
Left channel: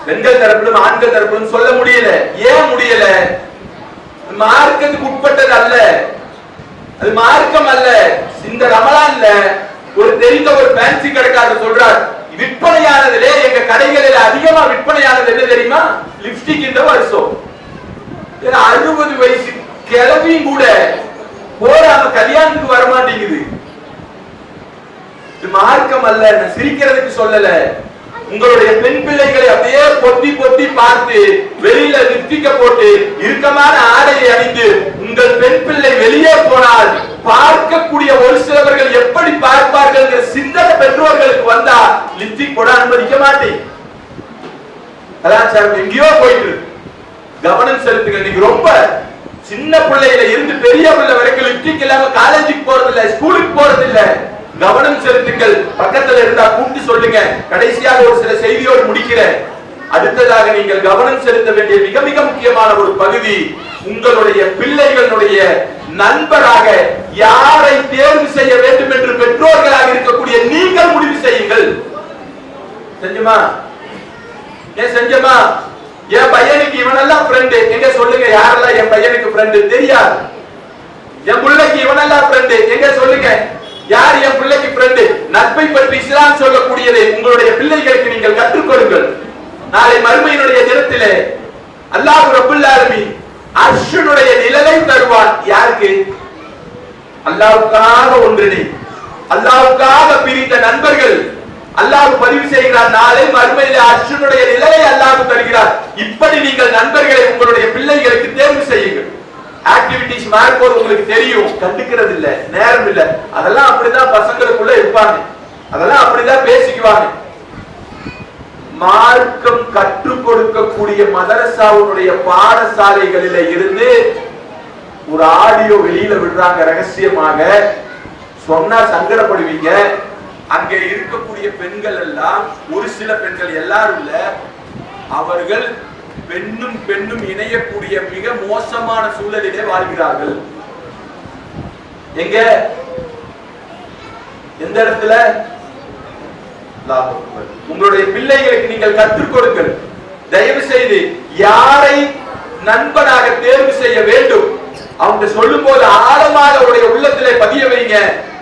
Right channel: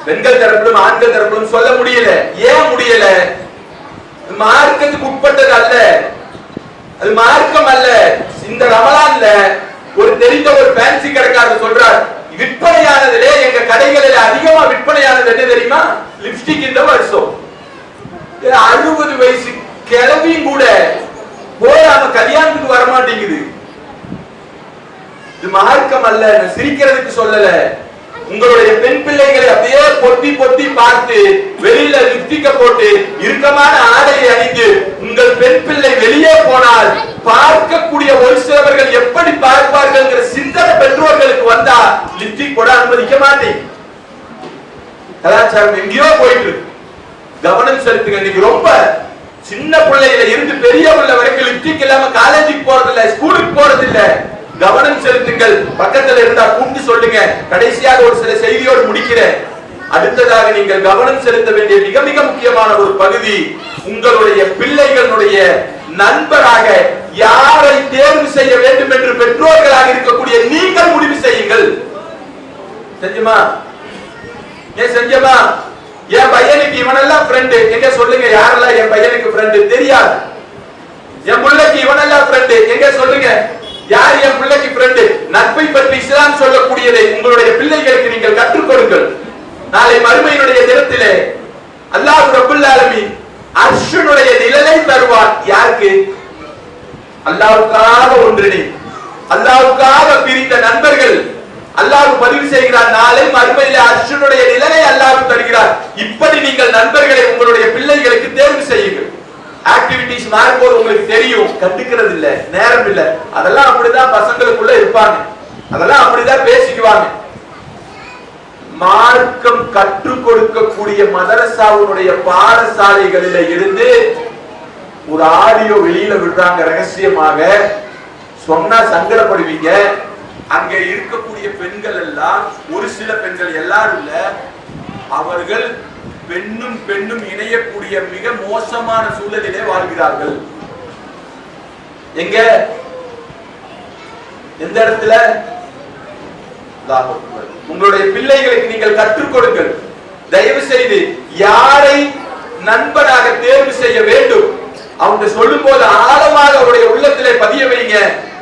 பெண்கள் தரப்பிலும் ஆண்கள் தரப்பிலும் சொல்ல முடியல. ஏன் முடியல? மார்க்கத்துக்கு உட்பட்டது அல்ல, அது மார்க்கம் அல்ல. இந்த ரமலான்ல ஒரு தெரிந்த ஒரு ஃபேன்சி கடைக்காரர் சொல்றார், விற்பனையானதிலே எங்க கடைகளில் அதிகமா விற்பனையானது என்ன தெரியுமா? லிப்ஸ்டிக். இந்த வருஷம் 60 வயசு கிளவியும் கூட போடாம கல்யாணத்துக்கு வரமாட்டேங்குது. இது மார்க்கம் அல்ல. சிரிக்கிறதுக்கு சொல்லல. உங்களுடைய பெண் பிள்ளைகளை அப்படியே பொத்தி பொத்தி பார்த்து வெளியில லிப்ஸ்டிக்க போட்டு இறுக்கமான ஆடையை அணிந்து உங்கள் பெண் பிள்ளை வெளியே போனால் பார்க்கக்கூடிய ஒரு சிலவர்கள் எப்படி பார்ப்பார்கள் என்ற சிந்தனை பெற்றோர்களுக்கு வந்தா லிப்ஸ்டிக் போட அனுமதிக்க மாட்டேன். கலாச்சாரம் எங்கேயோ போயிட்டு கவனம் செலுத்துங்க. நீங்க ரொம்ப சின்ன பிள்ளையில இருந்து பெரிய பிள்ளை வரைக்கும் லிப்ஸ்டிக் இல்லாம காலேஜுக்கு போறது இல்ல, ஸ்கூலுக்கு போறது இல்ல. கவனம் செலுத்துங்கள். பக்கத்துல இருந்தா கூட்டி சொல்லுங்க. கடைசியாக ஒரு சில செய்தியோடு முடிக்கிறேன். அடுத்ததாக நீங்கள் கவனம் செலுத்த வேண்டிய மிக மிக முக்கியமான ஒரு பகுதி, உங்களுடைய பிள்ளைகளுடைய நண்பராக யாரை தேர்வு செய்ய வேண்டும் என்று பெற்றோர்களாக இருக்கக்கூடிய நீங்கள் முடிவு செய்யுங்கள். செஞ்சமா? ஏன் செஞ்சமா? என் பையனுக்கு இவனெல்லாம் ஃப்ரெண்டு எங்க சொல்லுங்க. யாரெல்லாம் என் பையனுக்கு ஃப்ரெண்டு தெரியாது? என் பிள்ளைக்கு இவனெல்லாம் ஃப்ரெண்டு எங்க சொல்லுங்க. யார் என் பிள்ளைக்கு ஃப்ரெண்டு? நட்பை பற்றி இஸ்லாம் சொல்லக்கூடியதை உங்களுடைய பிள்ளைகளுக்கு நீங்கள் கற்றுக் கொடுங்கள். நாளை மறுமையினுடைய தினத்திலே அல்லாஹ் ரப்பல் ஆலமீன் அர்ஷுனுடைய நிழலை தருவான். யாருக்கு? அல்லாஹ்வுக்காக ஒன்றிணை, அல்லாஹ்வுக்காக பிரிந்த நண்பர்கள் அல்லாஹ் பதிவு செய்கிறார். நாளை மறுமையிலே அர்ஷுனுடைய நிழலை அல்லாஹ் தருகிறார். இப்படி நீங்கள் நண்பர்களை உங்களுடைய பிள்ளைகளுக்கு தேர்வு செய்யுங்கள். ஆக்டிவிட்டிஸ் மார்க்கோர் உங்களுக்கு தெரியும், கண்டுக்கிறது இல்ல, நேரம் இல்ல. அதெல்லாம் அப்படிதான் பசங்களுக்குள்ள இருப்பாங்க, அதெல்லாம் அப்படிதான் பேசிக்குவாங்க. மார்க்கம் கற்றுக் கொடுக்கக்கூடிய மதரசாவுடைய பாடசாலைகளில இருந்து ஒரு ஆடியோ வெளியில விடுறாங்க ரகசியமாக. சொன்னா சங்கடப்படுவீங்க. அங்க இருக்கக்கூடிய பெண்கள் எல்லாம், ஒரு சில பெண்கள், எல்லாரும் இல்ல, அவர்கள் பெண்ணும் பெண்ணும் இணையக்கூடிய மிக மோசமான சூழலிலே வாழ்கிறார்கள். எங்க? எந்த இடத்துல? உங்களுடைய பிள்ளைகளுக்கு நீங்கள் கற்றுக் கொடுங்கள். தயவு செய்து யாரை நண்பனாக தேர்வு செய்ய வேண்டும் அவங்க சொல்லும் போது ஆழமாக அவருடைய உள்ளத்திலே பதிய வைங்க.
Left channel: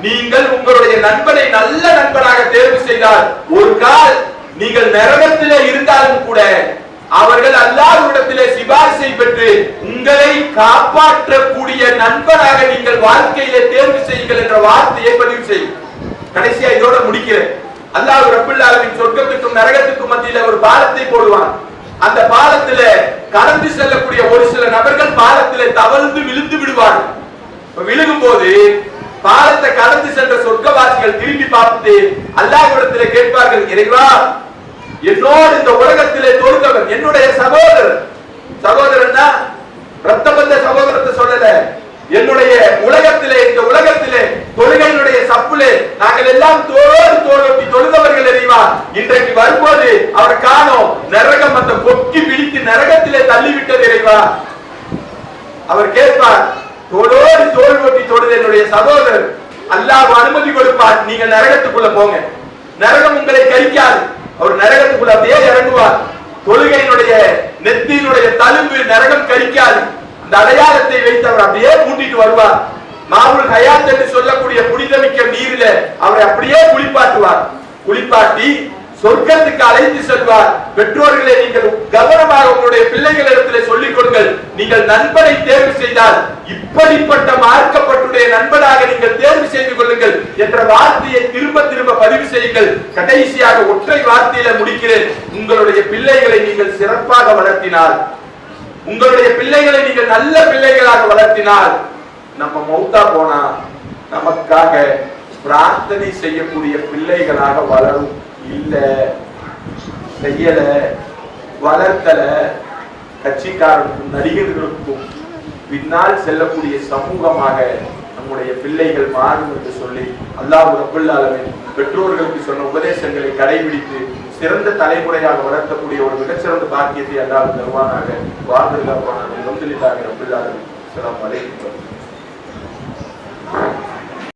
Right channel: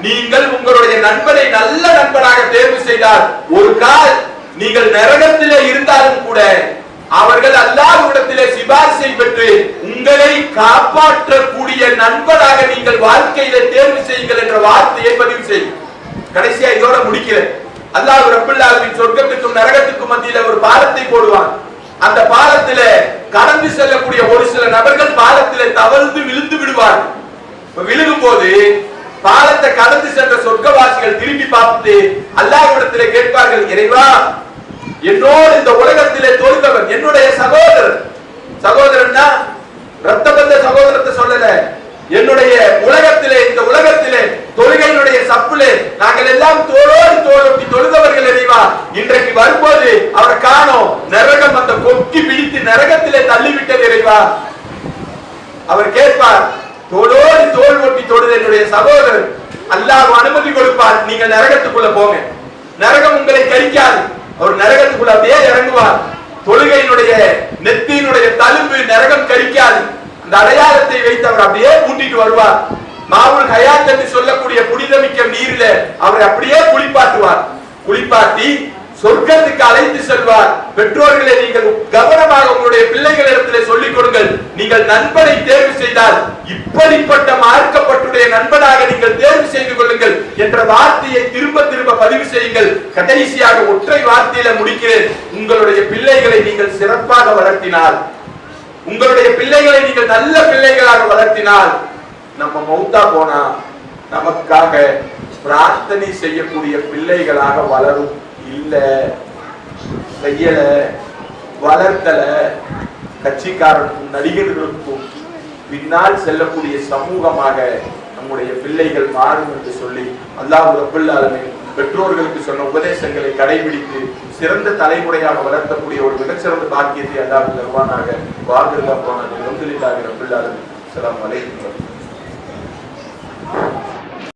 நீங்கள் உங்களுடைய நண்பனை நல்ல நண்பனாக தேர்வு செய்தால் ஒரு கால் நீங்கள் நரகத்திலே இருந்தாலும் கூட அவர்கள் அல்லாஹ்விடத்திலே சிபாரிசை பெற்று உங்களை காப்பாற்றக்கூடிய நண்பனாக நீங்கள் வாழ்க்கையிலே தேர்வு செய்யுங்கள் என்ற வார்த்தையை பதிவு செய்யும். கடைசியா இதோட முடிக்கிறேன். அல்லாஹ் ரப்பல் ஆலமீன் சொர்க்கத்துக்கும் நரகத்துக்கும் மத்தியில ஒரு பாலத்தை போடுவான். அந்த பாலத்திலே கடந்து செல்லக்கூடிய ஒரு சில நபர்கள் பாலத்திலே தவழ்ந்து விழுந்து விடுவார்கள். விழுகும் போது பாலத்தை கடந்து சென்ற சொர்க்கவாசிகள் திரும்பி பார்த்து அல்லாஹ்விடத்திலே கேட்பார்கள், இறைவா, என்னோடு இந்த உலகத்திலே தொழுதவர் என்னுடைய சகோதரர், சகோதரன்னா ரத்த பந்த சகோதரத்தை சொல்லல, என்னுடைய உலகத்திலே இந்த உலகத்திலே தொழுகையினுடைய சப்புலே நாங்கள் எல்லாம் தோளோடு தோளொட்டி தொழுதவர்கள் இறைவா, இன்றைக்கு வரும்போது அவர் காணோம், நரகம் அந்த கொக்கி பிடித்து நரகத்திலே தள்ளிவிட்டது இறைவா. அவர் கேட்பார், தோளோடு தோள் ஒட்டி தொழுத என்னுடைய சகோதரர், அல்லாஹ் அனுமதி கொடுப்பார், நீங்கள் நரகத்துக்குள்ள போங்க, நரகம் உங்களை கரிக்காது. அவர் நரகத்துக்குள்ள அப்படியே இறங்குவார். தொழுகையினுடைய நெத்தியினுடைய தழும்பு நரகம் கரிக்காது. இந்த அடையாளத்தை வைத்து அவர் அப்படியே கூட்டிட்டு வருவார். மாவுல் ஹயாத் என்று சொல்லக்கூடிய புனிதமிக்க நீரில அவரை அப்படியே குளிப்பாட்டுவார். குளிப்பாட்டி சொர்க்கத்துக்கு அழைத்து செல்வார். பெற்றோர்களே, நீங்கள் கவனமாக உங்களுடைய பிள்ளைகளிடத்திலே சொல்லிக் கொடுங்கள், நீங்கள் நண்பனை தேர்வு செய்தால் இப்படிப்பட்ட மார்க்கப்பட்டுடைய நண்பனாக நீங்கள் தேர்வு செய்து கொள்ளுங்கள் என்ற வார்த்தையை திரும்ப திரும்ப பதிவு செய்யுங்கள். கடைசியாக ஒற்றை வார்த்தையில முடிக்கிறேன். உங்களுடைய பிள்ளைகளை நீங்கள் சிறப்பாக வளர்த்தினால், உங்களுடைய பிள்ளைகளை நீங்கள் நல்ல பிள்ளைகளாக வளர்த்தினால், நம்ம மௌத்தா போனா நமக்காக பிரார்த்தனை செய்யக்கூடிய பிள்ளைகளாக வளரும். இல்ல செய்யல, வளர்த்தல, கட்சிக்காரனுக்கும் நடிகர்களுக்கும் பின்னால் செல்லக்கூடிய சமூகமாக நம்முடைய பிள்ளைகள் மாறும் என்று சொல்லி அல்லாஹ் ரப்பல் ஆலமீன் பெற்றோர்களுக்கு சொன்ன உபதேசங்களை கடைபிடித்து சிறந்த தலைமுறையாக வளர்த்தக்கூடிய ஒரு மிகச்சிறந்த பாக்கியத்தை அல்லாஹ் தருவானாக. வாதில்லாஹ் ரப்பல் ஆலமீன். அஸ்ஸலாமு அலைக்கும்.